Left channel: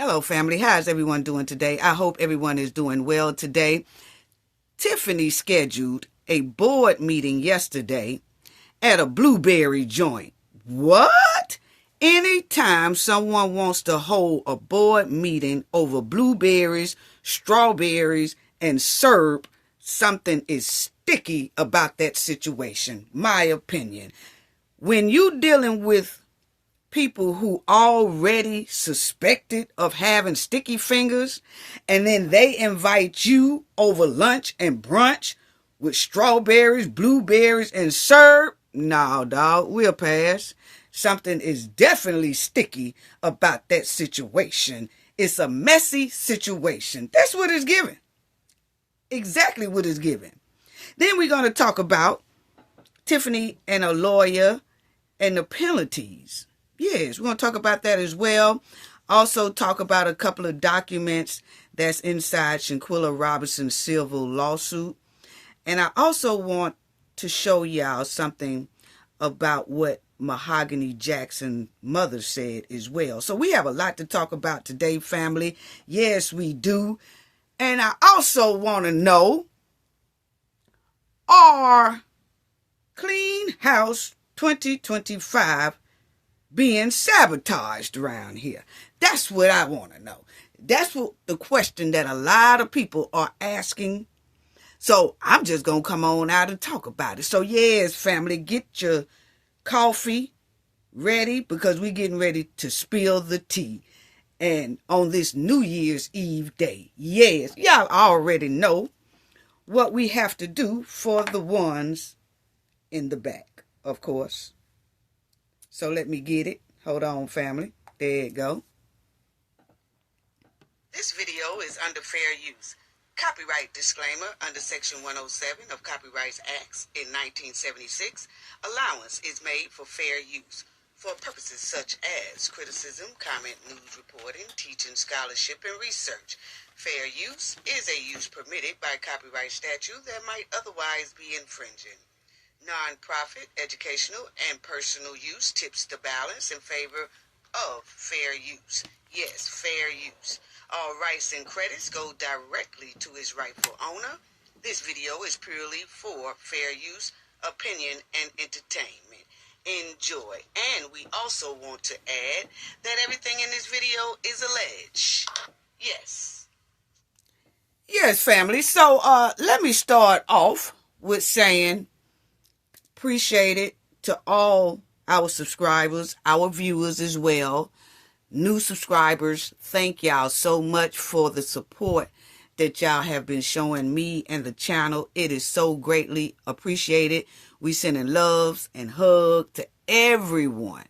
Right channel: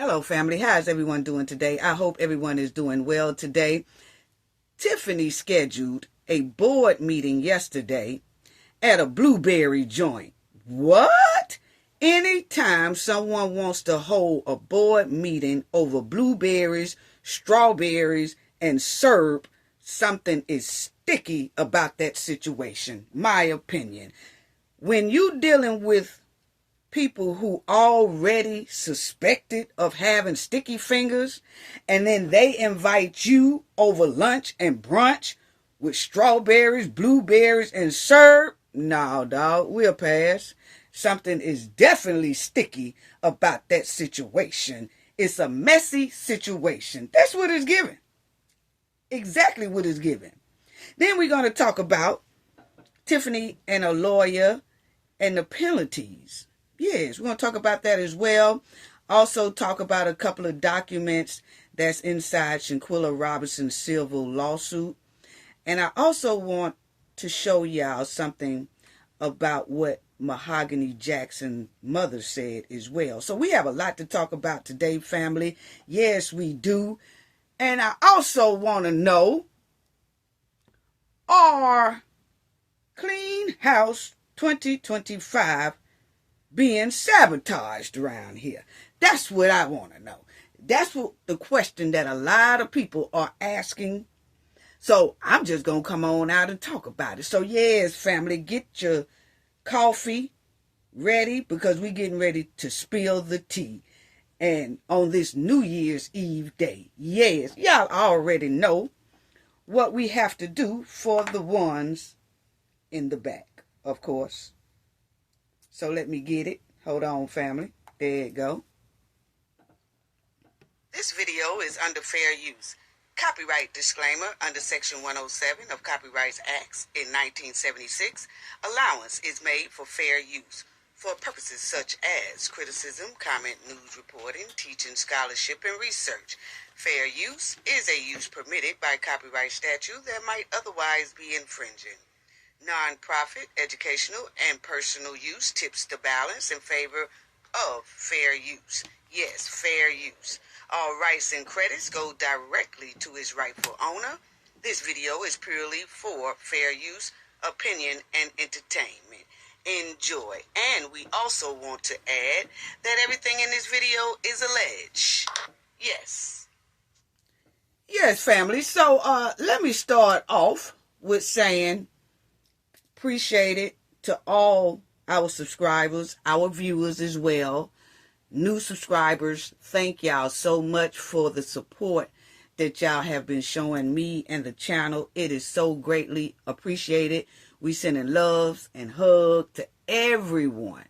Hello, family. How's everyone doing today? I hope everyone is doing well today. Tiffany scheduled a board meeting yesterday at a blueberry joint. What? Anytime someone wants to hold a board meeting over blueberries, strawberries, and syrup, something is sticky about that situation. My opinion. When you're dealing with people who already suspected of having sticky fingers, and then they invite you over lunch and brunch with strawberries, blueberries, and syrup, no, dog, we'll pass. Something is definitely sticky about that situation. It's a messy situation. That's what it's giving. Exactly what it's giving. Then we're going to talk about Tiffany and a lawyer and the penalties. Yes, we're going to talk about that as well. Also talk about a couple of documents that's inside Shanquella Robinson's civil lawsuit. And I also want to show y'all something about what Mahogany Jackson's mother said as well. So we have a lot to talk about today, family. Yes, we do. And I also want to know, are Clean House 2025 being sabotaged around here? That's what I want to know. That's what the question that a lot of people are asking. So I'm just going to come on out and talk about it. So yes, family, get your coffee ready because we're getting ready to spill the tea. And on this New Year's Eve day, yes, y'all already know what we have to do for the ones in the back, of course. So let me get it. Hold on, family. There you go. This video is under fair use. Copyright disclaimer under Section 107 of Copyrights Acts in 1976. Allowance is made for fair use for purposes such as criticism, comment, news reporting, teaching, scholarship, and research. Fair use is a use permitted by copyright statute that might otherwise be infringing. Non-profit, educational, and personal use tips the balance in favor of fair use. Yes, fair use. All rights and credits go directly to its rightful owner. This video is purely for fair use, opinion, and entertainment. Enjoy. And we also want to add that everything in this video is alleged. Yes. Yes, family. So let me start off with saying appreciate it to all our subscribers, our viewers as well. New subscribers, thank y'all so much for the support that y'all have been showing me and the channel. It is so greatly appreciated. We sending loves and hugs to everyone.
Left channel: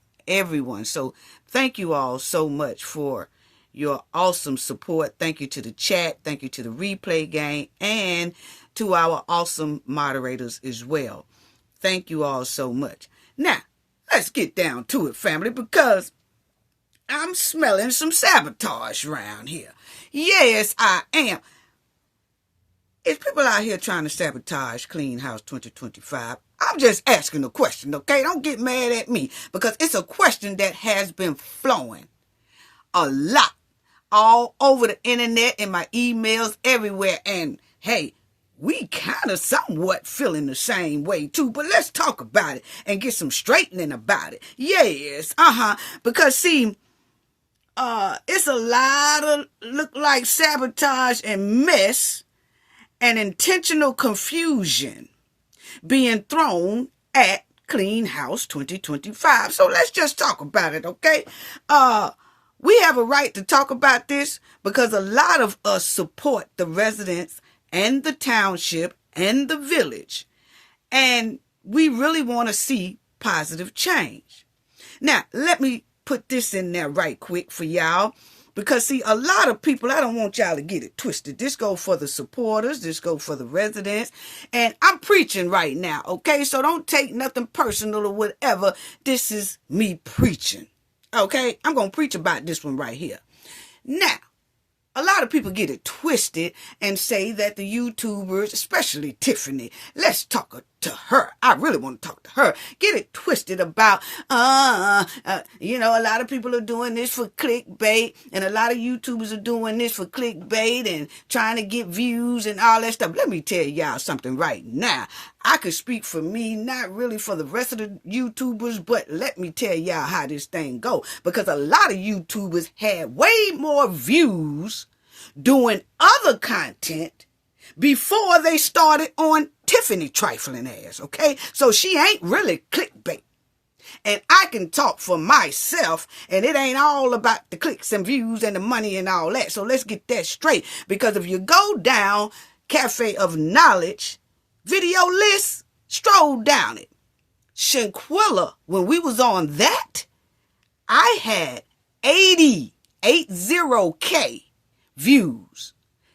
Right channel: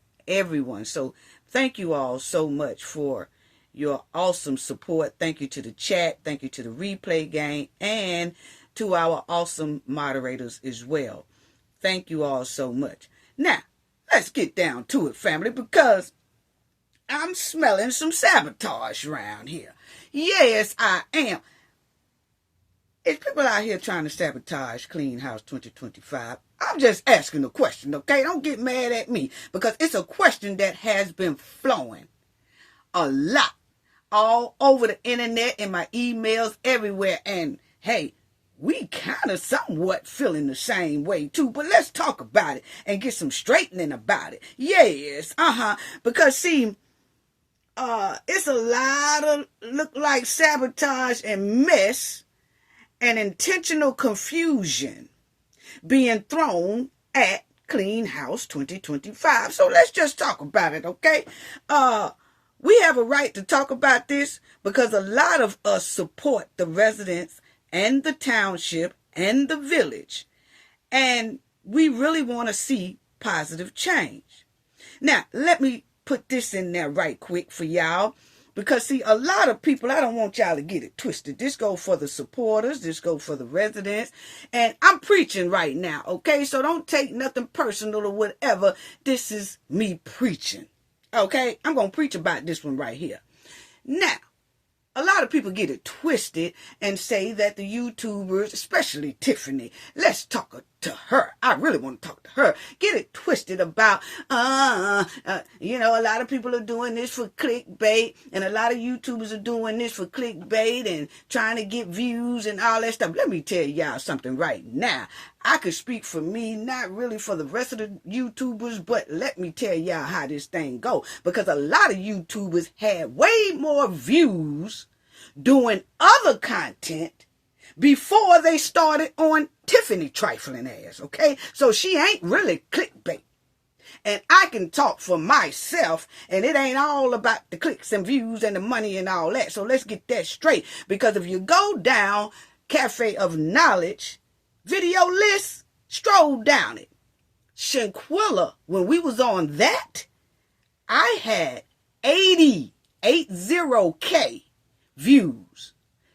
So thank you all so much for your awesome support. Thank you to the chat. Thank you to the replay gang and to our awesome moderators as well. Thank you all so much. Now, let's get down to it, family, because I'm smelling some sabotage around here. Yes, I am. It's people out here trying to sabotage Clean House 2025. I'm just asking a question, okay? Don't get mad at me because it's a question that has been flowing a lot all over the internet, in my emails, everywhere. And hey, we kind of somewhat feeling the same way too, but let's talk about it and get some straightening about it. Yes, because see, it's a lot of look like sabotage and mess and intentional confusion being thrown at Clean House 2025. So let's just talk about it, okay? We have a right to talk about this because a lot of us support the residents and the township and the village. And we really want to see positive change. Now, let me put this in there right quick for y'all. Because, see, a lot of people, I don't want y'all to get it twisted. This go for the supporters. This go for the residents. And I'm preaching right now, okay? So don't take nothing personal or whatever. This is me preaching, okay? I'm going to preach about this one right here. Now, a lot of people get it twisted and say that the YouTubers, especially Tiffany, let's talk to her. I really want to talk to her. Get it twisted about, a lot of people are doing this for clickbait, and a lot of YouTubers are doing this for clickbait and trying to get views and all that stuff. Let me tell y'all something right now. I could speak for me, not really for the rest of the YouTubers, but let me tell y'all how this thing go. Because a lot of YouTubers had way more views doing other content before they started on Tiffany trifling ass, okay? So she ain't really clickbait. And I can talk for myself, and it ain't all about the clicks and views and the money and all that. So let's get that straight. Because if you go down Cafe of Knowledge video list, stroll down it. Shanquella, when we was on that, I had 80K views.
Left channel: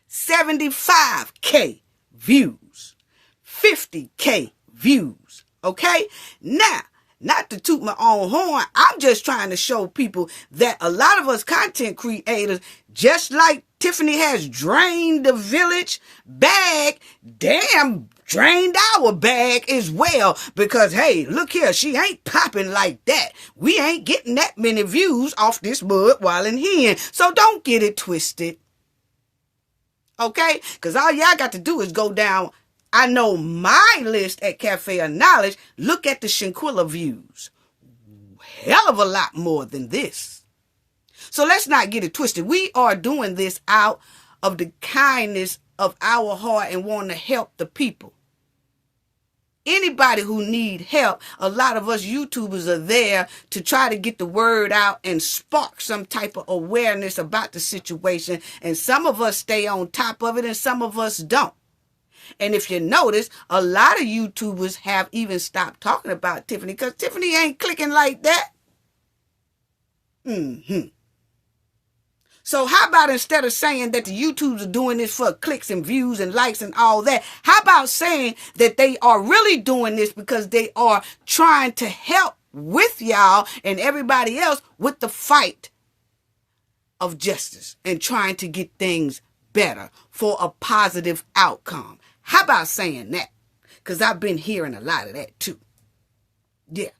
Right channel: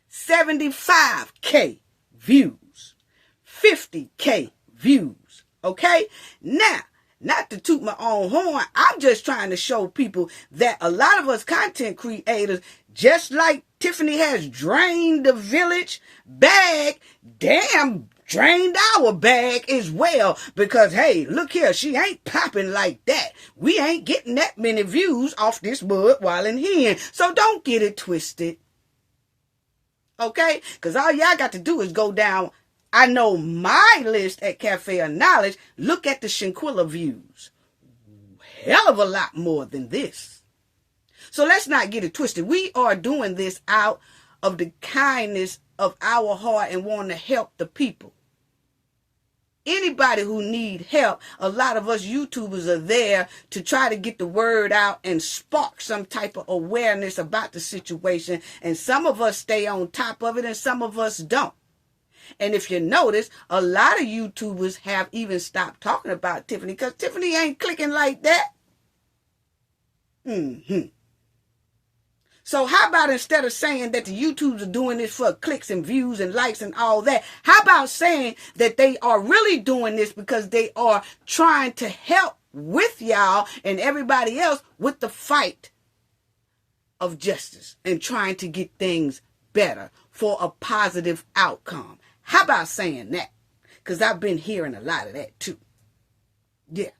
75K views, 50K views, okay? Now, not to toot my own horn, I'm just trying to show people that a lot of us content creators, just like Tiffany has drained the village bag, damn, drained our bag as well. Because, hey, look here, she ain't popping like that. We ain't getting that many views off this mud while in here. So don't get it twisted. Okay? Because all y'all got to do is go down, I know my list at Cafe of Knowledge, look at the Shanquella views. Hell of a lot more than this. So let's not get it twisted. We are doing this out of the kindness of our heart and want to help the people. Anybody who need help, a lot of us YouTubers are there to try to get the word out and spark some type of awareness about the situation. And some of us stay on top of it and some of us don't. And if you notice, a lot of YouTubers have even stopped talking about Tiffany because Tiffany ain't clicking like that. So how about instead of saying that the YouTubers are doing this for clicks and views and likes and all that, how about saying that they are really doing this because they are trying to help with y'all and everybody else with the fight of justice and trying to get things better for a positive outcome? How about saying that? Because I've been hearing a lot of that too. Yeah.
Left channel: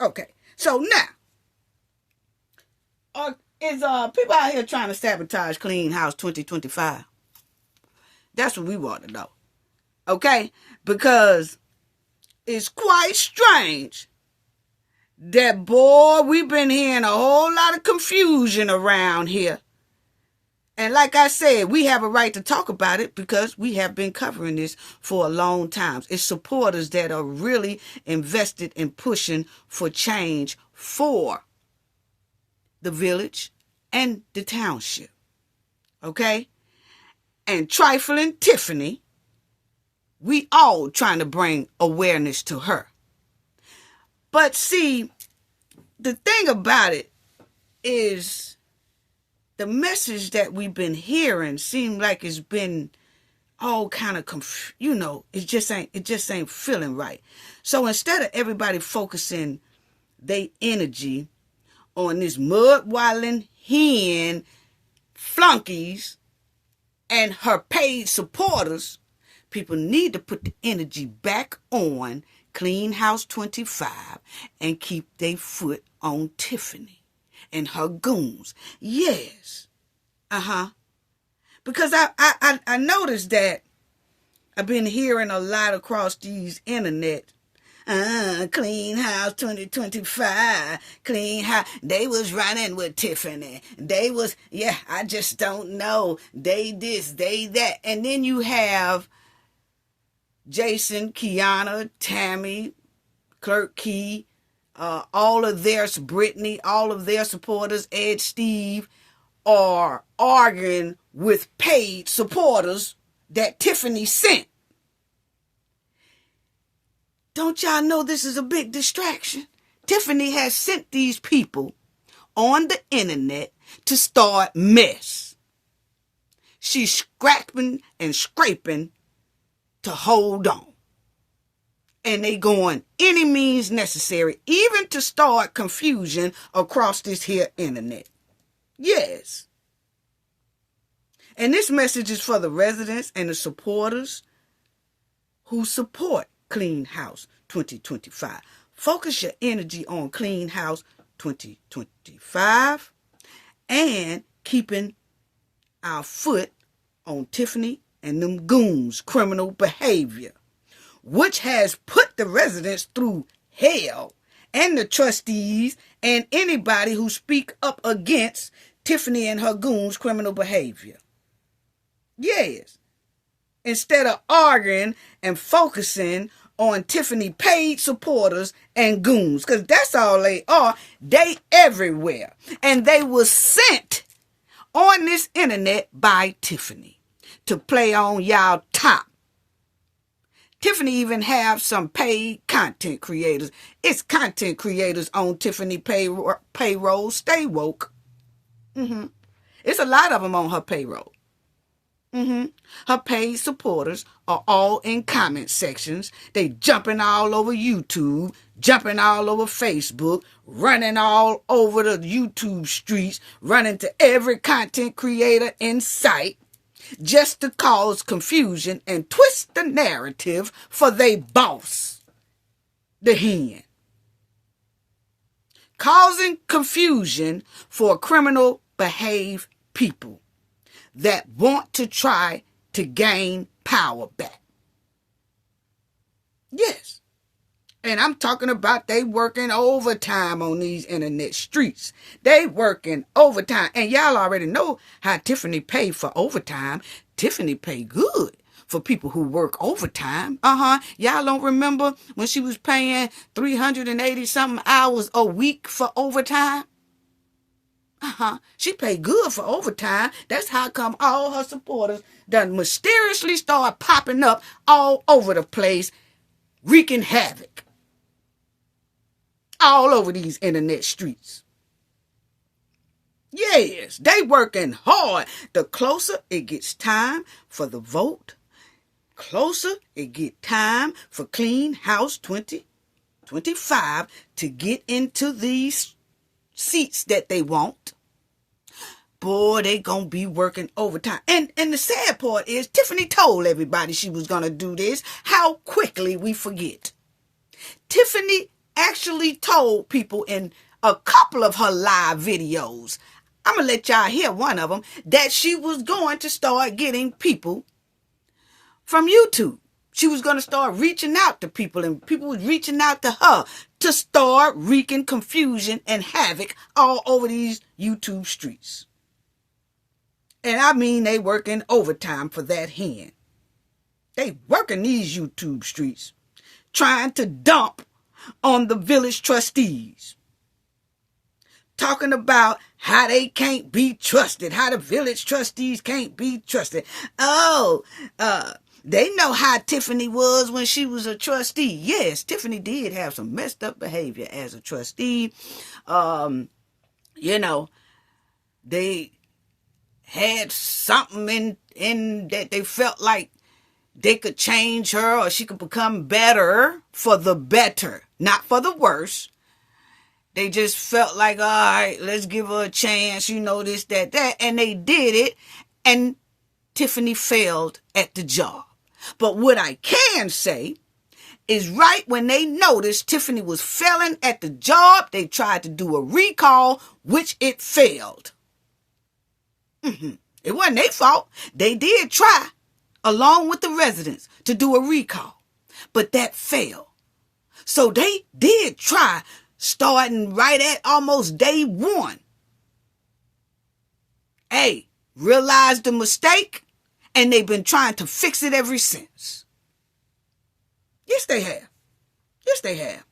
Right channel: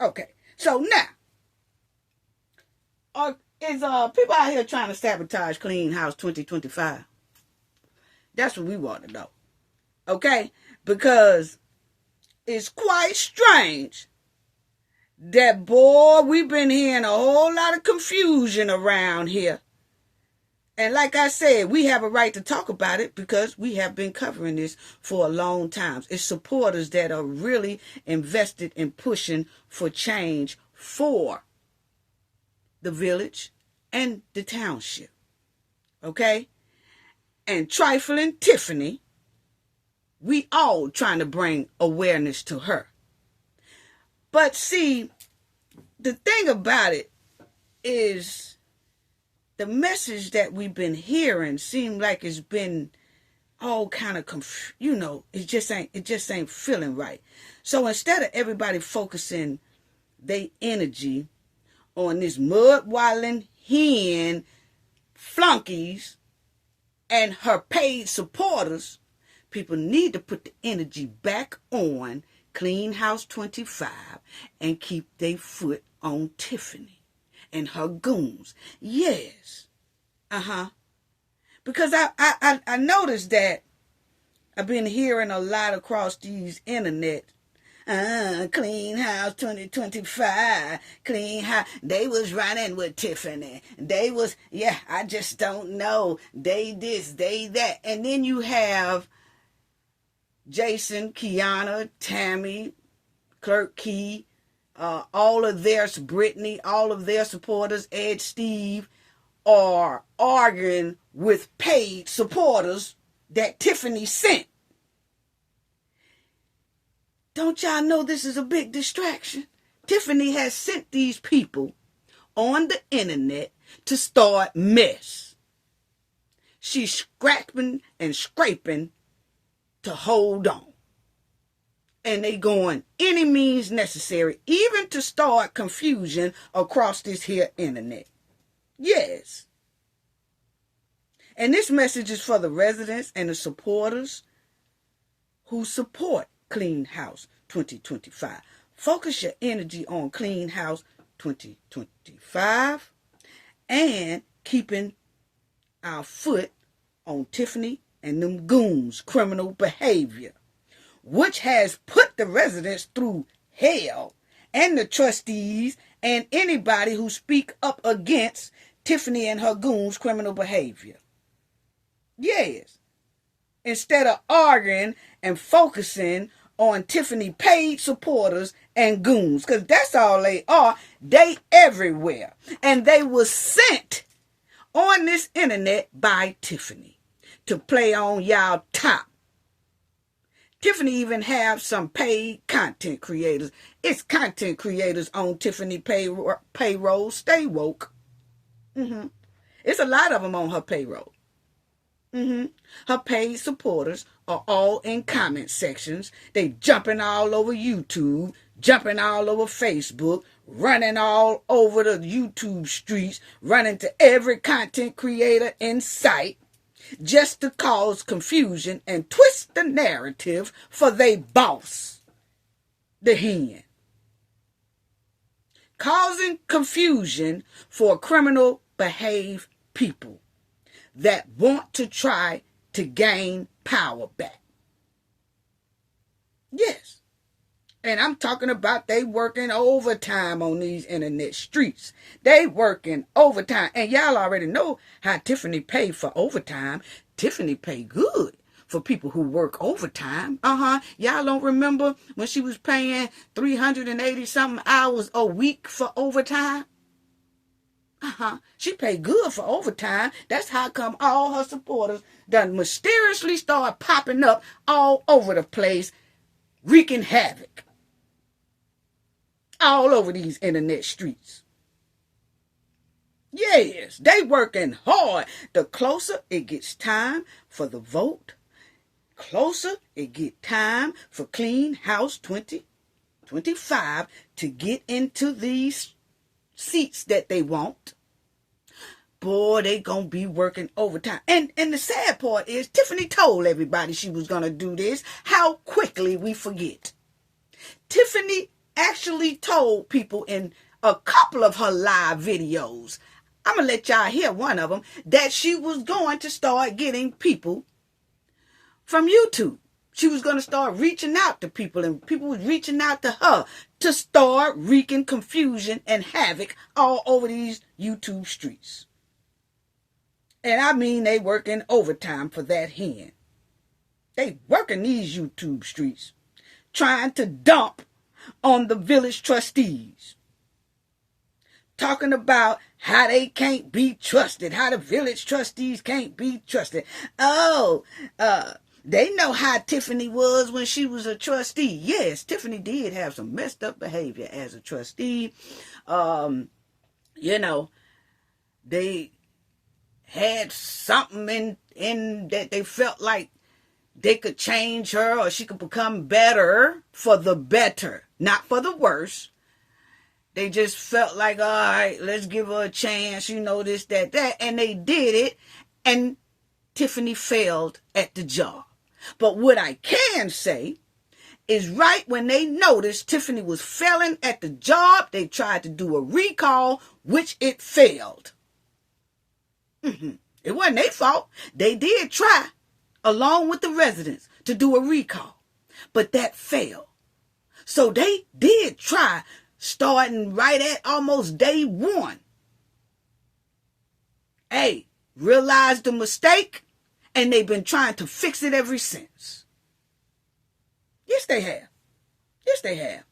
Okay. So now, is people out here trying to sabotage Clean House 2025? That's what we want to know. Okay? Because it's quite strange that, boy, we've been hearing a whole lot of confusion around here. And like I said, we have a right to talk about it because we have been covering this for a long time. It's supporters that are really invested in pushing for change for the village and the township. Okay? And trifling Tiffany, we all trying to bring awareness to her. But see, the thing about it is the message that we've been hearing seems like it's been all kind of it just ain't feeling right. So instead of everybody focusing their energy on this mud-wilding hen flunkies and her paid supporters, people need to put the energy back on Clean House 25 and keep their foot on Tiffany and her goons. Yes. Because I noticed that I've been hearing a lot across these internet. Clean House 2025, Clean House. They was running with Tiffany. They was, I just don't know. They this, they that. And then you have Jason, Kiana, Tammy, Clerk Key, all of their, Brittany, all of their supporters, Ed, Steve, are arguing with paid supporters that Tiffany sent. Don't y'all know this is a big distraction? Tiffany has sent these people on the internet to start mess. She's scrapping and scraping to hold on. And they going any means necessary, even to start confusion across this here internet. Yes. And this message is for the residents and the supporters who support Clean House 2025. Focus your energy on Clean House 2025 and keeping our foot on Tiffany and them goons' criminal behavior, which has put the residents through hell, and the trustees and anybody who speak up against Tiffany and her goons' criminal behavior. Yes. Instead of arguing and focusing on Tiffany paid supporters and goons, because that's all they are. They everywhere. And they were sent on this internet by Tiffany to play on y'all top. Tiffany even have some paid content creators. It's content creators on Tiffany payroll. Stay woke. It's a lot of them on her payroll. Her paid supporters are all in comment sections. They jumping all over YouTube, jumping all over Facebook, running all over the YouTube streets, running to every content creator in sight, just to cause confusion and twist the narrative for they boss, the hen. Causing confusion for criminal behaved people that want to try to gain power back. Yes. And I'm talking about they working overtime on these internet streets. They working overtime. And y'all already know how Tiffany paid for overtime. Tiffany paid good for people who work overtime. Y'all don't remember when she was paying 380 something hours a week for overtime? She paid good for overtime. That's how come all her supporters done mysteriously start popping up all over the place, wreaking havoc all over these internet streets. Yes, they working hard. The closer it gets time for the vote, closer it get time for Clean House 2025 to get into these seats that they want. Boy, they gonna be working overtime. And the sad part is Tiffany told everybody she was gonna do this. How quickly we forget. Tiffany actually told people in a couple of her live videos, I'm gonna let y'all hear one of them, that she was going to start getting people from YouTube. She was going to start reaching out to people, and people was reaching out to her to start wreaking confusion and havoc all over these YouTube streets. And I mean, they working overtime for that hen. They working these YouTube streets, trying to dump on the village trustees. Talking about how they can't be trusted, how the village trustees can't be trusted. They know how Tiffany was when she was a trustee. Yes, Tiffany did have some messed up behavior as a trustee. They had something in that they felt like they could change her or she could become better for the better, not for the worse. They just felt like, all right, let's give her a chance, this, that. And they did it, and Tiffany failed at the job. But what I can say is right when they noticed Tiffany was failing at the job, they tried to do a recall, which it failed. It wasn't their fault. They did try, along with the residents, to do a recall, but that failed. So they did try, starting right at almost day one. Hey, realized the mistake, and they've been trying to fix it ever since. Yes, they have. Yes, they have.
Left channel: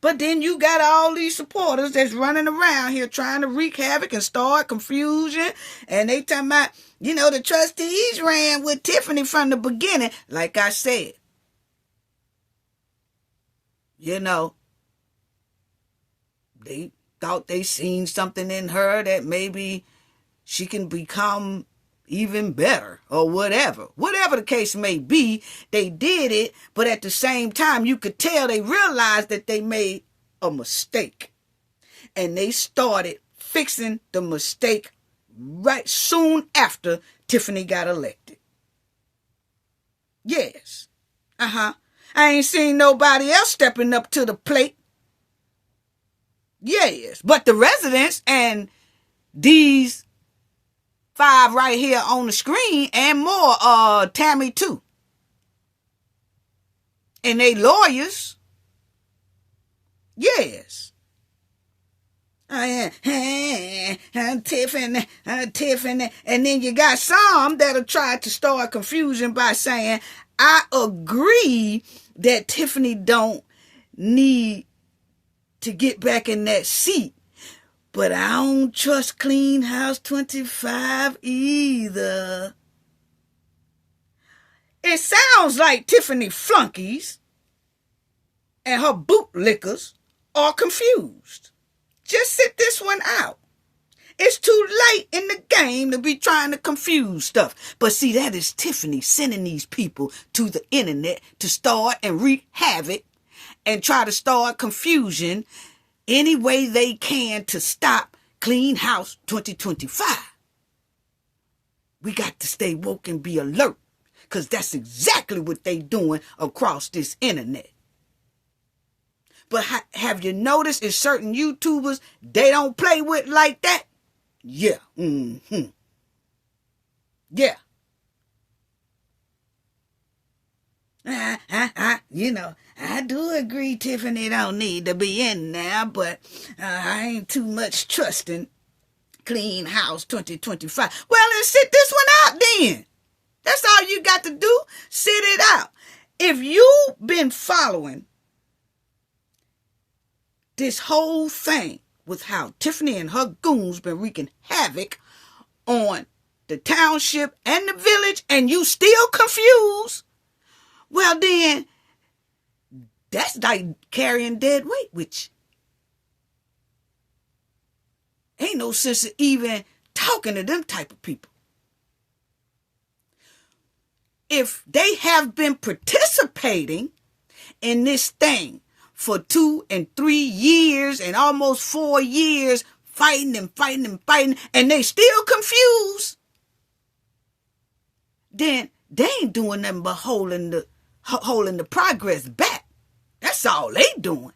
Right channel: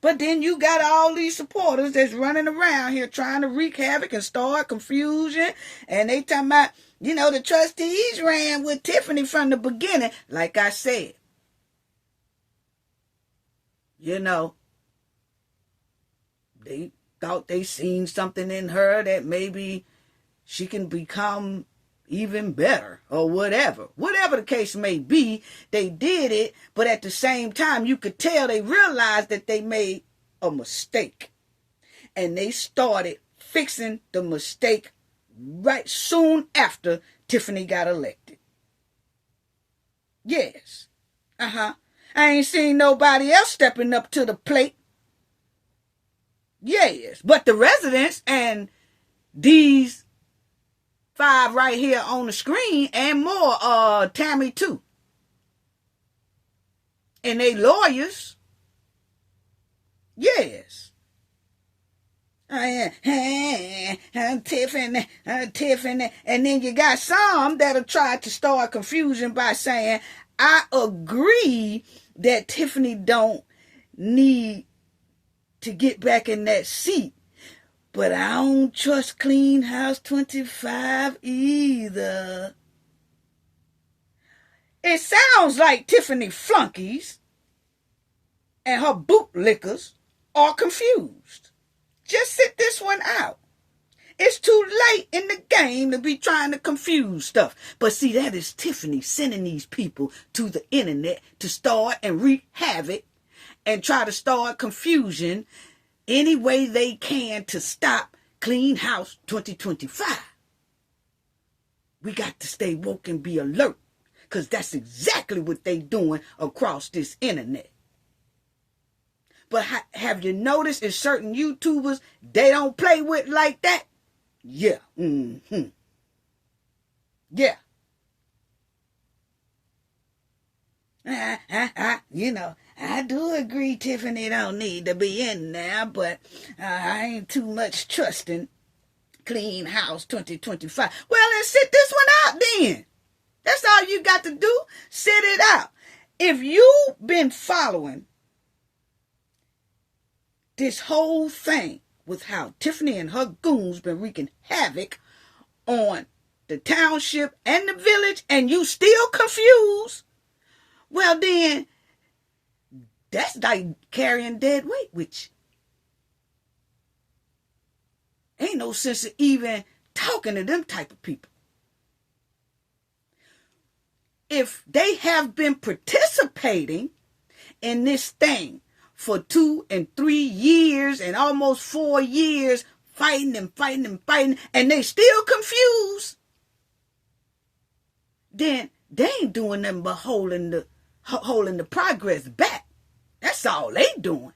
But then you got all these supporters that's running around here trying to wreak havoc and start confusion. And they talking about, the trustees ran with Tiffany from the beginning. Like I said, they thought they seen something in her that maybe she can become even better or whatever. Whatever the case may be, they did it, but at the same time, you could tell they realized that they made a mistake. And they started fixing the mistake right soon after Tiffany got elected. Yes. I ain't seen nobody else stepping up to the plate. Yes, but the residents and these 5 right here on the screen and more, Tammy too. And they lawyers. Yes. Tiffany. And then you got some that'll try to start confusion by saying, I agree that Tiffany don't need to get back in that seat, but I don't trust Clean House 25 either. It sounds like Tiffany flunkies and her bootlickers are confused. Just sit this one out. It's too late in the game to be trying to confuse stuff. But see, that is Tiffany sending these people to the internet to start and wreak havoc and try to start confusion any way they can to stop Clean House 2025. We got to stay woke and be alert, because that's exactly what they doing across this internet. But have you noticed in certain YouTubers, they don't play with like that? Yeah. Mm-hmm. Yeah. I do agree Tiffany don't need to be in there, but I ain't too much trusting Clean House 2025. Well, then sit this one out then. That's all you got to do. Sit it out. If you've been following this whole thing with how Tiffany and her goons been wreaking havoc on the township and the village, and you still confused, well then, that's like carrying dead weight with you. Ain't no sense of even talking to them type of people. If they have been participating in this thing for 2 and 3 years and almost 4 years, fighting, and they still confused, then they ain't doing nothing but holding the progress back. That's all they doing.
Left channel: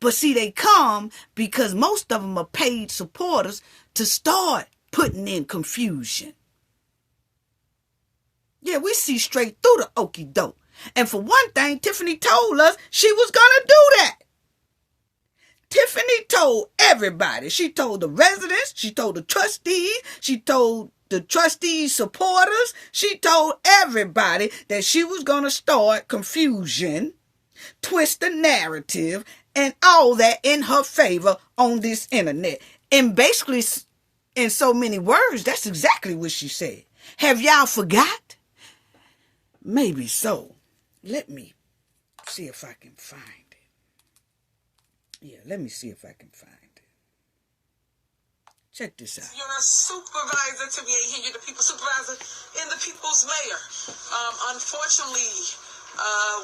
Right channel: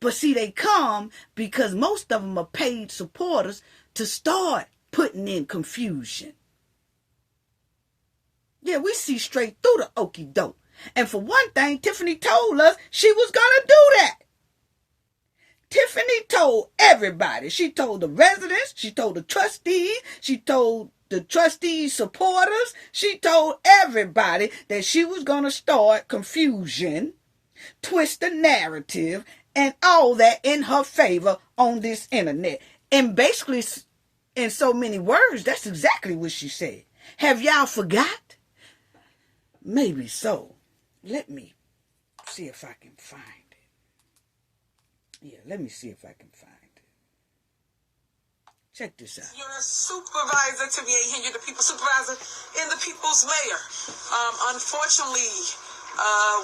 But see, they come because most of them are paid supporters to start putting in confusion. Yeah, we see straight through the okie doke. And for one thing, Tiffany told us she was going to do that. Tiffany told everybody. She told the residents. She told the trustees. She told the trustees' supporters. She told everybody that she was going to start confusion, twist the narrative, and all that in her favor on this internet. And basically, in so many words, that's exactly what she said. Have y'all forgot? Maybe so. Let me see if I can find it. Yeah, let me see if I can find it. Check this out. You're a supervisor to be here, the people's supervisor and the people's mayor. Unfortunately,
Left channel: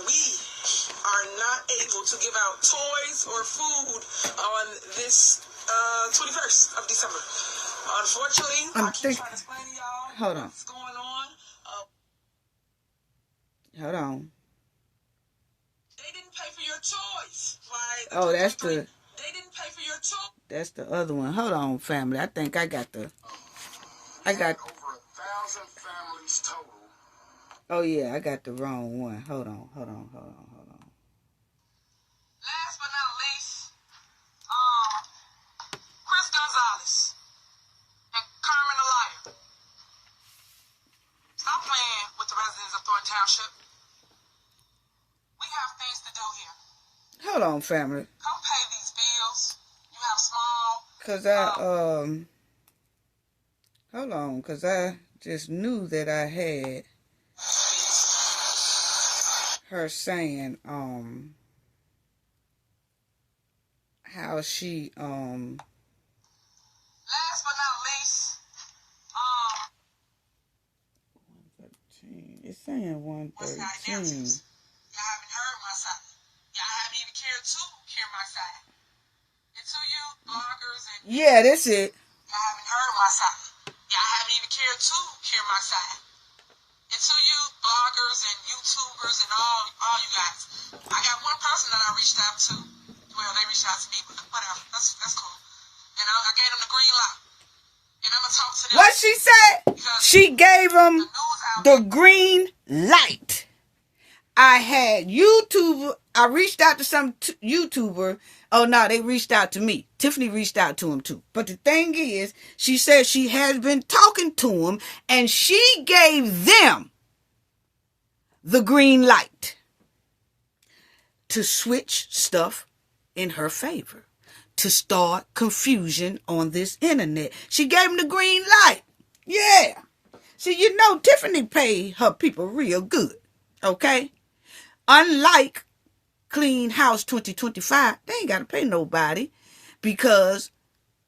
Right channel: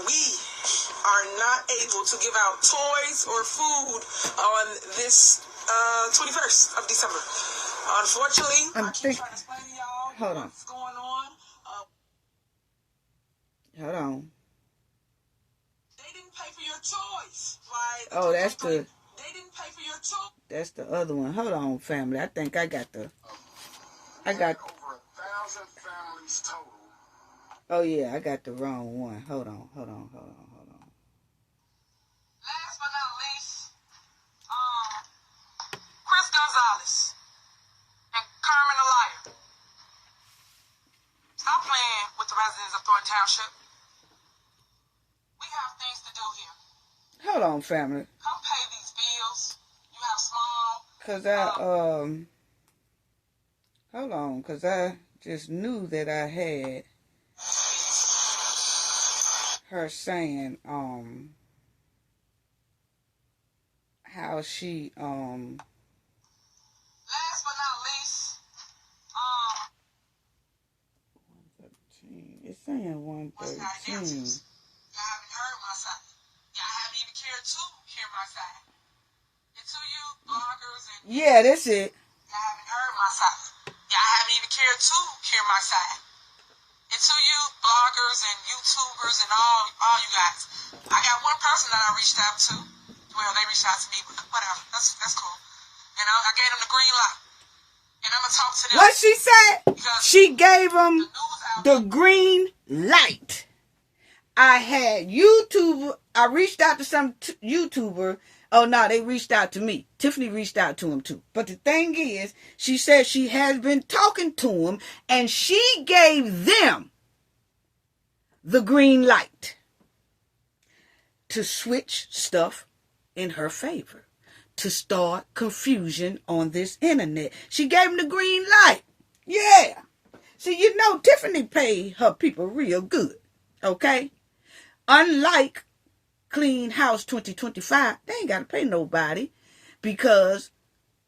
we are not able to give out toys or food on this 21st of December. Unfortunately, I keep trying to explain to y'all what's going on. Hold on. They didn't pay for your toys. Right? Oh, that's the... They didn't pay for your toys. That's the other one. Hold on, family. I think I got the... I got... Over 1,000 families total. Oh, yeah. I got the wrong one. Hold on. Last but not least, Chris Gonzalez and Carmen the liar. Stop playing with the residents of Thornton Township. We have things to do here. Hold on, family. Come pay these bills. You have small... Hold on, because I just knew that I had her saying, how she, Last but not least, it's saying 113. Y'all haven't heard my side. Y'all haven't even cared to hear my side. And to you, bloggers and... Yeah, that's it. Y'all haven't heard my side. Y'all haven't even cared to hear my side. And to you, bloggers and YouTubers and all you guys. I got one person that I reached out to. Well, they reached out to me, but whatever. That's cool. And I gave them the green light. And I'm going to talk to them. What she said? She gave them the green light. I had YouTuber. I reached out to some YouTuber. Oh, no, they reached out to me. Tiffany reached out to him, too. But the thing is, she said she has been talking to him, and she gave them the green light to switch stuff in her favor, to start confusion on this internet. She gave them the green light. Yeah. See, you know, Tiffany paid her people real good, okay? Unlike Clean House 2025, they ain't got to pay nobody because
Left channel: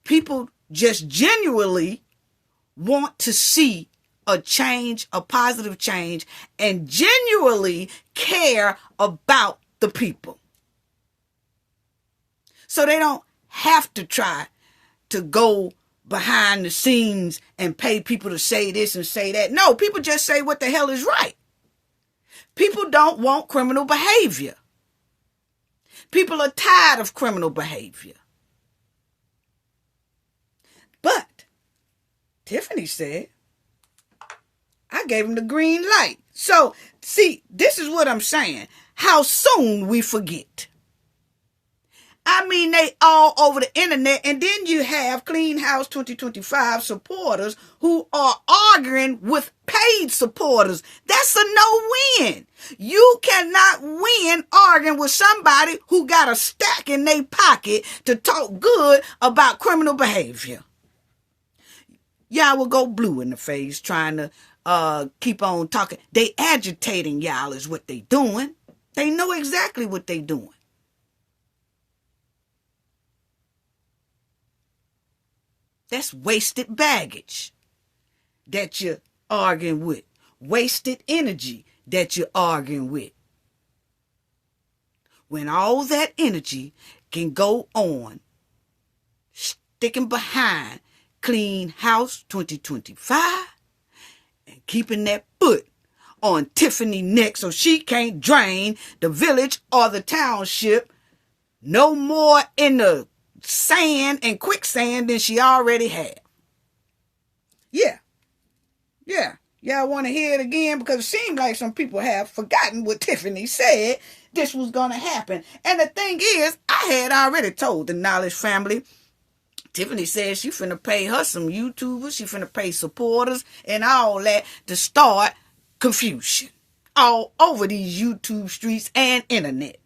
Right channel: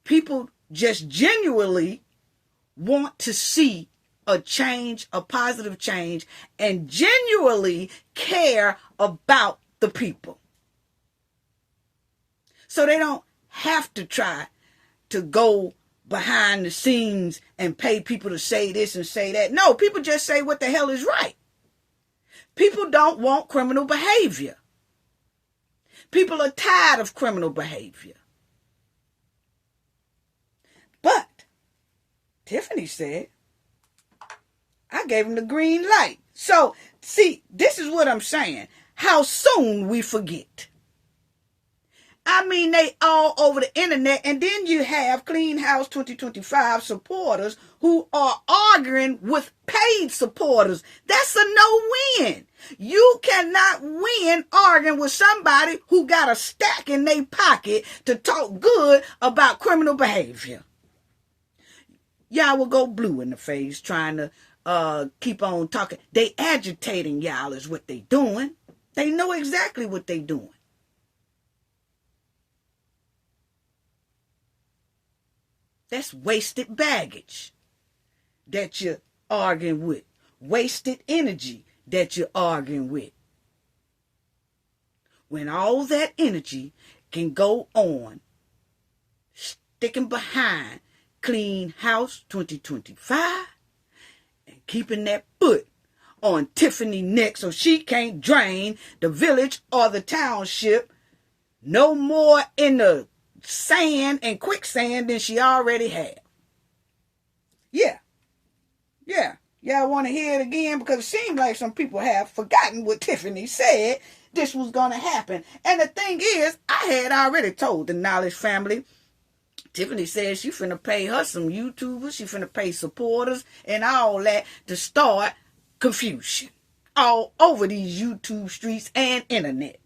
people just genuinely want to see a change, a positive change, and genuinely care about the people. So they don't have to try to go behind the scenes and pay people to say this and say that. No, people just say what the hell is right. People don't want criminal behavior. People are tired of criminal behavior. But Tiffany said, I gave him the green light. So, see, this is what I'm saying. How soon we forget. I mean, they all over the internet. And then you have Clean House 2025 supporters who are arguing with paid supporters. That's a no-win. You cannot win arguing with somebody who got a stack in their pocket to talk good about criminal behavior. Y'all will go blue in the face trying to keep on talking. They agitating y'all is what they doing. They know exactly what they doing. That's wasted baggage that you're arguing with. Wasted energy that you're arguing with. When all that energy can go on sticking behind Clean House 2025 and keeping that foot on Tiffany neck so she can't drain the village or the township no more in the sand and quicksand than she already had. Yeah. Y'all want to hear it again? Because it seems like some people have forgotten what Tiffany said this was going to happen. And the thing is, I had already told the Knowledge family, Tiffany said she finna pay her some YouTubers, she finna pay supporters and all that to start confusion all over these YouTube streets and internet.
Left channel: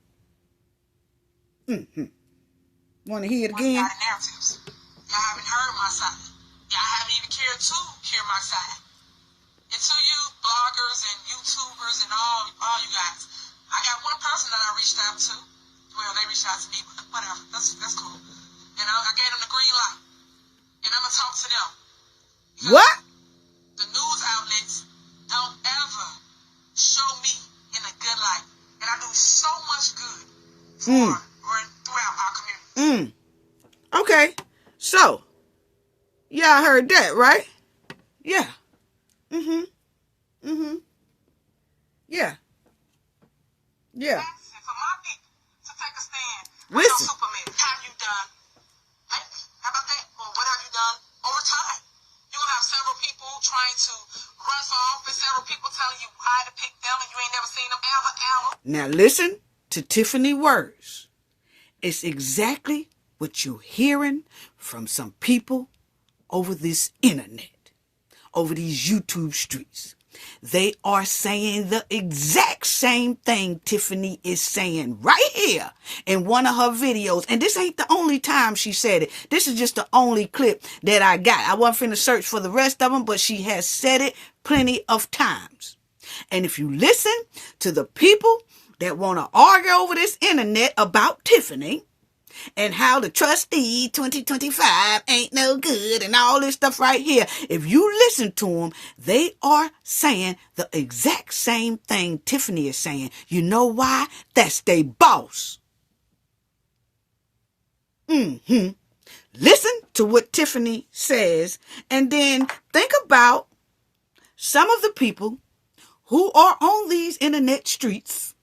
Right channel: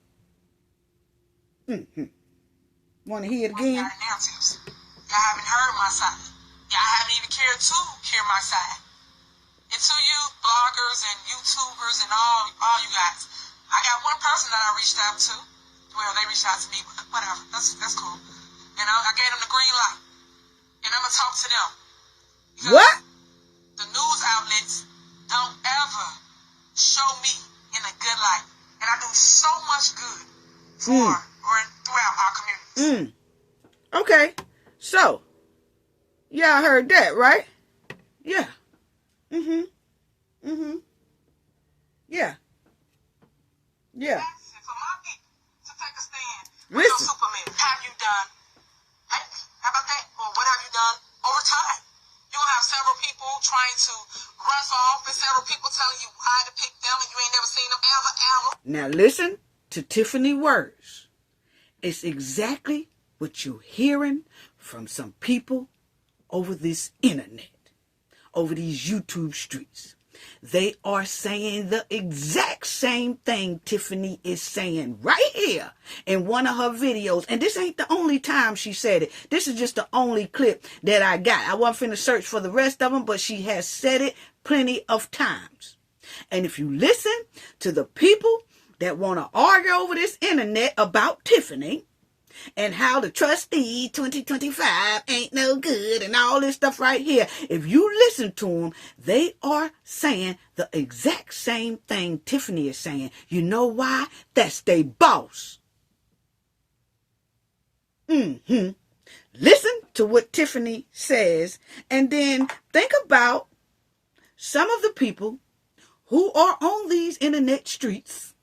Want to hear it again? Y'all haven't heard my side. Y'all haven't even cared to hear my side. And to you bloggers and YouTubers and all you guys, I got one person that I reached out to. Well, they reached out to me, but whatever. That's cool. And I gave them the green light. And I'm going to talk to them. Because what? The news outlets don't ever show me in a good light. And I do so much good throughout our community. Okay. So, y'all heard that, right? Yeah. Yeah. Yeah. For my people to take a stand. Listen. Superman, have you done? Hey, how about that? Or what have you done over time? You'll have several people trying to run for office, several people telling you why to pick them, and you ain't never seen them ever. Now listen to Tiffany words. It's exactly what you're hearing from some people over this internet, over these YouTube streets. They are saying the exact same thing Tiffany is saying right here in one of her videos. And this ain't the only time she said it. This is just the only clip that I got. I wasn't finna search for the rest of them, but she has said it plenty of times. And if you listen to the people that want to argue over this internet about Tiffany and how the Trustees 2025 ain't no good and all this stuff right here, if you listen to them, they are saying the exact same thing Tiffany is saying. You know why? That's they boss. Listen to what Tiffany says and then think about some of the people who are on these internet streets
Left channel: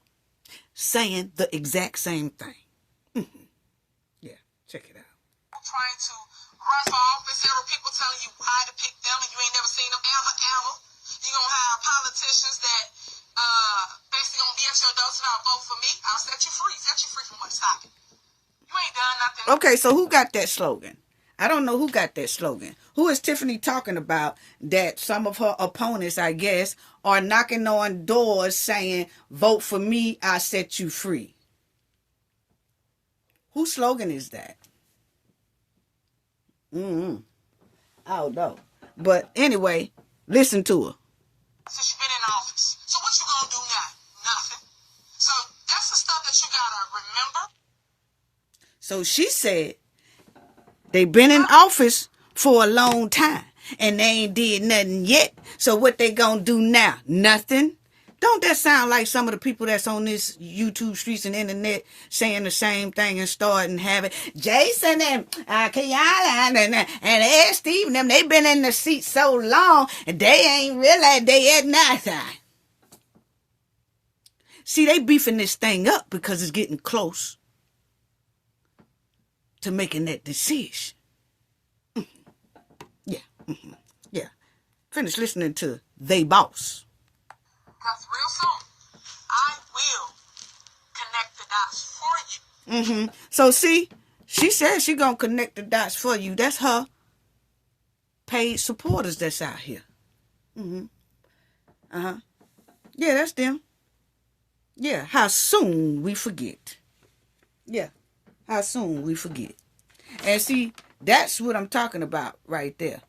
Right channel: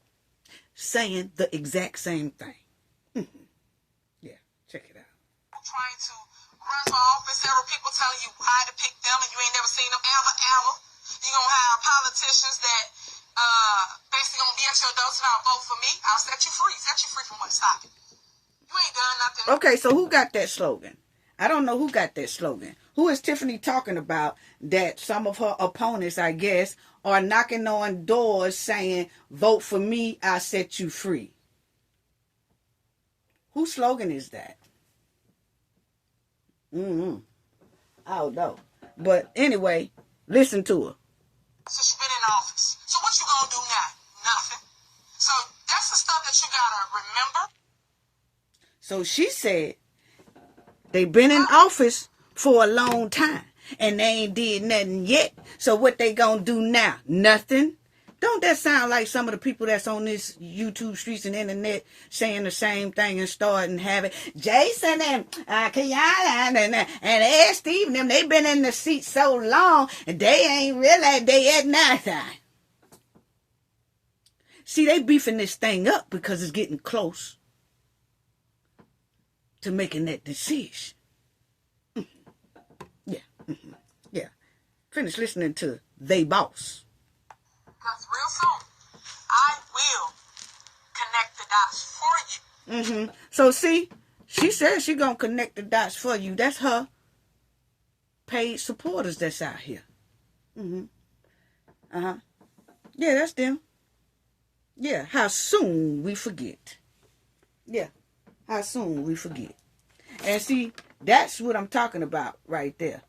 saying the exact same thing. Yeah, check it out. Trying to run for office, several people telling you why to pick them, and you ain't never seen them ever. You gonna have politicians that basically gonna be at your door tonight, vote for me, I'll set you free from what's stopping. You ain't done nothing. Okay, so who got that slogan? I don't know who got that slogan. Who is Tiffany talking about that some of her opponents, I guess, are knocking on doors saying, vote for me, I'll set you free? Whose slogan is that? I don't know. But anyway, listen to her. Since you've been in office. So what you gonna do now? Nothing. So that's the stuff that you gotta remember. So she said they've been in office for a long time and they ain't did nothing yet. So what they gonna do now? Nothing. Don't that sound like some of the people that's on this YouTube streets and internet saying the same thing and starting having Jason and Kiana and Ed Steve and them, they been in the seat so long and they ain't realized they at nothing. See, they beefing this thing up because it's getting close to making that decision. Yeah. Finish listening to They Boss. Because real soon, I will connect the dots for you. So see, she says she gonna connect the dots for you. That's her paid supporters that's out here. Yeah, that's them. Yeah, how soon we forget. Yeah, how soon we forget. And see, that's what I'm talking about right there.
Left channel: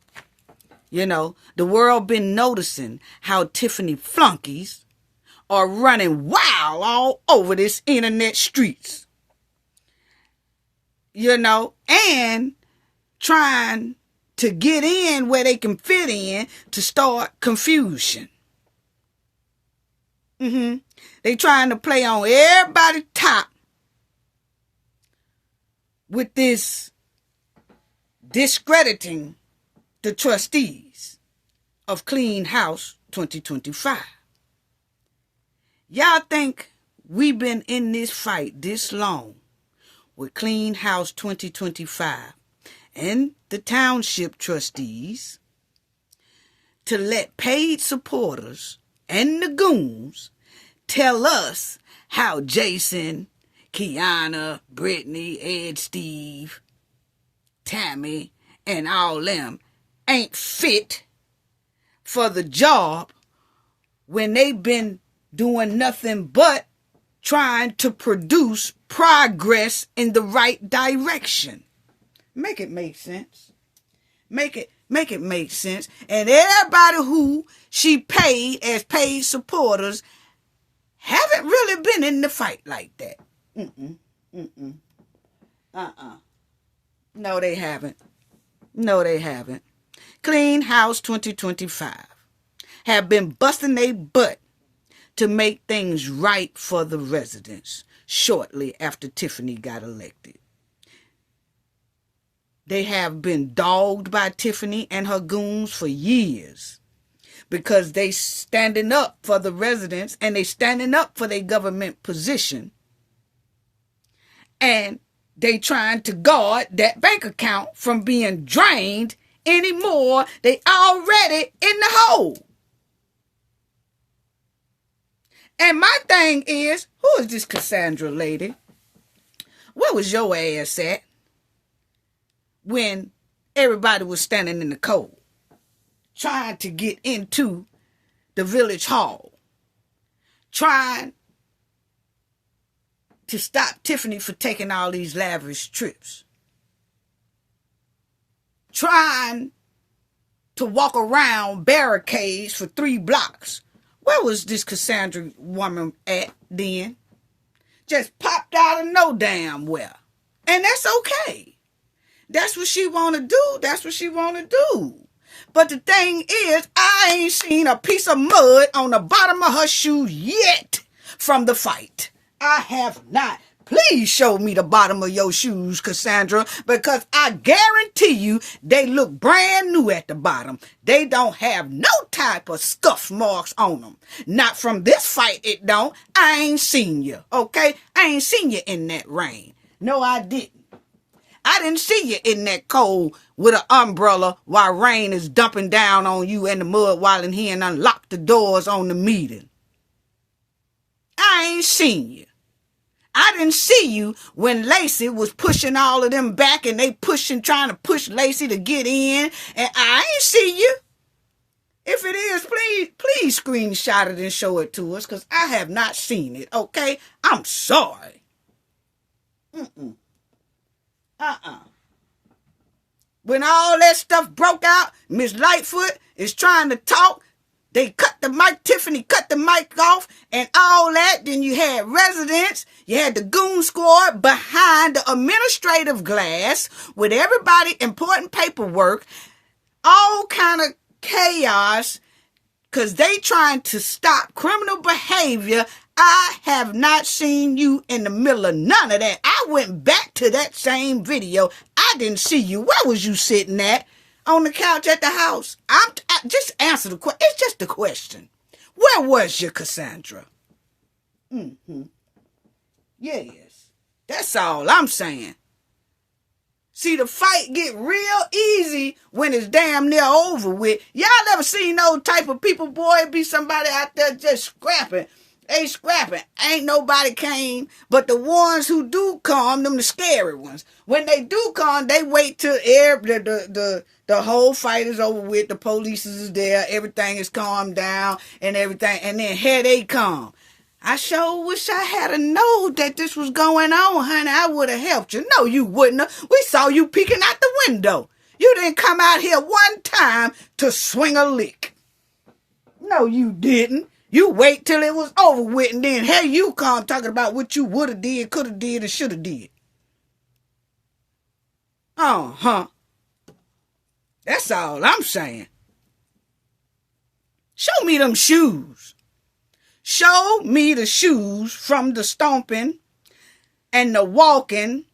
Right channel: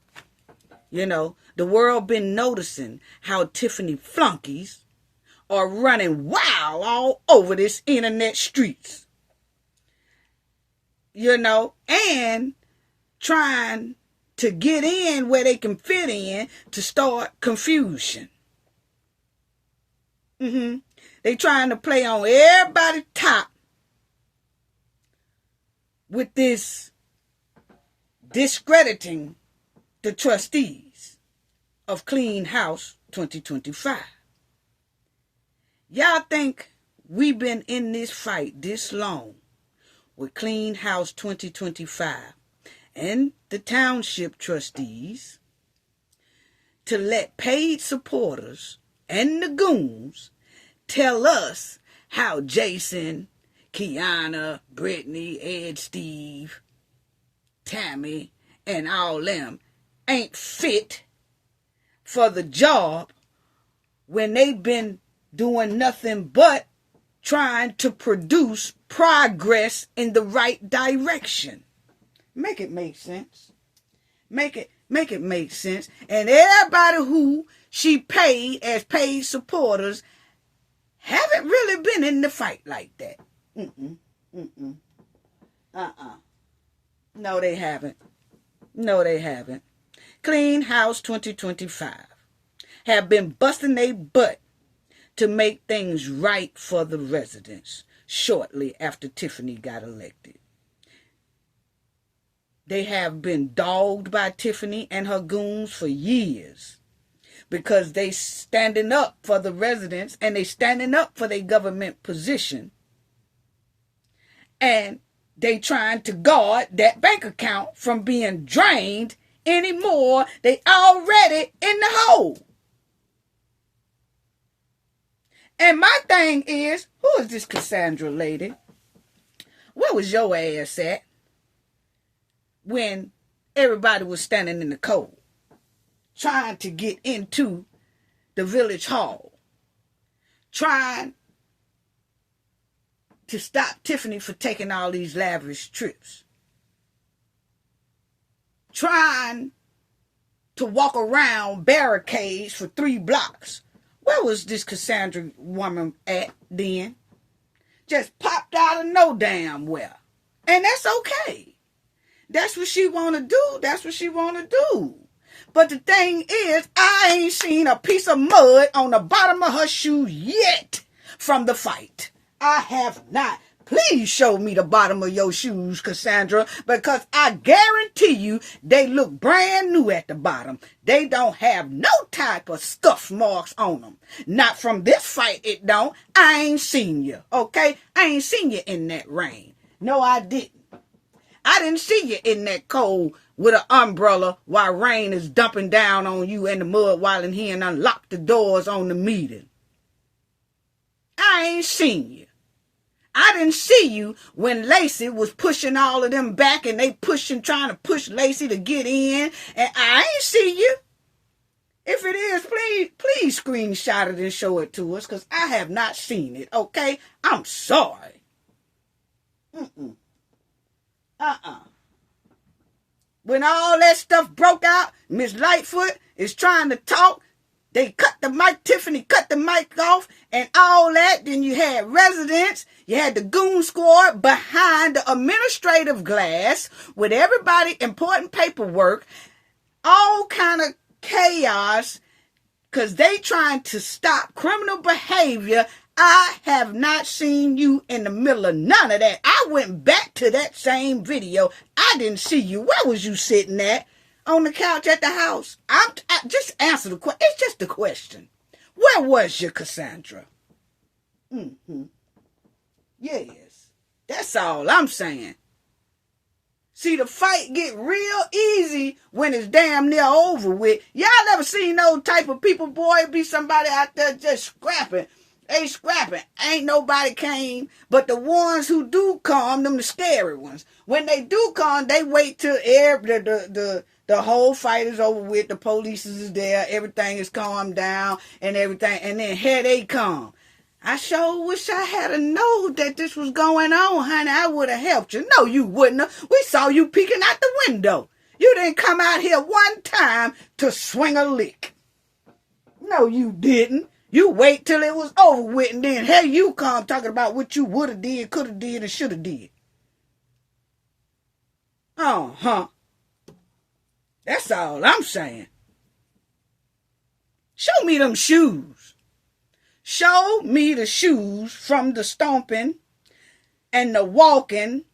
You know, the world been noticing how Tiffany flunkies are running wild all over this internet streets. You know, and trying to get in where they can fit in to start confusion. They trying to play on everybody's top with this discrediting the trustees of Clean House 2025. Y'all think we've been in this fight this long with Clean House 2025 and the Township trustees to let paid supporters and the goons tell us how Jason, Kiana, Brittany, Ed, Steve, Tammy, and all them ain't fit for the job when they've been doing nothing but trying to produce progress in the right direction. Make it make sense. Make it make sense. And everybody who she paid as paid supporters haven't really been in the fight like that. No, they haven't. No, they haven't. Clean House 2025 have been busting their butt to make things right for the residents shortly after Tiffany got elected. They have been dogged by Tiffany and her goons for years because they standing up for the residents and they standing up for their government position. And they trying to guard that bank account from being drained anymore. They already in the hole. And my thing is, who is this Cassandra lady? Where was your ass at when everybody was standing in the cold, trying to get into the village hall, trying to stop Tiffany for taking all these lavish trips, trying to walk around barricades for 3 blocks? Where was this Cassandra woman at then? Just popped out of no damn where. And that's okay. That's what she want to do. That's what she want to do. But the thing is, I ain't seen a piece of mud on the bottom of her shoe yet from the fight. I have not. Please show me the bottom of your shoes, Cassandra, because I guarantee you they look brand new at the bottom. They don't have no type of scuff marks on them. Not from this fight, it don't. I ain't seen you, okay? I ain't seen you in that rain. No, I didn't. I didn't see you in that cold with an umbrella while rain is dumping down on you in the mud while in here and unlock the doors on the meeting. I ain't seen you. I didn't see you when Lacey was pushing all of them back and they trying to push Lacey to get in, and I ain't see you. If it is, please screenshot it and show it to us, because I have not seen it, okay? I'm sorry. When all that stuff broke out, Miss Lightfoot is trying to talk. They cut the mic, Tiffany cut the mic off and all that. Then you had residents, you had the goon squad behind the administrative glass with everybody, important paperwork, all kind of chaos, because they trying to stop criminal behavior. I have not seen you in the middle of none of that. I went back to that same video. I didn't see you. Where was you sitting at? On the couch at the house? Just answer the question. It's just a question. Where was you, Cassandra? Yes. That's all I'm saying. See, the fight get real easy when it's damn near over with. Y'all never seen those type of people, boy? It be somebody out there just scrapping. They scrapping. Ain't nobody came, but the ones who do come, them the scary ones. When they do come, they wait till the whole fight is over with. The police is there. Everything is calmed down and everything. And then here they come. I sure wish I had a known that this was going on, honey. I would have helped you. No, you wouldn't have. We saw you peeking out the window. You didn't come out here one time to swing a lick. No, you didn't. You wait till it was over with, and then here you come talking about what you would have did, could have did, and should have did. That's all I'm saying. Show me them shoes. Show me the shoes from the stomping and the walking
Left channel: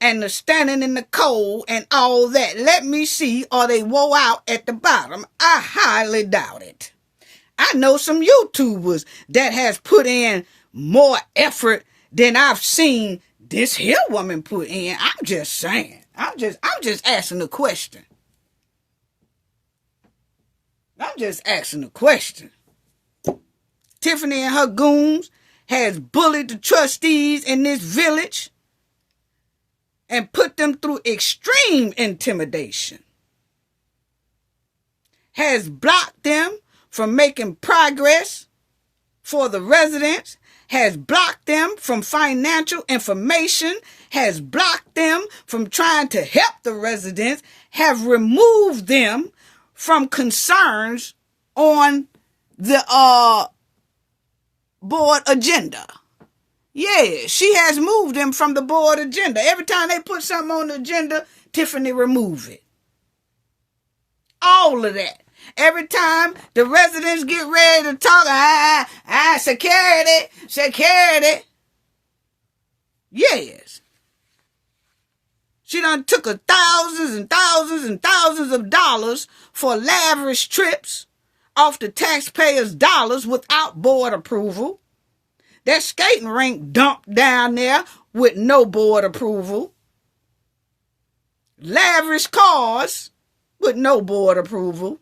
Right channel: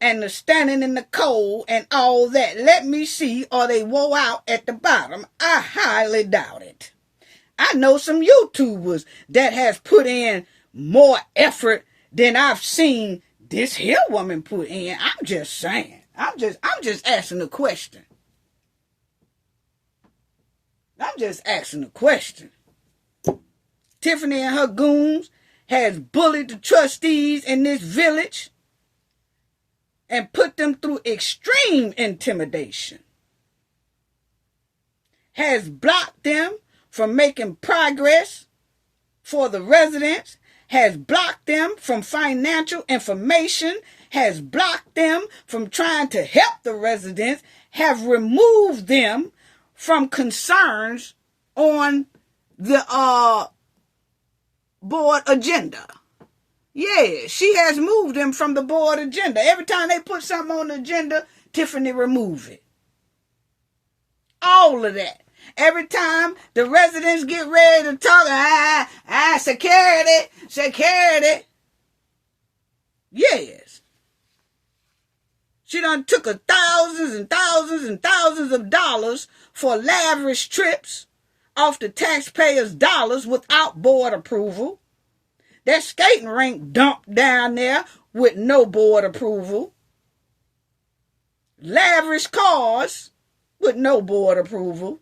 and the standing in the cold and all that. Let me see, are they wore out at the bottom? I highly doubt it. I know some YouTubers that has put in more effort than I've seen this here woman put in. I'm just saying. I'm just asking a question. I'm just asking a question. Tiffany and her goons has bullied the trustees in this village and put them through extreme intimidation. Has blocked them from making progress for the residents, has blocked them from financial information, has blocked them from trying to help the residents, have removed them from concerns on the board agenda. Yeah, she has moved them from the board agenda. Every time they put something on the agenda, Tiffany remove it. All of that. Every time the residents get ready to talk, security. Yes. She done took thousands and thousands and thousands of dollars for lavish trips off the taxpayers' dollars without board approval. That skating rink dumped down there with no board approval. Lavish cars with no board approval.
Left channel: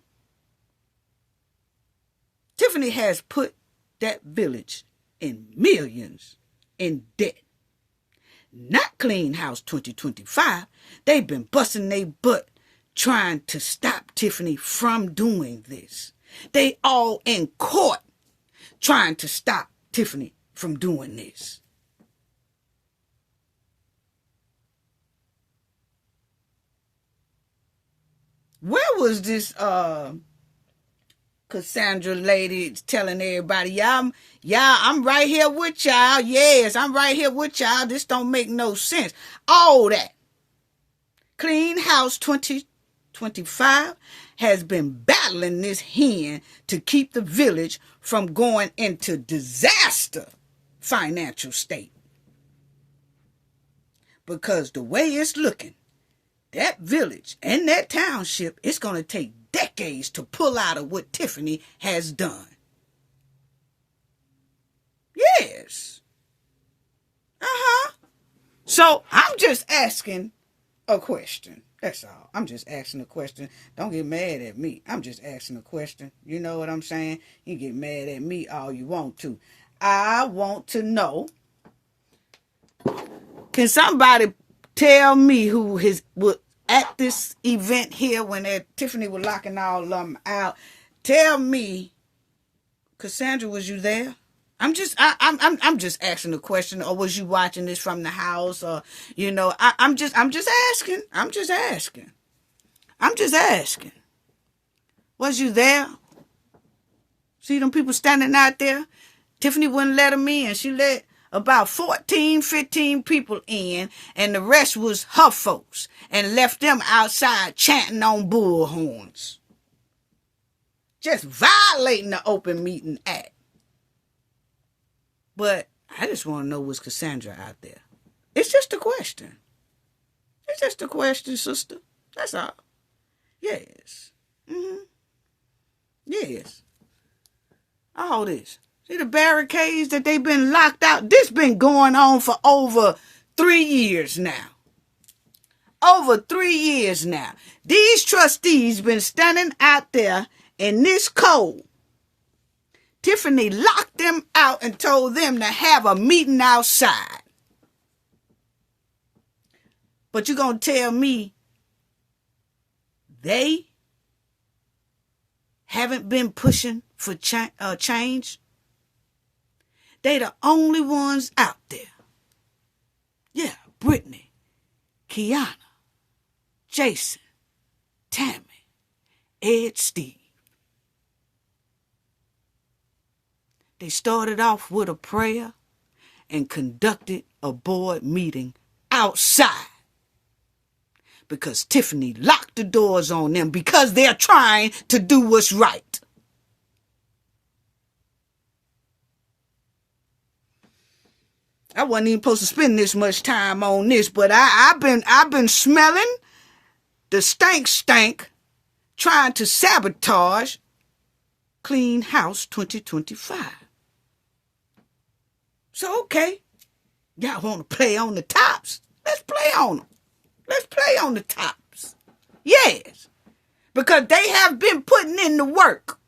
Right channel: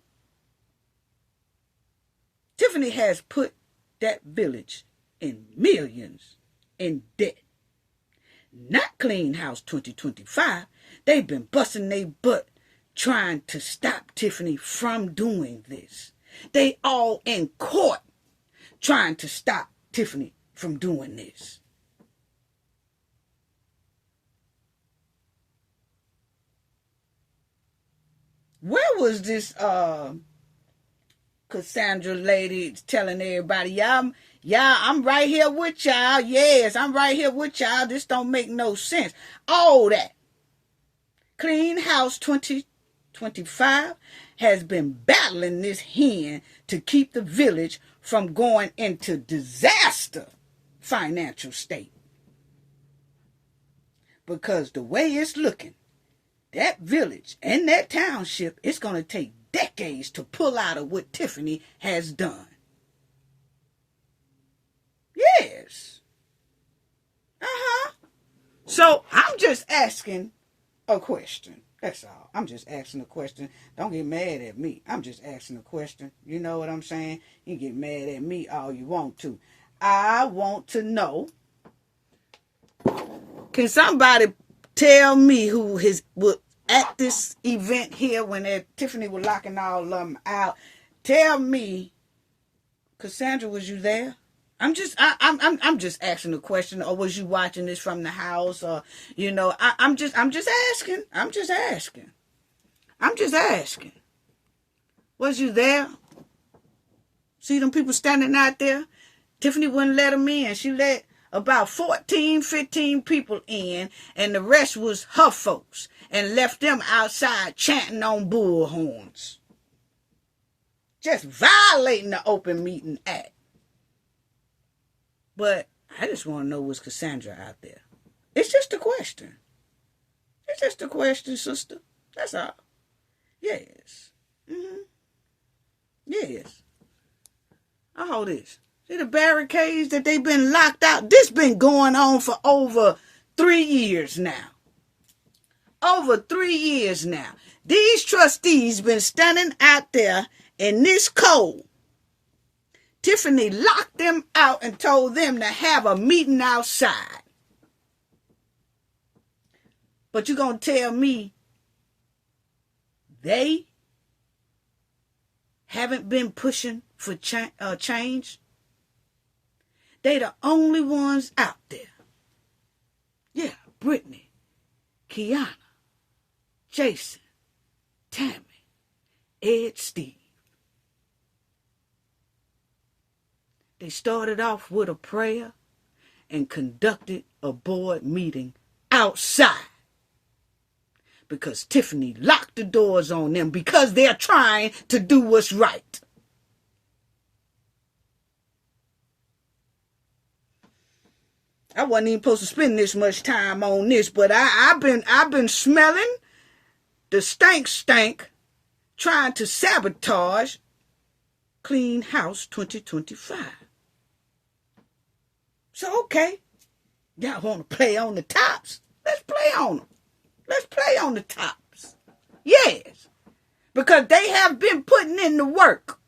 Tiffany has put that village in millions in debt. Not Clean House 2025. They've been busting their butt trying to stop Tiffany from doing this. They all in court trying to stop Tiffany from doing this. Where was this Cassandra lady telling everybody, y'all, I'm right here with y'all. Yes, I'm right here with y'all. This don't make no sense. All that. Clean House 2025 has been battling this hen to keep the village from going into disaster financial state. Because the way it's looking, that village and that township, it's going to take decades to pull out of what Tiffany has done. Yes. So I'm just asking a question. That's all. I'm just asking a question. Don't get mad at me. I'm just asking a question. You know what I'm saying? You get mad at me all you want to. I want to know, can somebody tell me who was at this event here when Tiffany was locking all of them out? Tell me, Cassandra, was you there? I'm just asking a question. Or was you watching this from the house? Or I'm just asking. I'm just asking. Was you there? See them people standing out there? Tiffany wouldn't let them in. She let about 14, 15 people in, and the rest was her folks, and left them outside chanting on bullhorns. Just violating the Open Meeting Act. But I just want to know, was Cassandra out there? It's just a question. It's just a question, sister. That's all. Yes. Yes. All this. See the barricades that they've been locked out? This been going on for over 3 years now. Over 3 years now. These trustees been standing out there in this cold. Tiffany locked them out and told them to have a meeting outside. But you gonna tell me they haven't been pushing for change? They the only ones out there. Yeah, Brittany, Kiana, Jason, Tammy, Ed, Steve. They started off with a prayer and conducted a board meeting outside because Tiffany locked the doors on them because they're trying to do what's right. I wasn't even supposed to spend this much time on this, but I've been smelling the stank trying to sabotage Clean House 2025. So, okay, y'all want to play on the tops? Let's play on them. Let's play on the tops. Yes, because they have been putting in the work.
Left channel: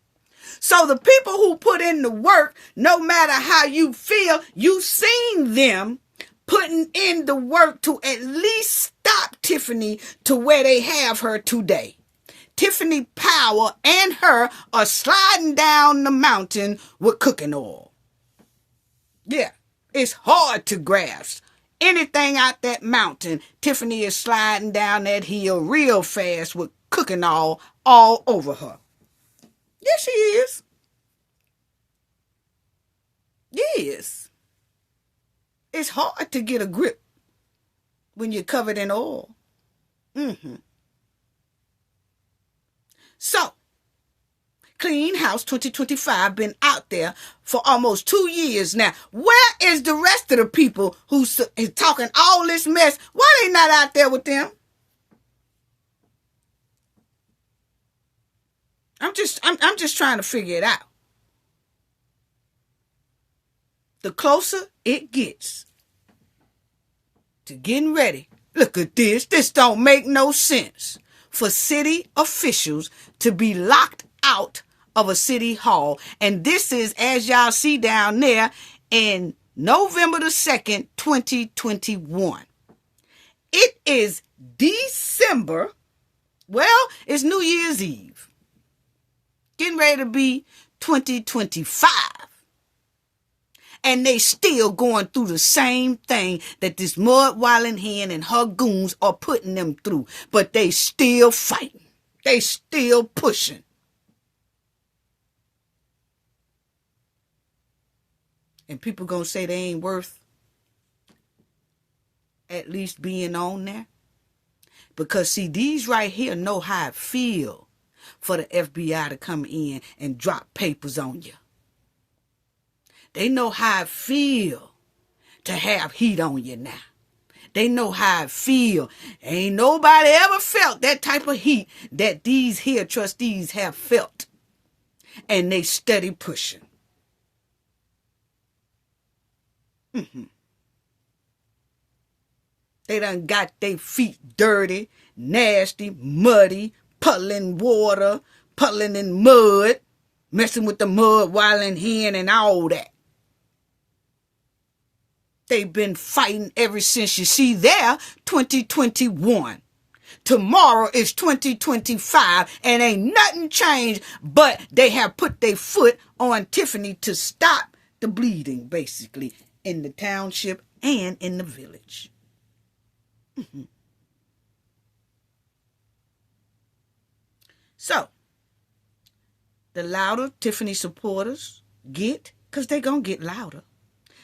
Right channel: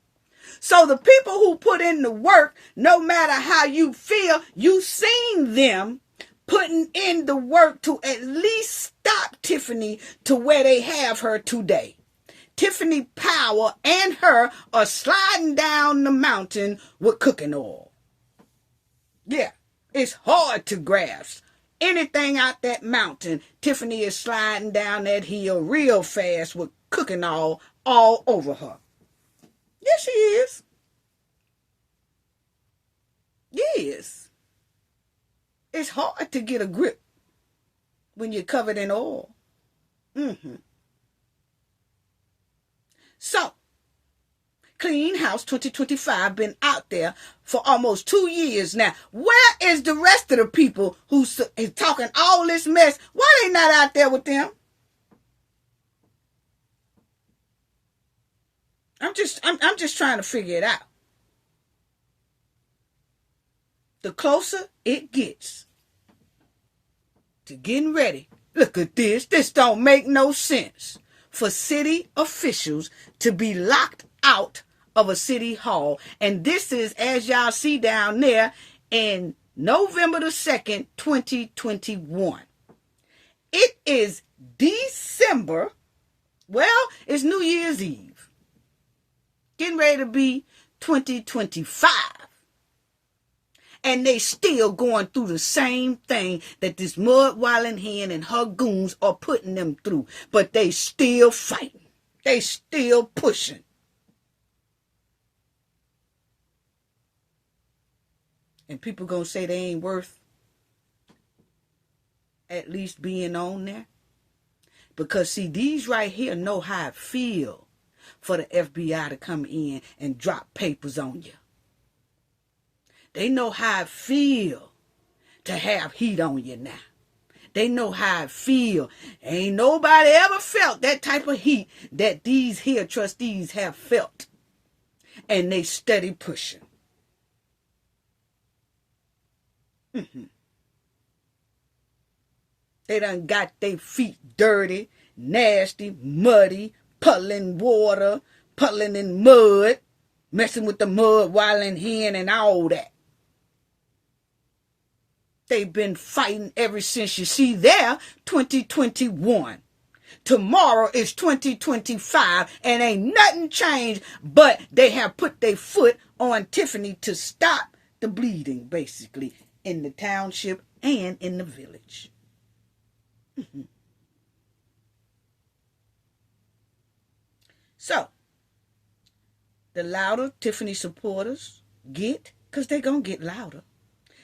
So the people who put in the work, no matter how you feel, you've seen them putting in the work to at least stop Tiffany to where they have her today. Tiffany Power and her are sliding down the mountain with cooking oil. Yeah, it's hard to grasp. Anything out that mountain, Tiffany is sliding down that hill real fast with cooking oil all over her. Yes, she is. Yes. It's hard to get a grip when you're covered in oil. So, Clean House 2025 been out there for almost 2 years now. Where is the rest of the people who is talking all this mess? Why they not out there with them? I'm just trying to figure it out. The closer it gets to getting ready. Look at this. This don't make no sense for city officials to be locked out of a city hall. And this is, as y'all see down there, in November the 2nd, 2021. It is December. Well, it's New Year's Eve. Getting ready to be 2025. And they still going through the same thing that this mud-walling hen and her goons are putting them through. But they still fighting. They still pushing. And people gonna say they ain't worth at least being on there. Because see, these right here know how it feel for the FBI to come in and drop papers on you. They know how it feel to have heat on you now. They know how it feel. Ain't nobody ever felt that type of heat that these here trustees have felt. And they steady pushing. They done got their feet dirty, nasty, muddy, puddling water, puddling in mud, messing with the mud while in hen and all that. They've been fighting ever since, you see, there, 2021. Tomorrow is 2025 and ain't nothing changed, but they have put their foot on Tiffany to stop the bleeding, basically, in the township and in the village. So, the louder Tiffany supporters get, because they're going to get louder,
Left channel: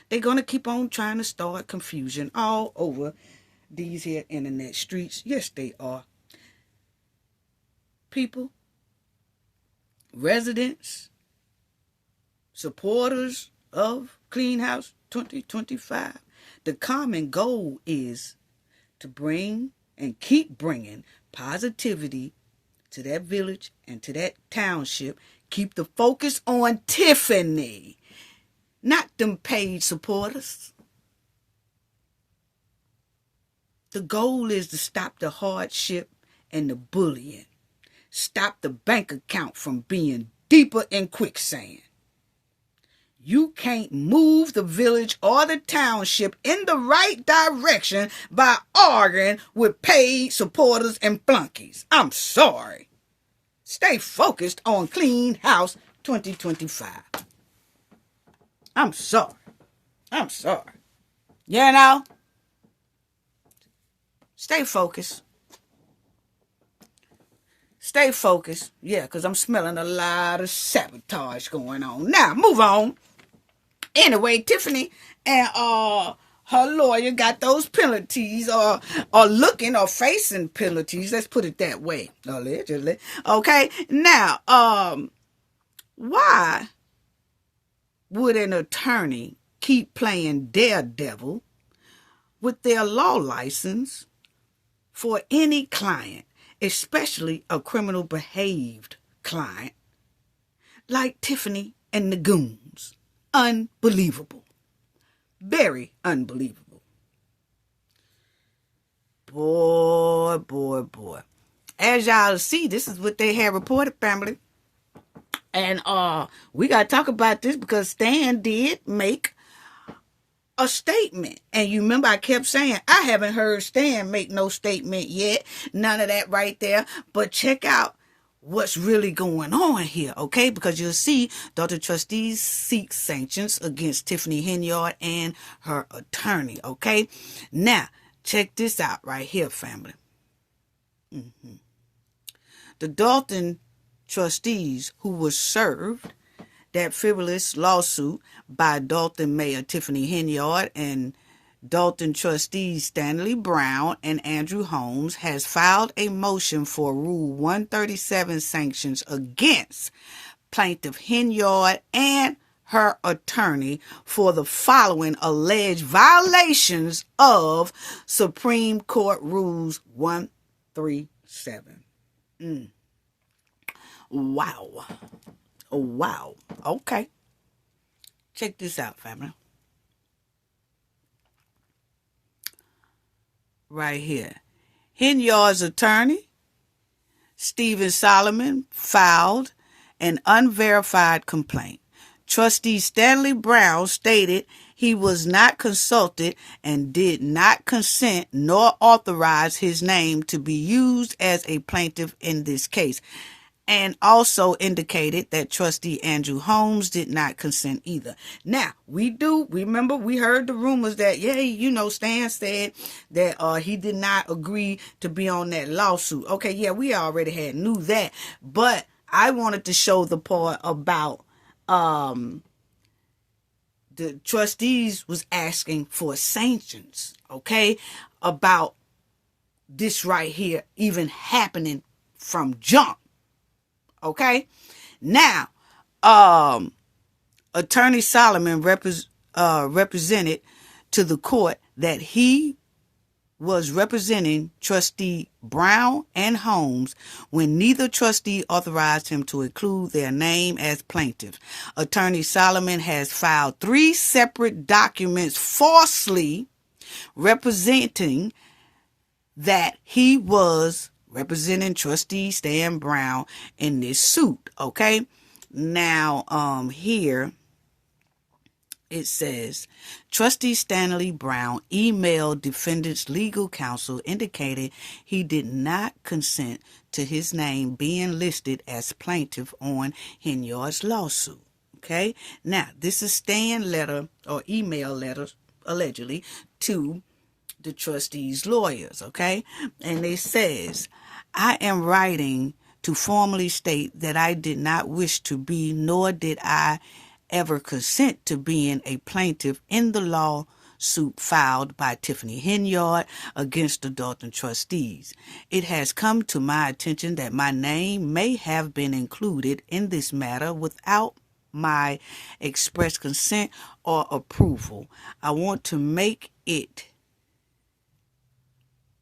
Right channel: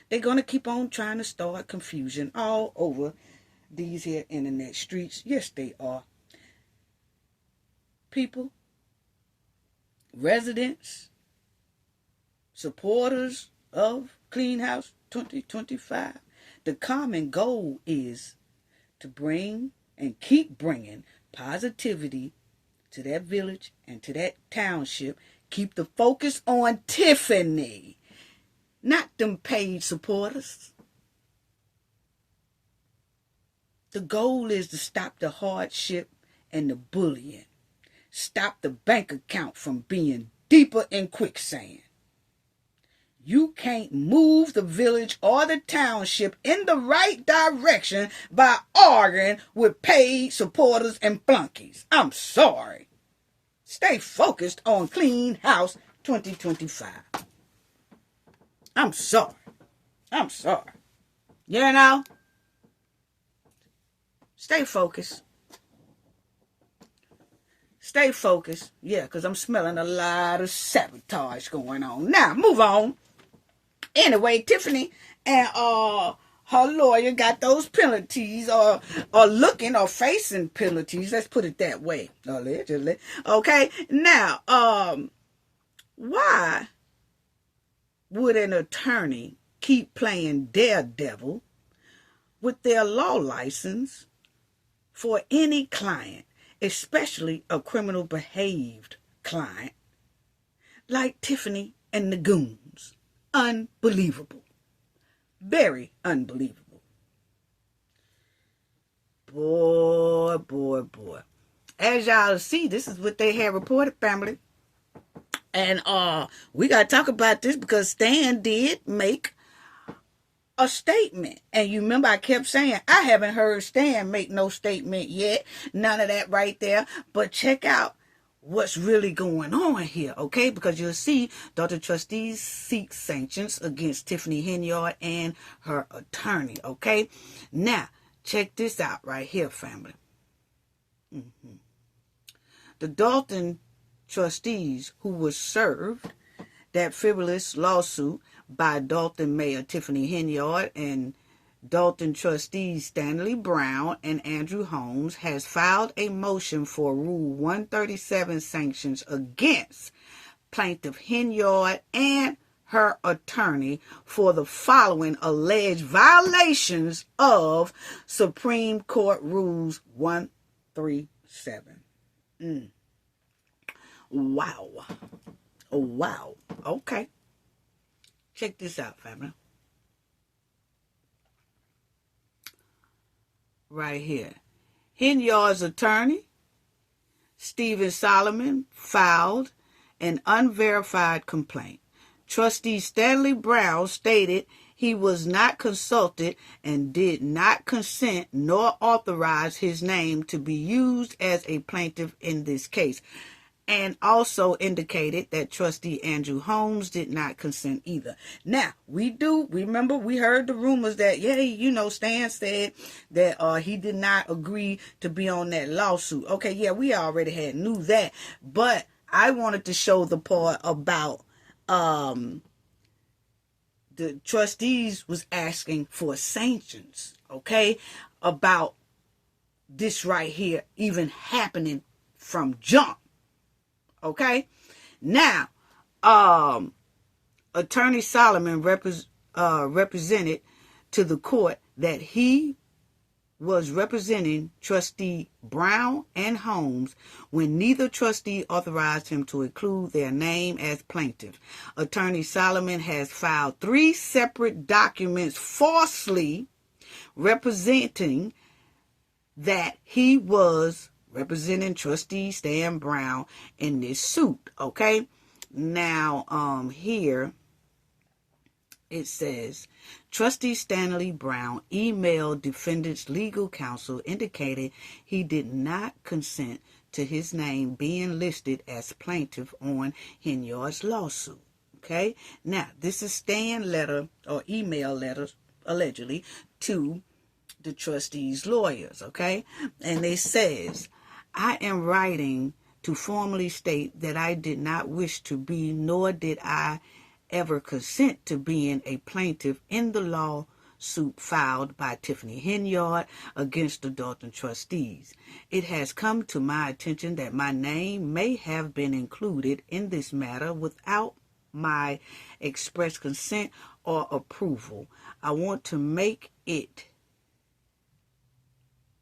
they're going to keep on trying to start confusion all over these here internet streets. Yes, they are. People, residents, supporters of Clean House 2025. The common goal is to bring and keep bringing positivity to that village and to that township. Keep the focus on Tiffany, not them paid supporters. The goal is to stop the hardship and the bullying. Stop the bank account from being deeper in quicksand. You can't move the village or the township in the right direction by arguing with paid supporters and flunkies. I'm sorry. Stay focused on Clean House 2025. I'm sorry. You know? Stay focused. Stay focused. Yeah, because I'm smelling a lot of sabotage going on. Now, move on. Anyway, Tiffany and her lawyer got those penalties or looking or facing penalties. Let's put it that way. Allegedly. Okay. Now, why would an attorney keep playing daredevil with their law license for any client, especially a criminal behaved client like Tiffany and the goons? Unbelievable. Very unbelievable. Boy. As y'all see, this is what they have reported, family. And we got to talk about this because Stan did make a statement. And you remember I kept saying, I haven't heard Stan make no statement yet. None of that right there. But check out what's really going on here, okay? Because you'll see the trustees seek sanctions against Tiffany Henyard and her attorney, okay? Now, check this out right here, family. The Dolton trustees who was served that frivolous lawsuit by Dolton Mayor Tiffany Henyard and Dolton trustees Stanley Brown and Andrew Holmes has filed a motion for Rule 137 sanctions against plaintiff Henyard and her attorney for the following alleged violations of Supreme Court Rules 137. Wow. Okay. Check this out, family. Right here. Henyard's attorney, Stephen Solomon, filed an unverified complaint. Trustee Stanley Brown stated he was not consulted and did not consent nor authorize his name to be used as a plaintiff in this case, and also indicated that Trustee Andrew Holmes did not consent either. Now, we heard the rumors that, Stan said that he did not agree to be on that lawsuit. Okay, yeah, we already knew that. But I wanted to show the part about the trustees was asking for sanctions, okay, about this right here even happening from jump. Okay, now, Attorney Solomon represented to the court that he was representing trustee Brown and Holmes when neither trustee authorized him to include their name as plaintiff. Attorney Solomon has filed 3 separate documents falsely representing that he was representing trustee Stan Brown in this suit. Okay, now here it says, Trustee Stanley Brown emailed defendant's legal counsel indicated he did not consent to his name being listed as plaintiff on Henyard's lawsuit. Okay, now this is Stan letter or email letters allegedly to the trustee's lawyers. Okay, and it says, I am writing to formally state that I did not wish to be, nor did I ever consent to being a plaintiff in the lawsuit filed by Tiffany Henyard against the Dolton trustees. It has come to my attention that my name may have been included in this matter without my express consent or approval. I want to make it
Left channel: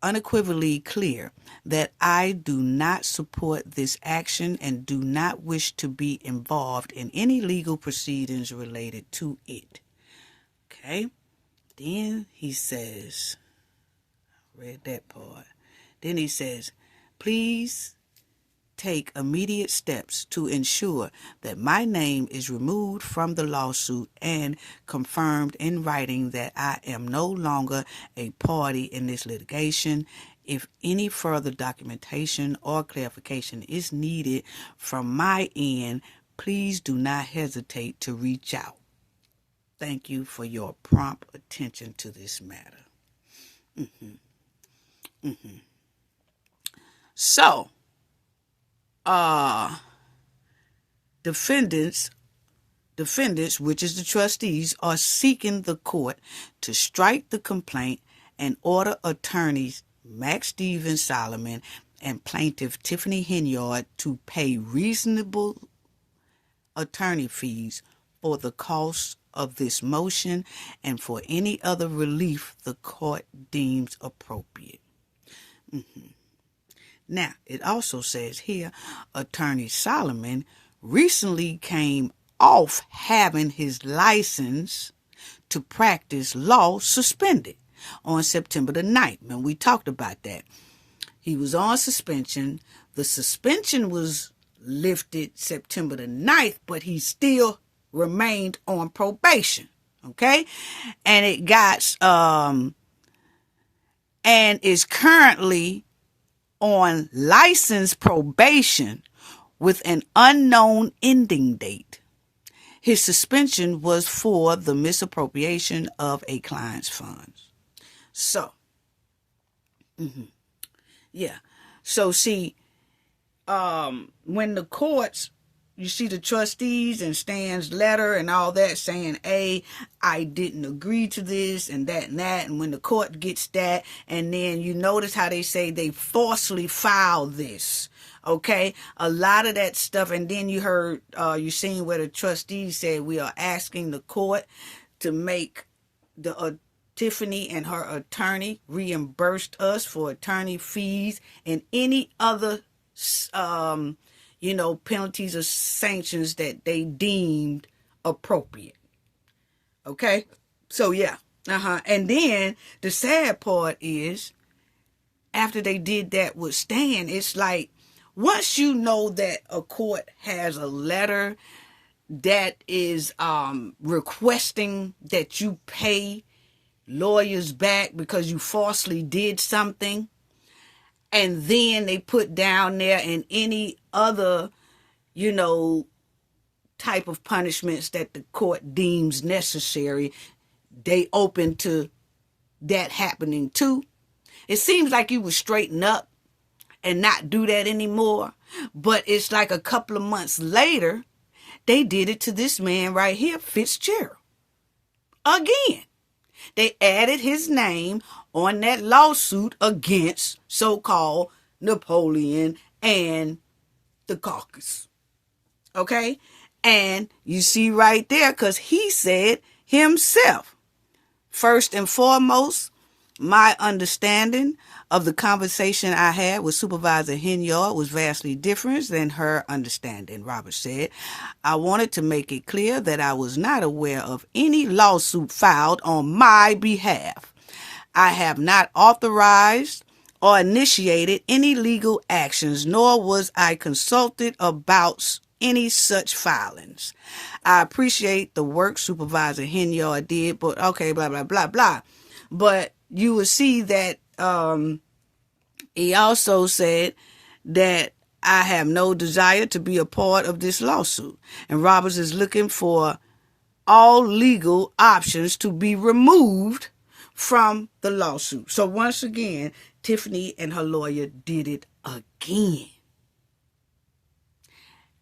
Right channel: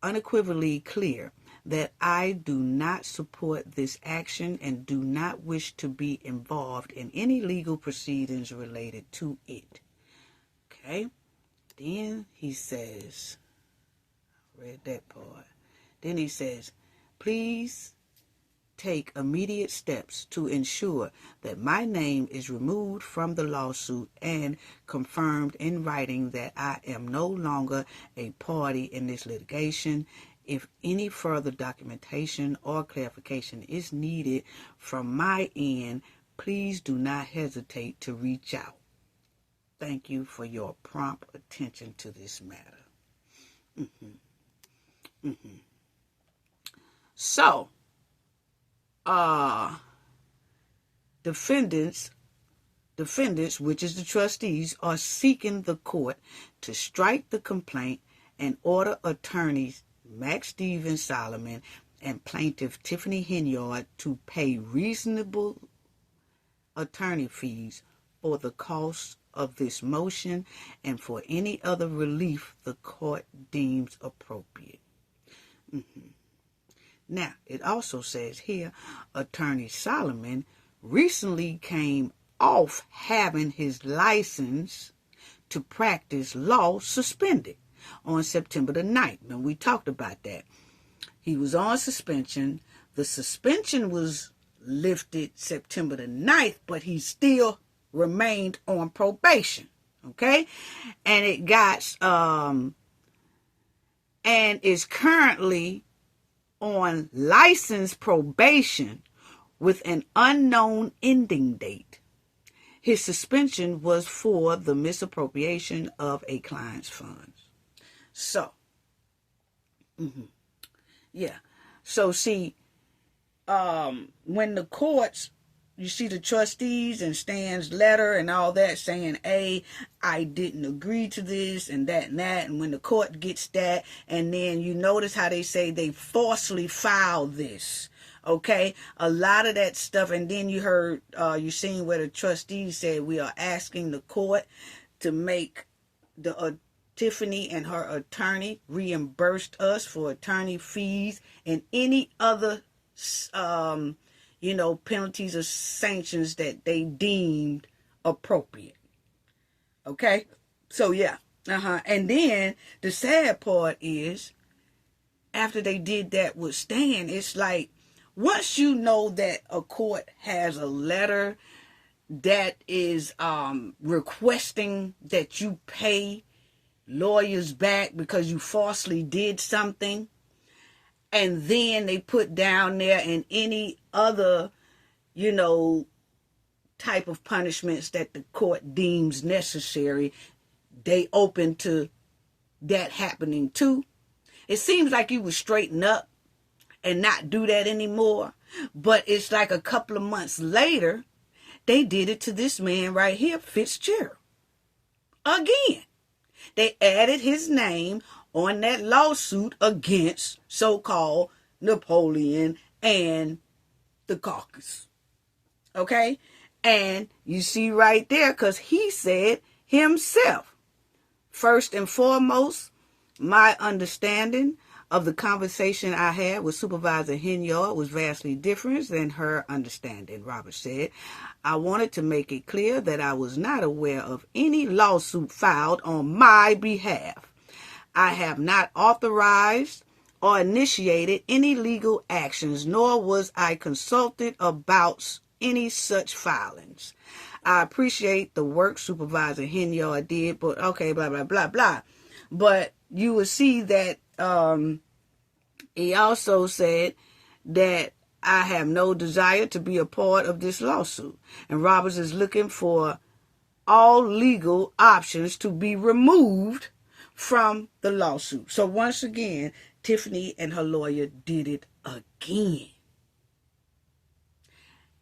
unequivocally clear that I do not support this action and do not wish to be involved in any legal proceedings related to it. Okay, then he says, I read that part. Then he says, please take immediate steps to ensure that my name is removed from the lawsuit and confirmed in writing that I am no longer a party in this litigation. If any further documentation or clarification is needed from my end, please do not hesitate to reach out. Thank you for your prompt attention to this matter. So, defendants, which is the trustees, are seeking the court to strike the complaint and order attorneys Max Stephen Solomon and plaintiff Tiffany Henyard to pay reasonable attorney fees for the cost of this motion and for any other relief the court deems appropriate. Now, it also says here, Attorney Solomon recently came off having his license to practice law suspended on September the 9th. And we talked about that. He was on suspension. The suspension was lifted September the 9th, but he still remained on probation. Okay? And it got, and is currently on license probation with an unknown ending date. His suspension was for the misappropriation of a client's funds. So, yeah. So, see, when the courts, you see the trustees and Stan's letter and all that saying, hey, I didn't agree to this and that and that. And when the court gets that, and then you notice how they say they falsely filed this. Okay, a lot of that stuff. And then you heard, you seen where the trustees said we are asking the court to make the Tiffany and her attorney reimbursed us for attorney fees and any other penalties or sanctions that they deemed appropriate. Okay? So, yeah. And then the sad part is, after they did that with Stan, it's like, once you know that a court has a letter that is requesting that you pay lawyers back because you falsely did something, and then they put down there in any other, type of punishments that the court deems necessary, they open to that happening too. It seems like you would straighten up and not do that anymore. But it's like a couple of months later, they did it to this man right here, Fitzgerald. Again. They added his name on that lawsuit against so-called Napoleon and the caucus. Okay? And you see right there, because he said himself, first and foremost, My understanding of the conversation I had with Supervisor Henyard was vastly different than her understanding, Robert said. I wanted to make it clear that I was not aware of any lawsuit filed on my behalf. I have not authorized or initiated any legal actions, nor was I consulted about any such filings. I appreciate the work Supervisor Henyard did, but okay, blah, blah, blah, blah. But you will see that he also said that I have no desire to be a part of this lawsuit. And Roberts is looking for all legal options to be removed from the lawsuit. So once again, Tiffany and her lawyer did it again.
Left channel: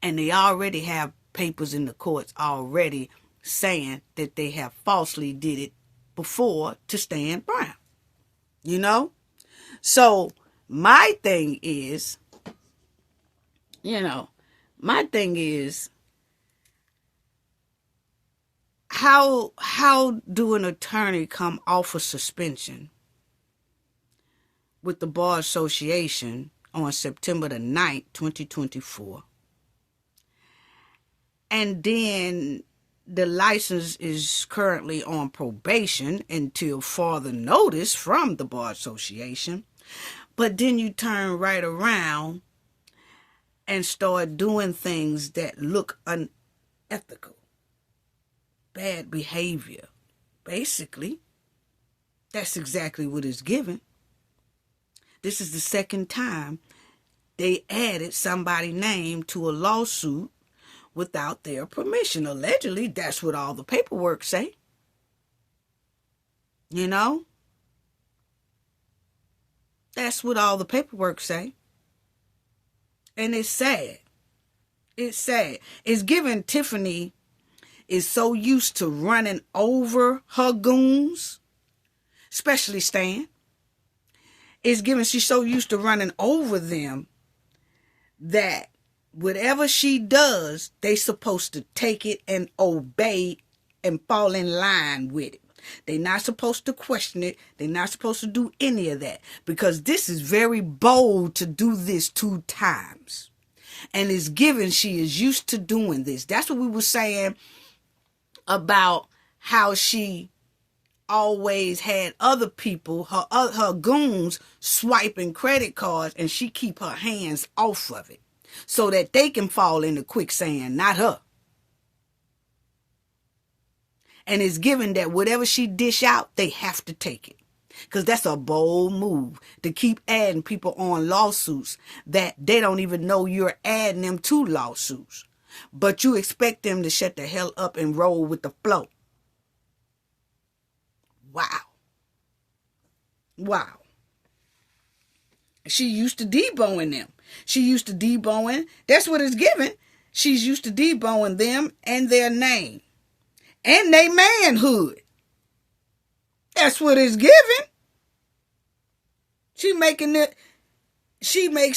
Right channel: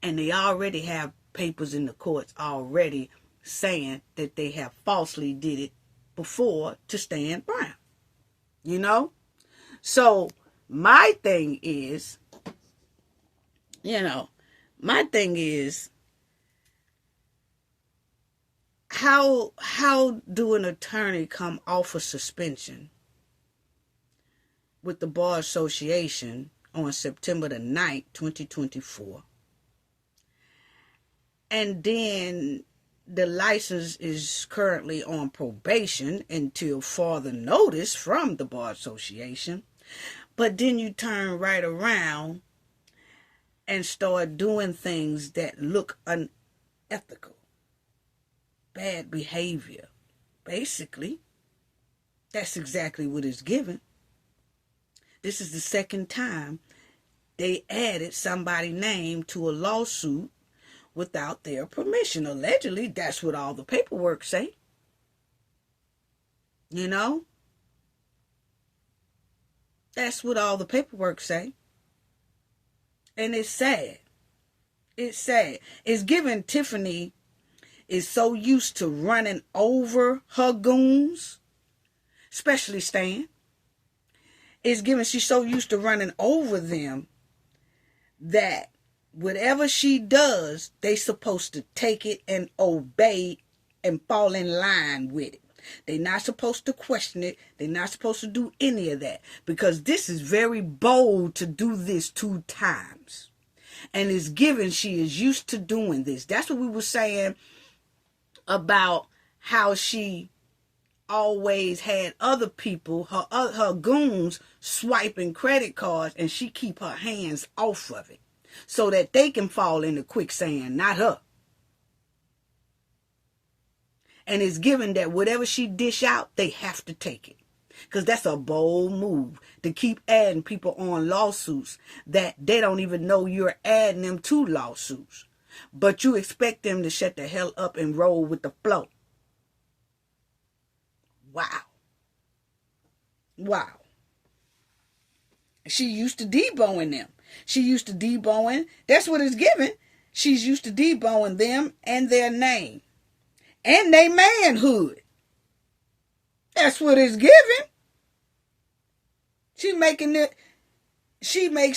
And they already have papers in the courts already saying that they have falsely did it before to Stan Brown. You know? So my thing is, how do an attorney come off a suspension with the Bar Association on September the 9th, 2024, and then the license is currently on probation until further notice from the Bar Association, but then you turn right around and start doing things that look unethical, bad behavior? Basically, that's exactly what is given. This is the second time they added somebody's name to a lawsuit without their permission. Allegedly, that's what all the paperwork say. You know? That's what all the paperwork say. And it's sad. It's sad. It's given Tiffany is so used to running over her goons, especially Stan. It's given she's so used to running over them that whatever she does, they supposed to take it and obey and fall in line with it. They're not supposed to question it. They're not supposed to do any of that, because this is very bold to do this 2 times. And it's given she is used to doing this. That's what we were saying about how she always had other people, her goons, swiping credit cards, and she keep her hands off of it so that they can fall into quicksand, not her. And it's given that whatever she dish out, they have to take it. Because that's a bold move to keep adding people on lawsuits that they don't even know you're adding them to lawsuits. But you expect them to shut the hell up and roll with the flow. Wow. Wow. She used to deboing them. She used to deboing. That's what it's given. She's used to deboing them and their name. And their manhood. That's what it's given. She makes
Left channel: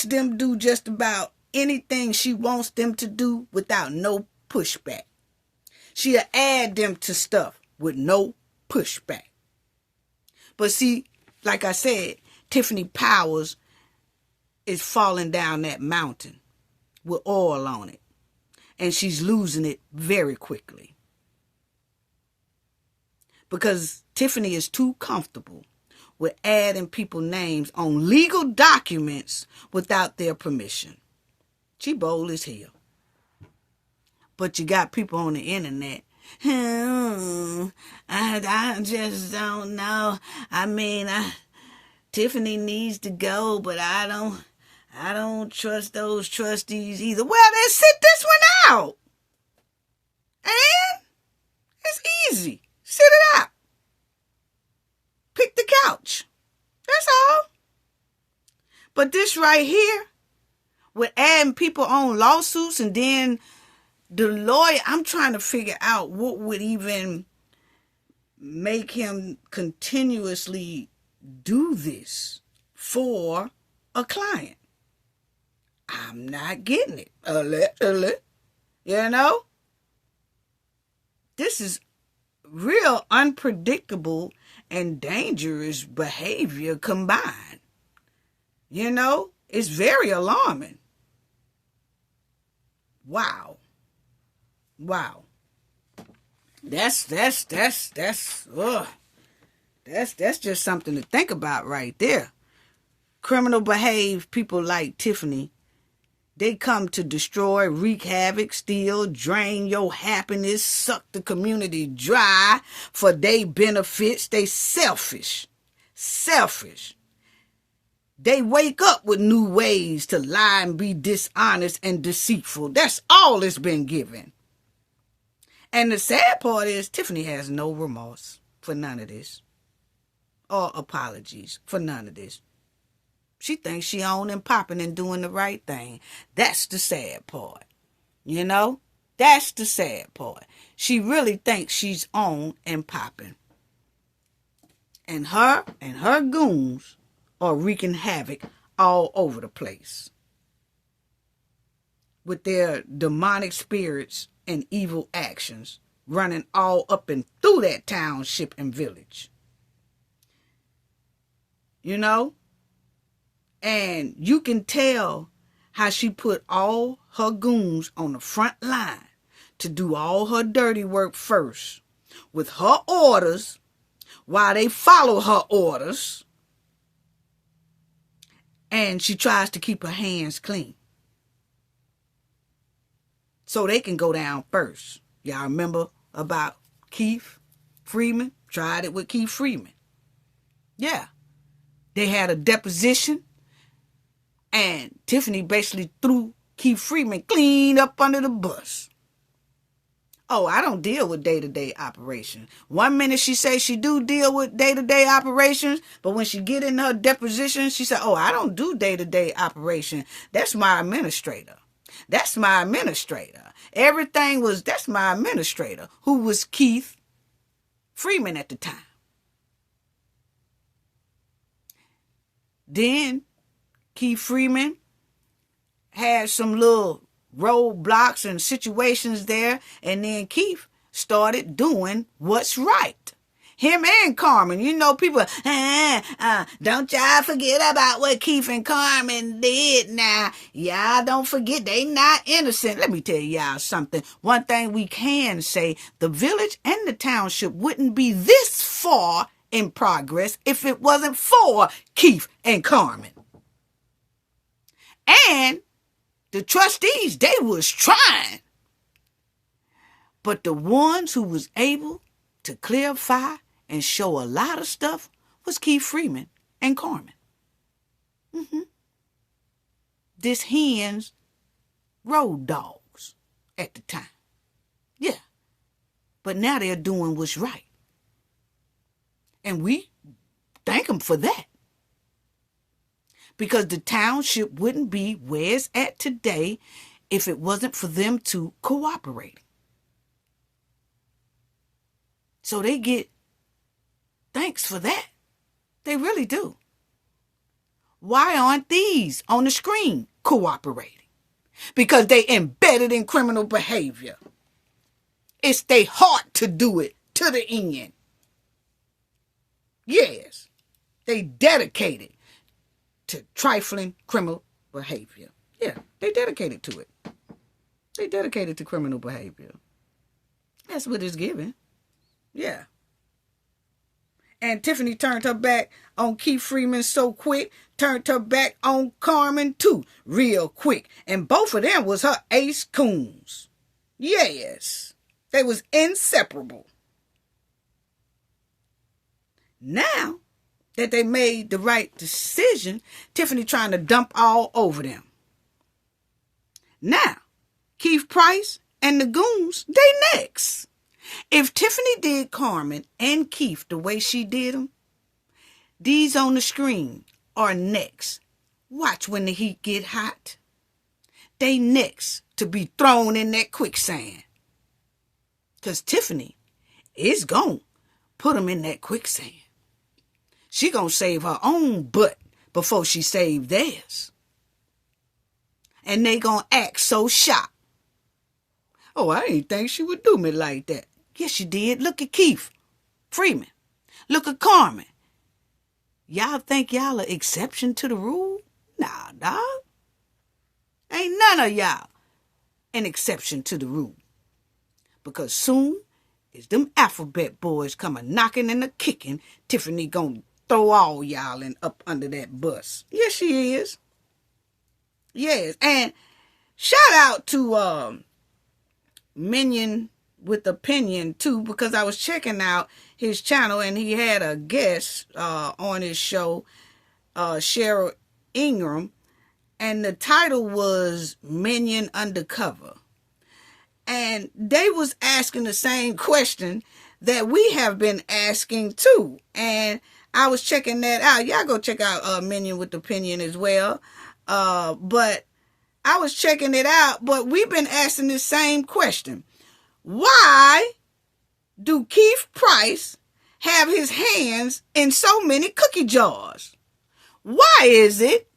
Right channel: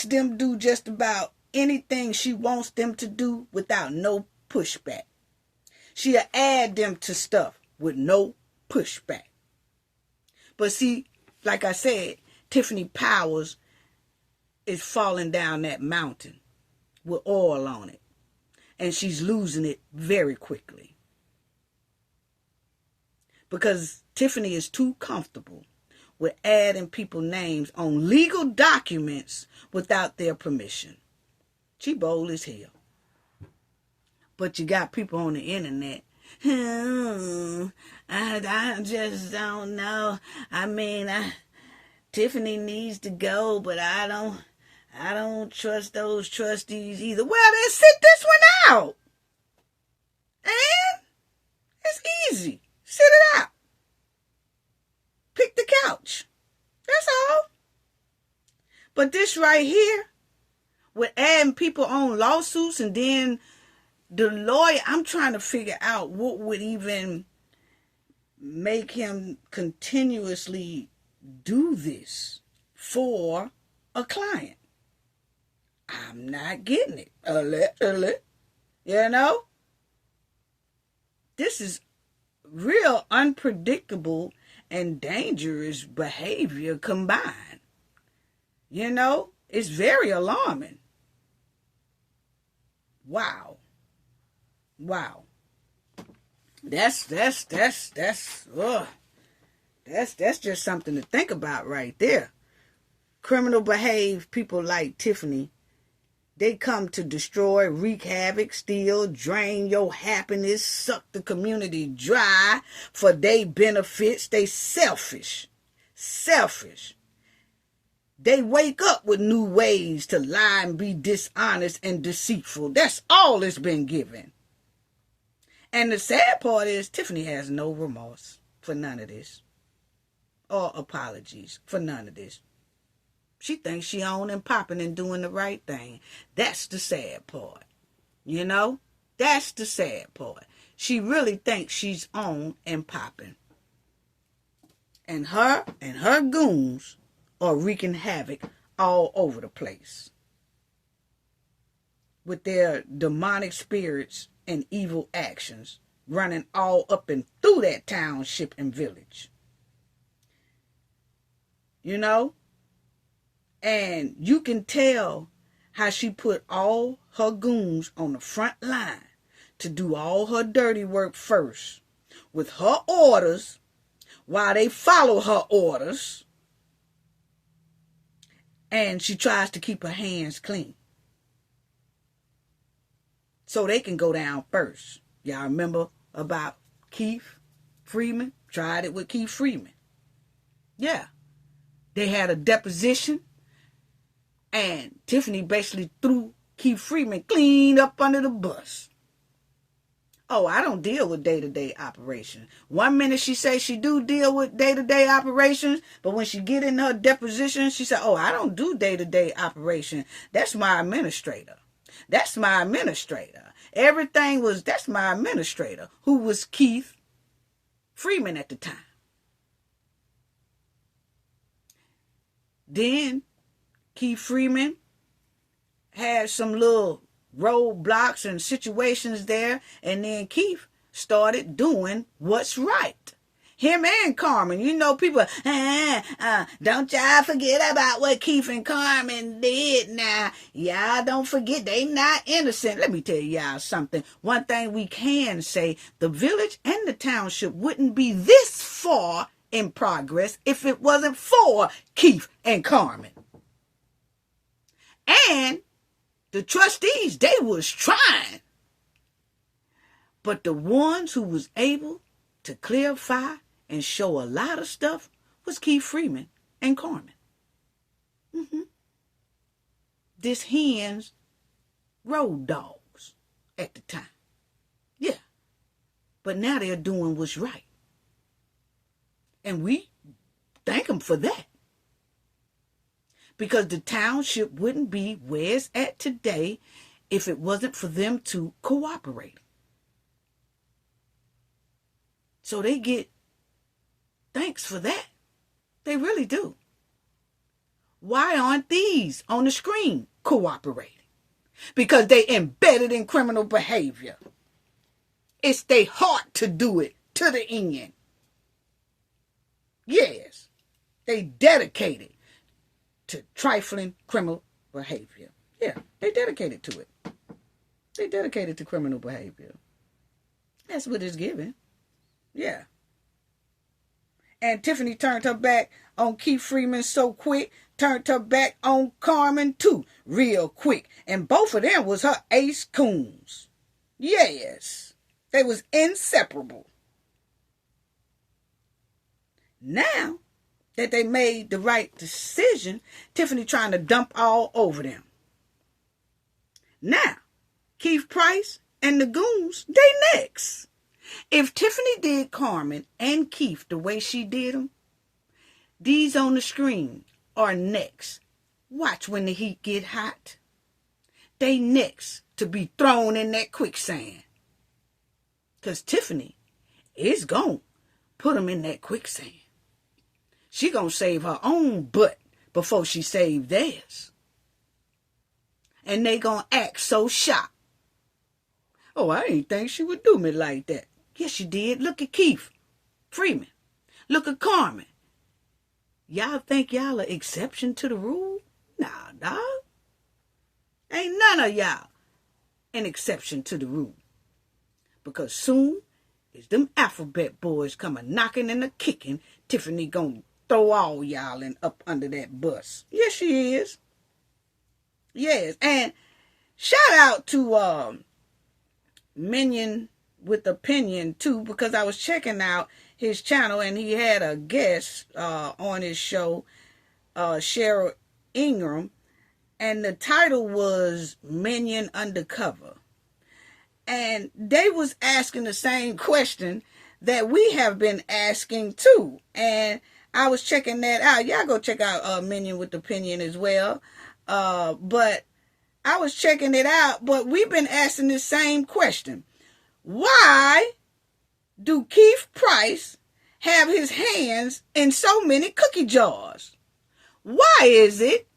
them do just about anything she wants them to do without no pushback. She'll add them to stuff with no pushback. But see, like I said, Tiffany Powers is falling down that mountain with oil on it. And she's losing it very quickly. Because Tiffany is too comfortable with adding people's names on legal documents without their permission. She bold as hell. But you got people on the internet. I just don't know. I mean, Tiffany needs to go, but I don't trust those trustees either. Well, then sit this one out. And it's easy. Sit it out. Pick the couch. That's all. But this right here, with adding people on lawsuits, and then the lawyer, I'm trying to figure out what would even make him continuously do this for a client. I'm not getting it. You know? This is real unpredictable and dangerous behavior combined. You know, it's very alarming. Wow. That's just something to think about right there. Criminal behave people like Tiffany, they come to destroy, wreak havoc, steal, drain your happiness, suck the community dry for their benefits. They selfish. They wake up with new ways to lie and be dishonest and deceitful. That's all it's been given. And the sad part is Tiffany has no remorse for none of this. Or apologies for none of this. She thinks she on and popping and doing the right thing. That's the sad part. You know? That's the sad part. She really thinks she's on and popping. And her goons are wreaking havoc all over the place. With their demonic spirits and evil actions running all up and through that township and village. You know? And you can tell how she put all her goons on the front line to do all her dirty work first with her orders while they follow her orders. And she tries to keep her hands clean so they can go down first. Y'all remember about Keith Freeman? Tried it with Keith Freeman. Yeah. They had a deposition. And Tiffany basically threw Keith Freeman clean up under the bus. Oh, I don't deal with day-to-day operations. 1 minute she says she do deal with day-to-day operations, but when she get in her deposition, she said, oh, I don't do day-to-day operation. That's my administrator. That's my administrator. That's my administrator, who was Keith Freeman at the time. Then Keith Freeman had some little roadblocks and situations there, and then Keith started doing what's right. Him and Carmen, you know, people, don't y'all forget about what Keith and Carmen did now. Y'all don't forget, they not innocent. Let me tell y'all something. One thing we can say, the village and the township wouldn't be this far in progress if it wasn't for Keith and Carmen. And the trustees, they was trying. But the ones who was able to clarify and show a lot of stuff was Keith Freeman and Carmen. This hen's road dogs at the time. Yeah. But now they're doing what's right. And we thank them for that. Because the township wouldn't be where it's at today if it wasn't for them to cooperate. So they get thanks for that. They really do. Why aren't these on the screen cooperating? Because they embedded in criminal behavior. It's their heart to do it to the end. Yes, they dedicated to trifling criminal behavior. Yeah, they dedicated to it. They dedicated to criminal behavior. That's what it's given. Yeah. And Tiffany turned her back on Keith Freeman so quick, turned her back on Carmen too, real quick. And both of them was her ace coons. Yes, they was inseparable. Now that they made the right decision, Tiffany trying to dump all over them. Now, Keith Price and the goons, they next. If Tiffany did Carmen and Keith the way she did them, these on the screen are next. Watch when the heat get hot. They next to be thrown in that quicksand. Because Tiffany is gonna put them in that quicksand. She gonna save her own butt before she save theirs. And they gonna act so shocked. Oh, I didn't think she would do me like that. Yes, she did. Look at Keith Freeman. Look at Carmen. Y'all think y'all an exception to the rule? Nah, dog. Ain't none of y'all an exception to the rule. Because soon as them alphabet boys come a knocking and a kicking, Tiffany gonna throw all y'all in up under that bus. Yes, she is. Yes. And shout out to Minion with Opinion too, because I was checking out his channel and he had a guest on his show, Cheryl Ingram, and the title was Minion Undercover. And they was asking the same question that we have been asking too. And I was checking that out. Y'all go check out Minion with Opinion as well. But I was checking it out, but we've been asking the same question. Why do Keith Price have his hands in so many cookie jars? Why is it?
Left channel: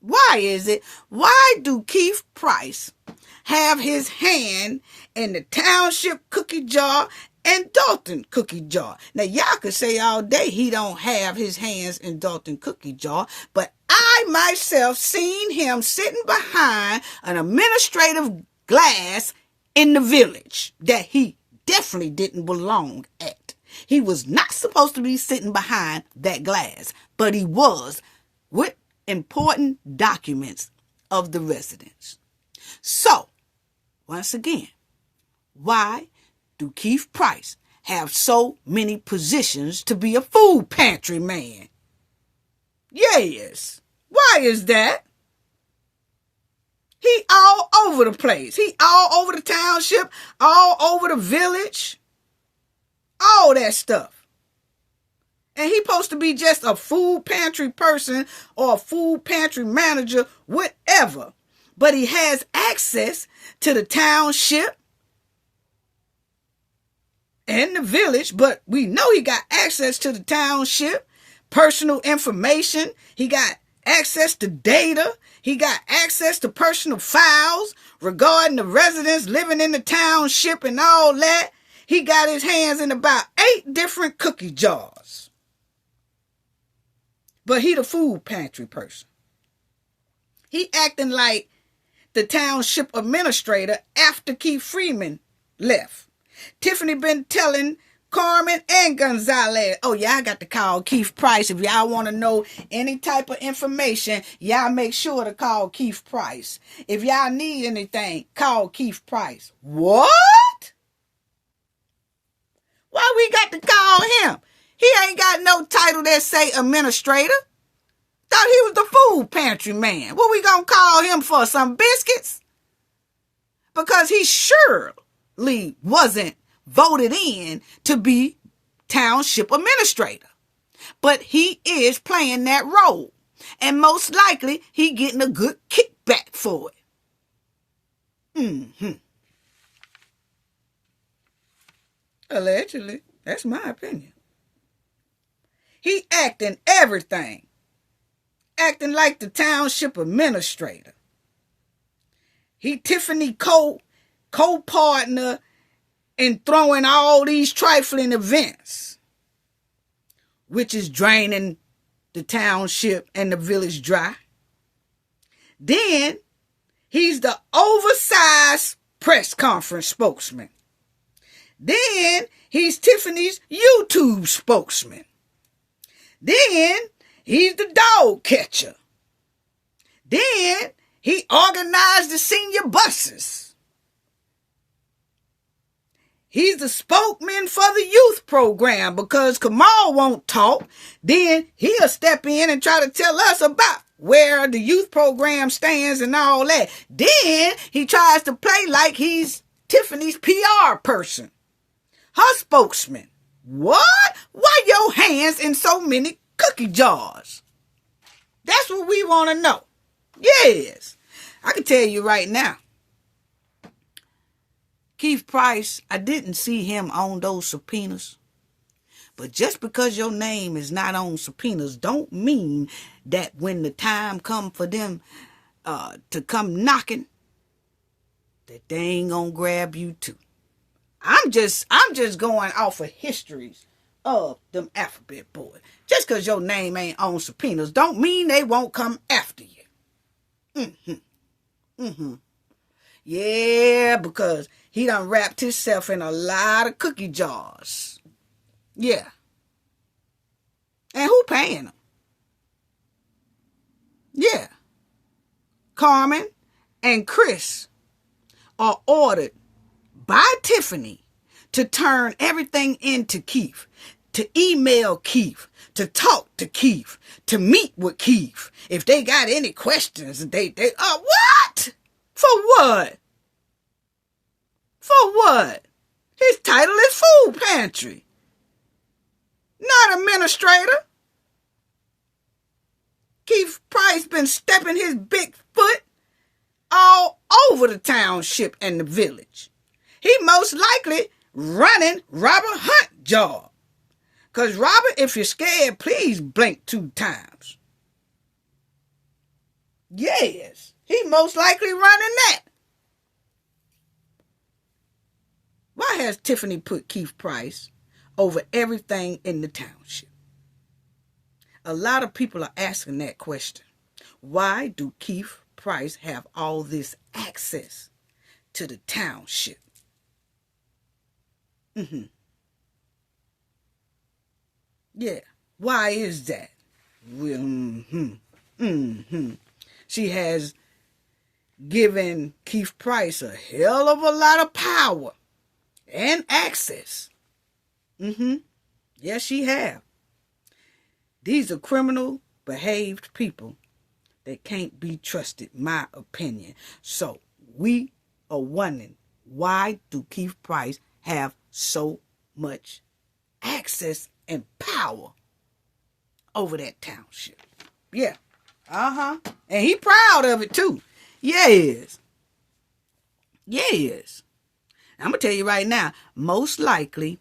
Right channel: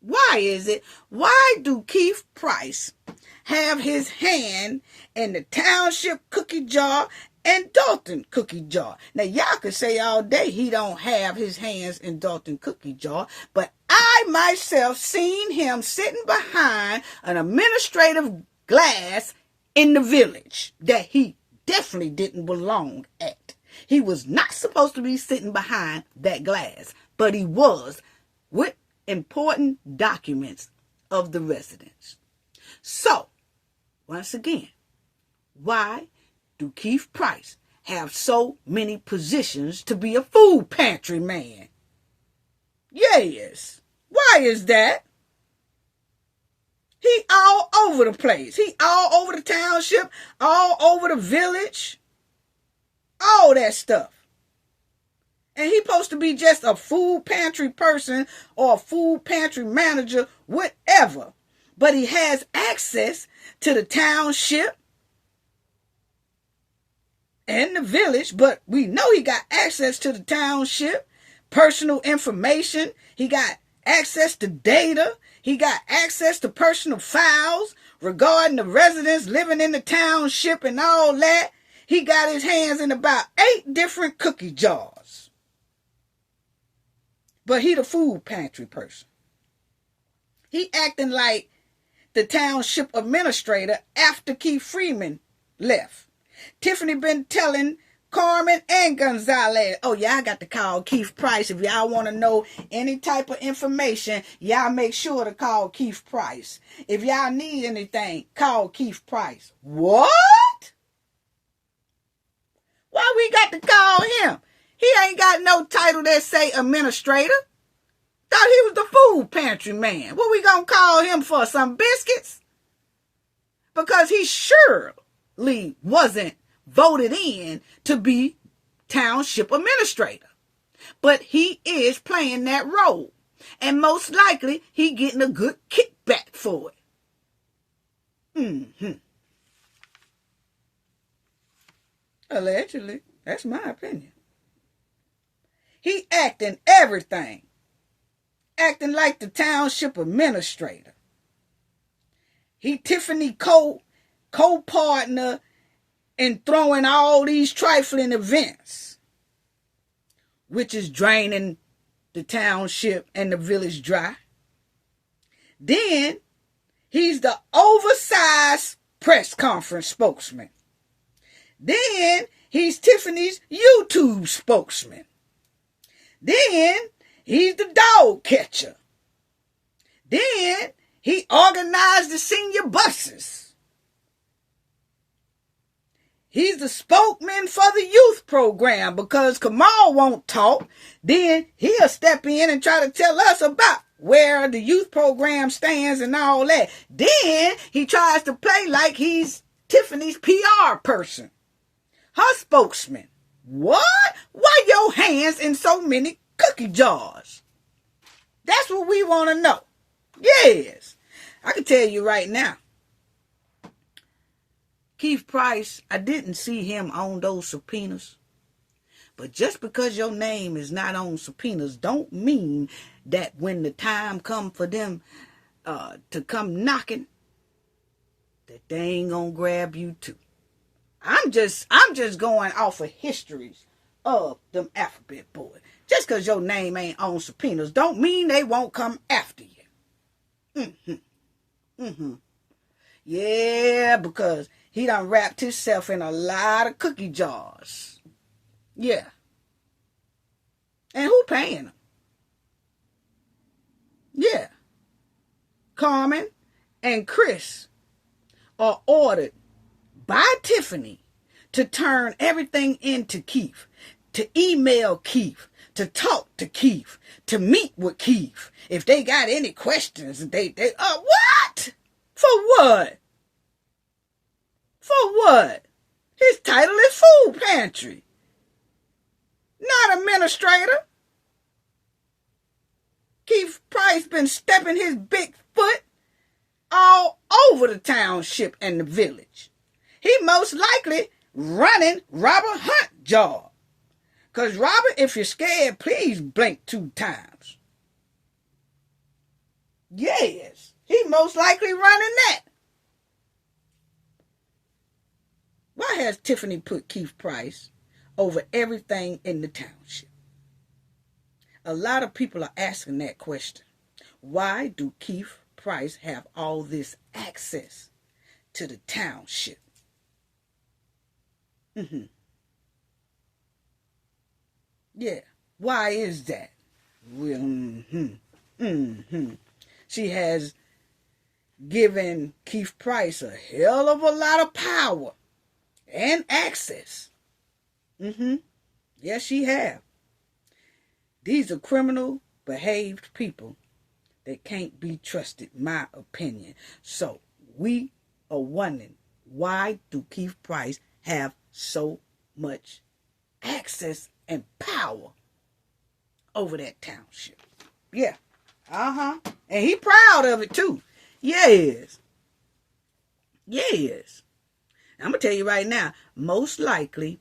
Why do Keith Price have his hand in the Township cookie jar and Dolton cookie jar? Now, y'all could say all day he don't have his hands in Dolton cookie jar, but I myself seen him sitting behind an administrative glass in the village that he definitely didn't belong at. He was not supposed to be sitting behind that glass, but he was, with important documents of the residents. So, once again, why do Keith Price have so many positions to be a food pantry man? Yes. Why is that? He all over the place. He all over the township, all over the village, all that stuff. And he supposed to be just a food pantry person or a food pantry manager, whatever. But he has access to the township and the village, but we know he got access to the township, personal information. He got access to data. He got access to personal files regarding the residents living in the township and all that. He got his hands in about 8 different cookie jars. But he the food pantry person. He acting like the township administrator after Keith Freeman left. Tiffany been telling Carmen and Gonzalez, oh, y'all got to call Keith Price. If y'all want to know any type of information, y'all make sure to call Keith Price. If y'all need anything, call Keith Price. What? Why we got to call him? He ain't got no title that say administrator. Thought he was the food pantry man. What we gonna call him for? Some biscuits? Because he surely wasn't voted in to be township administrator. But he is playing that role. And most likely, he getting a good kickback for it. Allegedly. That's my opinion. He acting everything. Acting like the township administrator. He Tiffany co-partner in throwing all these trifling events, which is draining the township and the village dry. Then he's the oversized press conference spokesman. Then he's Tiffany's YouTube spokesman. Then he's the dog catcher. Then he organized the senior buses. He's the spokesman for the youth program because Kamal won't talk. Then he'll step in and try to tell us about where the youth program stands and all that. Then he tries to play like he's Tiffany's PR person. Her spokesman. What? Why your hands in so many cookie jars? That's what we want to know. Yes. I can tell you right now. Keith Price, I didn't see him on those subpoenas. But just because your name is not on subpoenas don't mean that when the time come for them to come knocking, that they ain't gonna grab you too. I'm just going off of histories of them alphabet boys. Just because your name ain't on subpoenas don't mean they won't come after you. Yeah, because he done wrapped himself in a lot of cookie jars. Yeah. And who paying him? Yeah. Carmen and Chris are ordered by Tiffany to turn everything into Keith, to email Keith, to talk to Keith, to meet with Keith. If they got any questions, what? For what? For what? His title is food pantry, not administrator. Keith Price been stepping his big foot all over the township and the village. He most likely running Robert Hunt job. Because Robert, if you're scared, please blink 2 times. Yes, he most likely running that. Why has Tiffany put Keith Price over everything in the township? A lot of people are asking that question. Why do Keith Price have all this access to the township? Yeah, why is that? She has given Keith Price a hell of a lot of power and access. Yes, she have. These are criminal behaved people that can't be trusted, my opinion. So we are wondering, why do Keith Price have so much access and power over that township? Yeah. And he proud of it too. Yes. I'm going to tell you right now, most likely,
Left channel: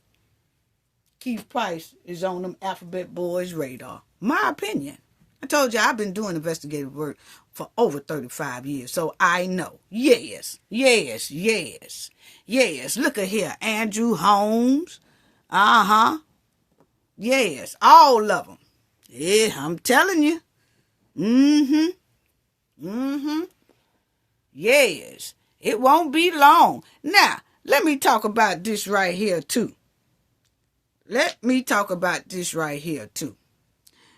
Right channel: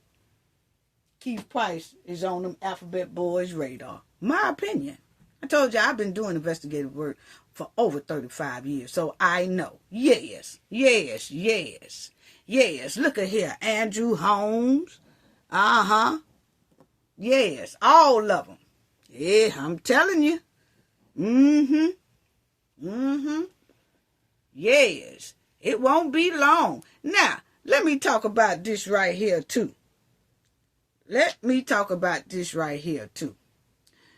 Keith Price is on them alphabet boys' radar. My opinion. I told you I've been doing investigative work for over 35 years, so I know. Yes. Look at here. Andrew Holmes. Yes, all of them. Yeah, I'm telling you. Yes, it won't be long. Now, let me talk about this right here, too.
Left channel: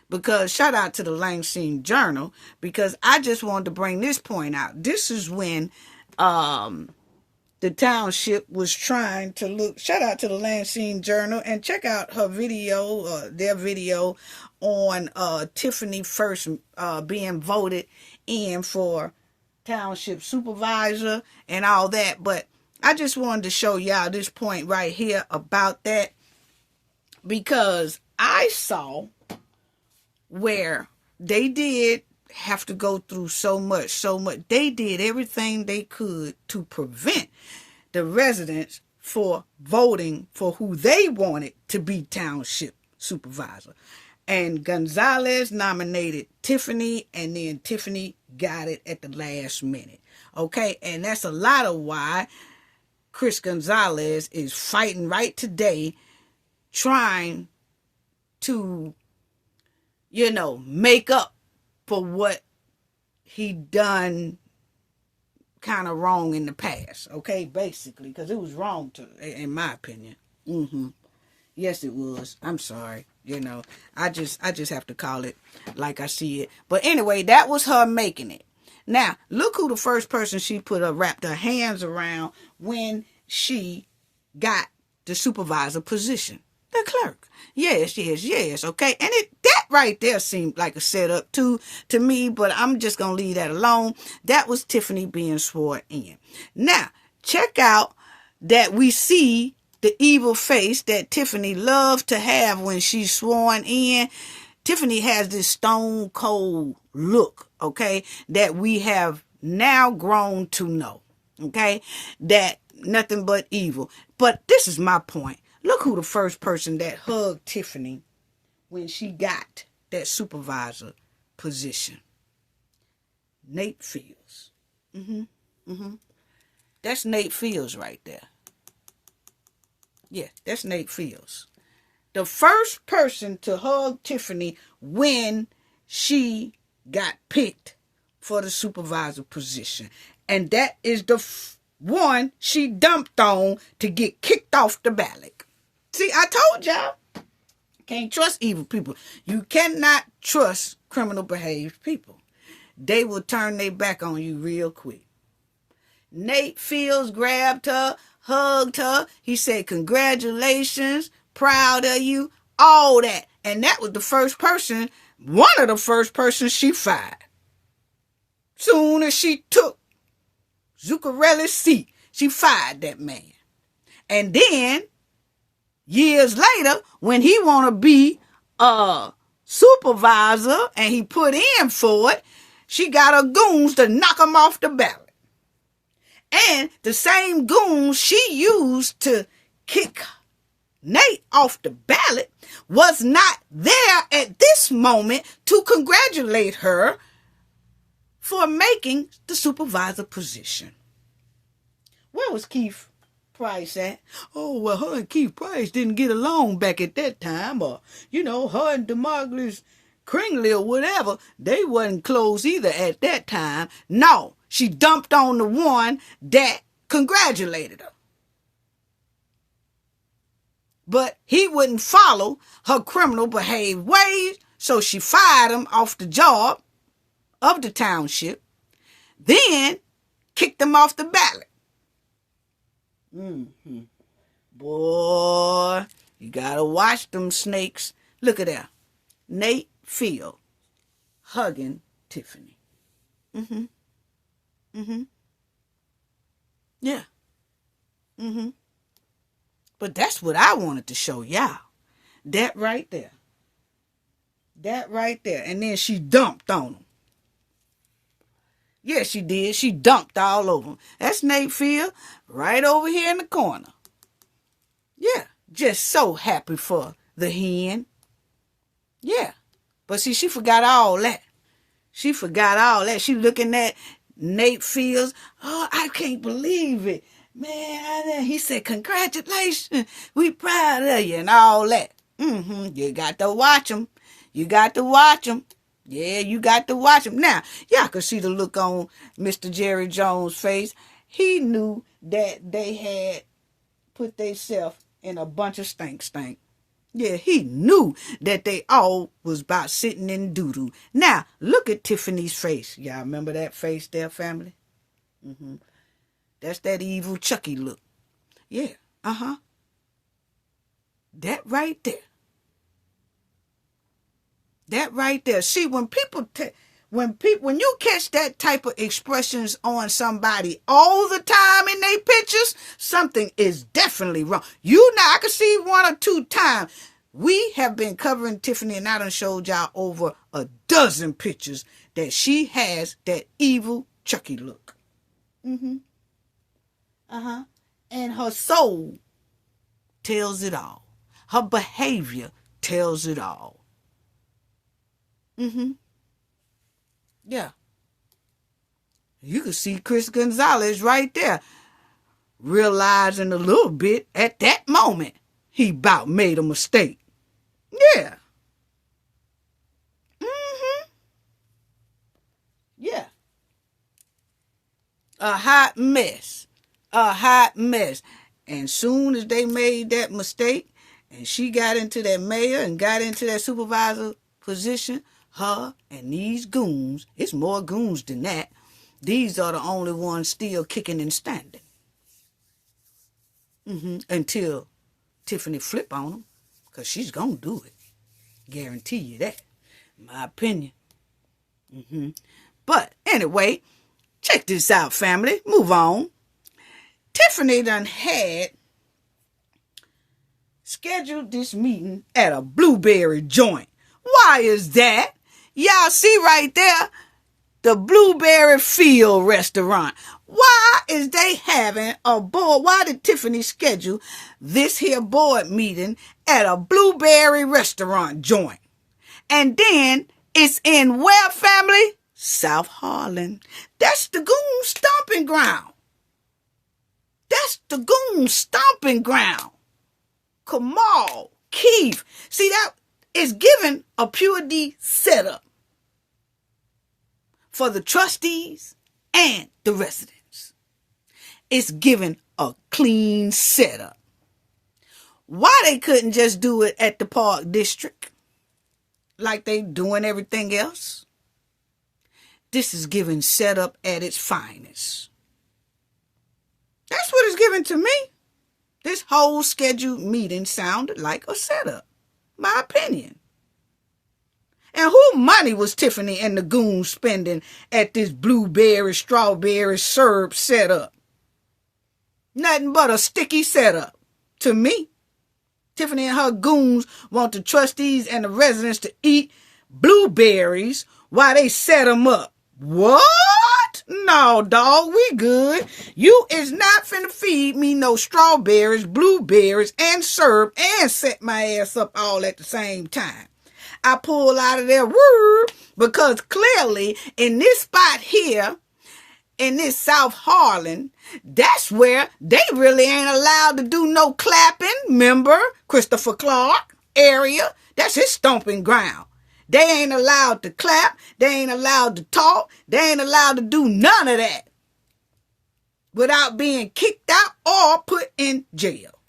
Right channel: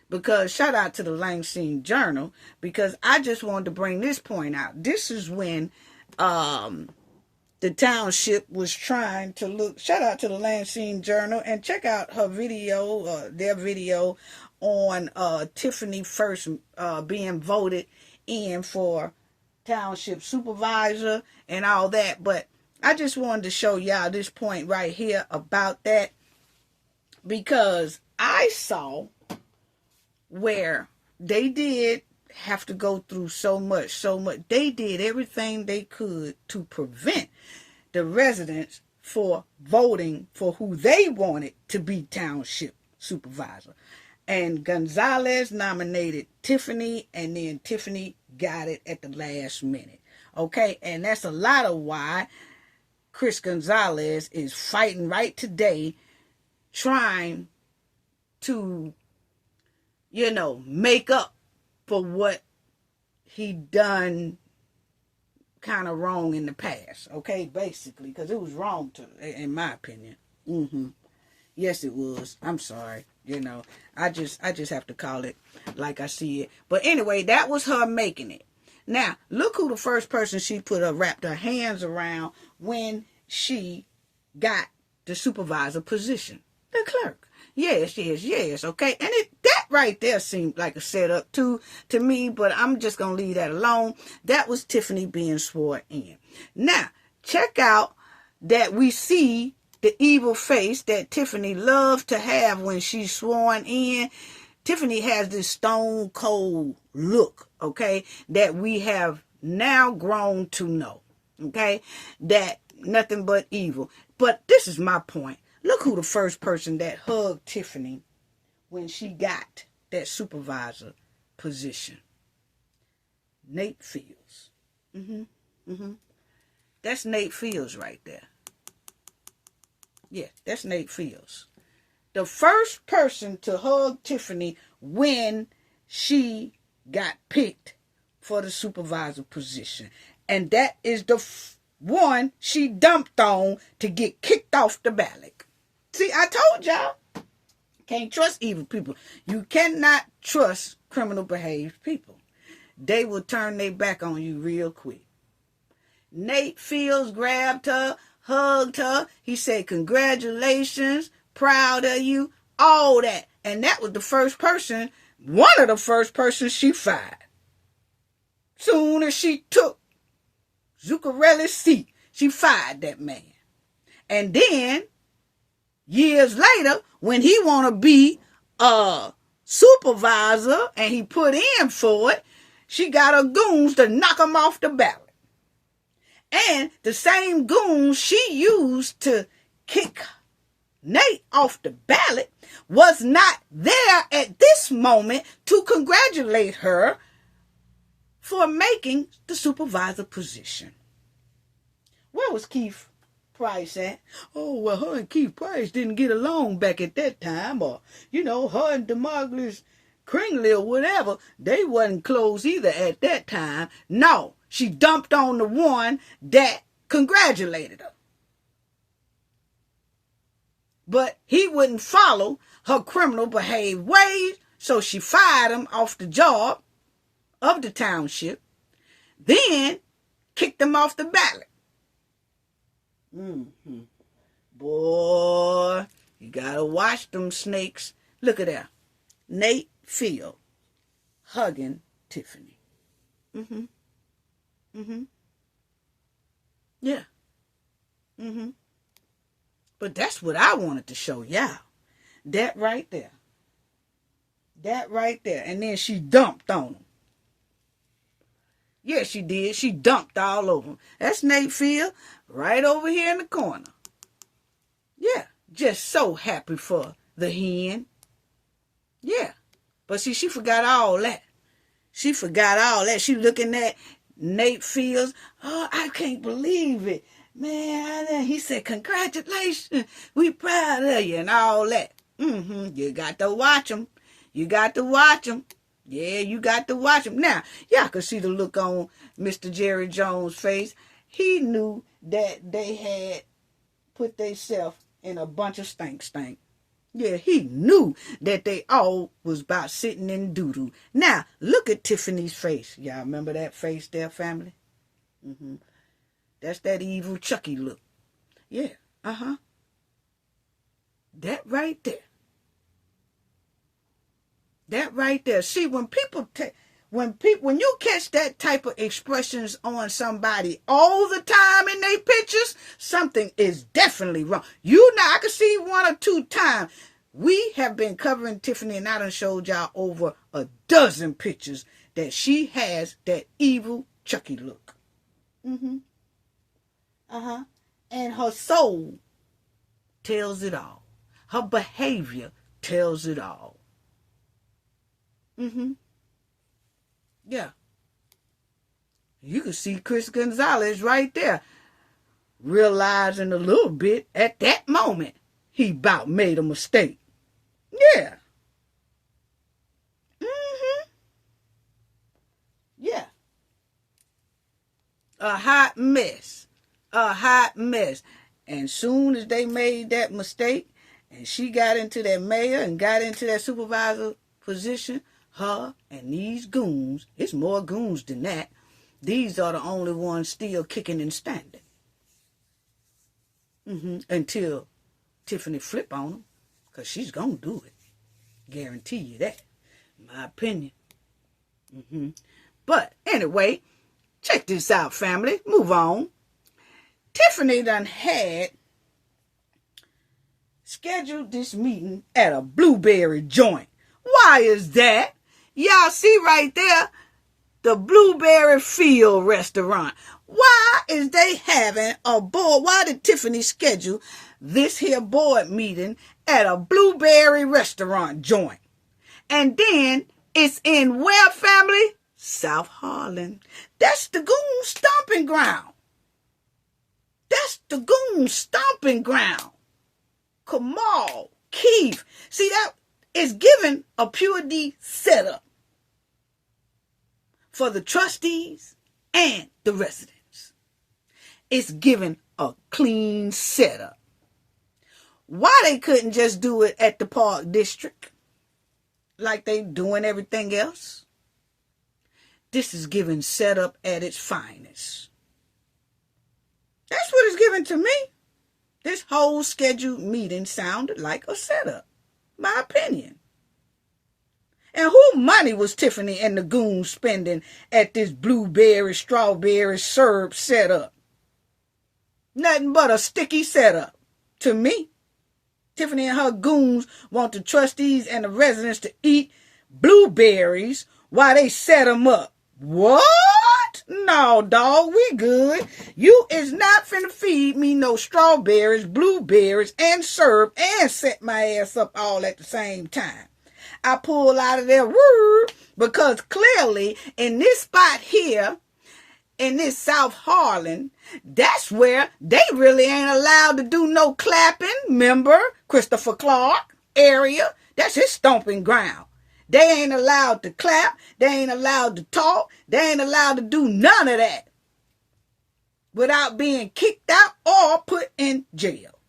Because shout out to the Lansing Journal, because I just wanted to bring this point out. This is when the township was trying to look. Shout out to the Lansing Journal, and check out her video, their video on Tiffany first being voted in for township supervisor and all that. But I just wanted to show y'all this point right here about that, because I saw where they did have to go through so much. They did everything they could to prevent the residents for voting for who they wanted to be township supervisor. And Gonzalez nominated Tiffany, and then Tiffany got it at the last minute. Okay, and that's a lot of why Chris Gonzalez is fighting right today, trying to, make up for what he done kind of wrong in the past. Okay, basically, because it was wrong in my opinion. Yes, it was. I'm sorry. I just have to call it like I see it. But anyway, that was her making it. Now, look who the first person she wrapped her hands around when she got the supervisor position. The clerk. Yes. Okay. And that right there seemed like a setup too to me, but I'm just going to leave that alone. That was Tiffany being sworn in. Now, check out that we see the evil face that Tiffany loved to have when she's sworn in. Tiffany has this stone cold look, okay, that we have now grown to know, okay, that nothing but evil. But this is my point. Look who the first person that hugged Tiffany when she got that supervisor position. Nate Fields. That's Nate Fields right there. Yeah, that's Nate Fields. the first person to hug Tiffany when she got picked for the supervisor position. And that is the one she dumped on to get kicked off the ballot. See, I told y'all, can't trust evil people. You cannot trust criminal behaved people. They will turn their back on you real quick. Nate Fields grabbed her, hugged her. He said, congratulations, proud of you, all that. And that was the first person, one of the first persons she fired. Soon as she took Zuccarelli's seat, she fired that man. And then, years later, when he want to be a supervisor and he put in for it, she got her goons to knock him off the ballot. And the same goons she used to kick Nate off the ballot was not there at this moment to congratulate her for making the supervisor position. Where was Keith Price at? Oh, well, her and Keith Price didn't get along back at that time. Or, her and DeMarcus Kringley or whatever, they wasn't close either at that time. No, she dumped on the one that congratulated her. But he wouldn't follow her criminal behaved ways, so she fired him off the job of the township, then kicked him off the ballot. Boy, you gotta watch them snakes. Look at that. Nate Field hugging Tiffany. Yeah. But that's what I wanted to show y'all. That right there. That right there. And then she dumped on him. Yeah, she did. She dumped all over him. That's Nate Field right over here in the corner. Yeah, just so happy for the hen. Yeah. But see, she forgot all that. She forgot all that. She looking at Nate Fields. Oh, I can't believe it. Man, he said, congratulations. We proud of you and all that. You got to watch him. You got to watch him. Yeah, you got to watch him. Now, y'all can see the look on Mr. Jerry Jones' face. He knew that they had put themselves in a bunch of stink. Yeah, he knew that they all was about sitting in doo-doo. Now, look at Tiffany's face. Y'all remember that face there, family? That's that evil Chucky look. Yeah, That right there. That right there. See, when you catch that type of expressions on somebody all the time in their pictures, something is definitely wrong. I can see 1 or 2 times. We have been covering Tiffany, and I done showed y'all over a dozen pictures that she has that evil Chucky look. And her soul tells it all. Her behavior tells it all. Yeah. You can see Chris Gonzalez right there, realizing a little bit at that moment he about made a mistake. Yeah. Yeah. A hot mess. And soon as they made that mistake and she got into that mayor and got into that supervisor position, her and these goons, it's more goons than that, these are the only ones still kicking and standing. Until Tiffany flip on them, because she's going to do it. Guarantee you that. My opinion. But anyway, check this out, family. Move on. Tiffany done had scheduled this meeting at a blueberry joint. Why is that? Y'all see right there, the Blueberry Field restaurant. Why is they having a board? Why did Tiffany schedule this here board meeting at a blueberry restaurant joint? And then it's in where, family? South Harlan. That's the goon stomping ground. That's the goon stomping ground. Kamal Keith. See, that is given a pure D setup for the trustees and the residents. It's given a clean setup. Why they couldn't just do it at the Park District like they doing everything else? This is given setup at its finest. That's what it's given to me. This whole scheduled meeting sounded like a setup, my opinion. And who money was Tiffany and the goons spending at this blueberry, strawberry syrup setup? Nothing but a sticky setup to me. Tiffany and her goons want the trustees and the residents to eat blueberries while they set them up. What? No, dog, we good. You is not finna feed me no strawberries, blueberries, and syrup and set my ass up all at the same time. I pull out of there because clearly in this spot here, in this South Harlan, that's where they really ain't allowed to do no clapping. Remember, Christopher Clark area, that's his stomping ground. They ain't allowed to clap. They ain't allowed to talk. They ain't allowed to do none of that without being kicked out or put in jail.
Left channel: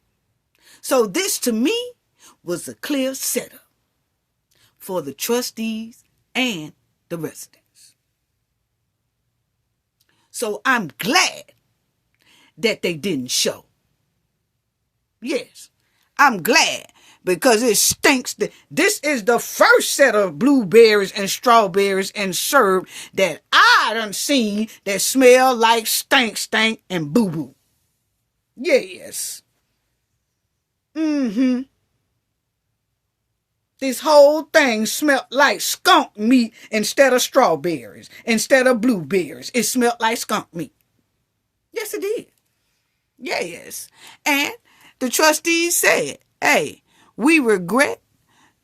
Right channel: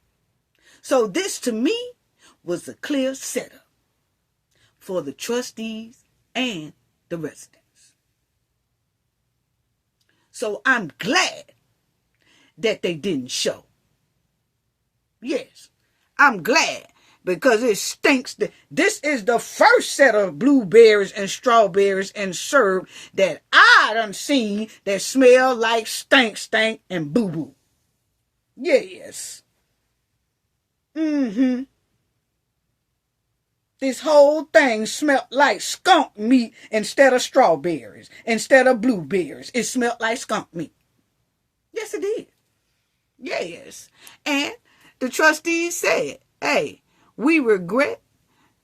So this to me was a clear setup for the trustees and the residents. So I'm glad that they didn't show. Yes, I'm glad. Because it stinks. This is the first set of blueberries and strawberries and syrup that I done seen that smell like stank, and boo-boo. Yes. This whole thing smelled like skunk meat instead of strawberries, instead of blueberries. It smelled like skunk meat. Yes, it did. Yes. And the trustees said, hey, we regret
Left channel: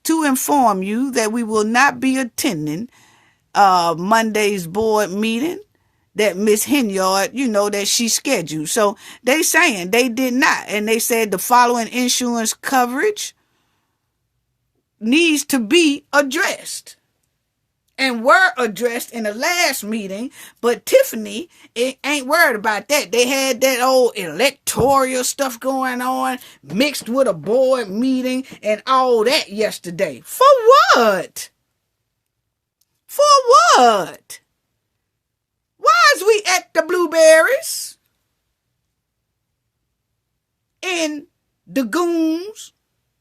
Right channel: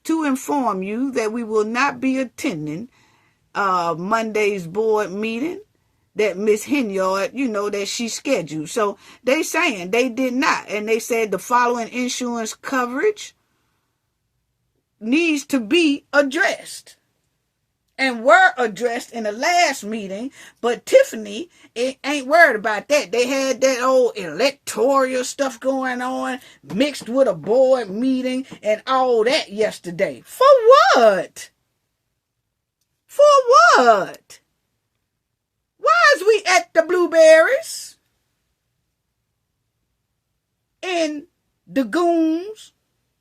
to inform you that we will not be attending Monday's board meeting that Miss Henyard, that she scheduled. So they saying they did not. And they said the following insurance coverage needs to be addressed. And were addressed in the last meeting, but Tiffany ain't worried about that. They had that old electoral stuff going on, mixed with a board meeting and all that yesterday. For what? For what? Why is we at the blueberries? In the goons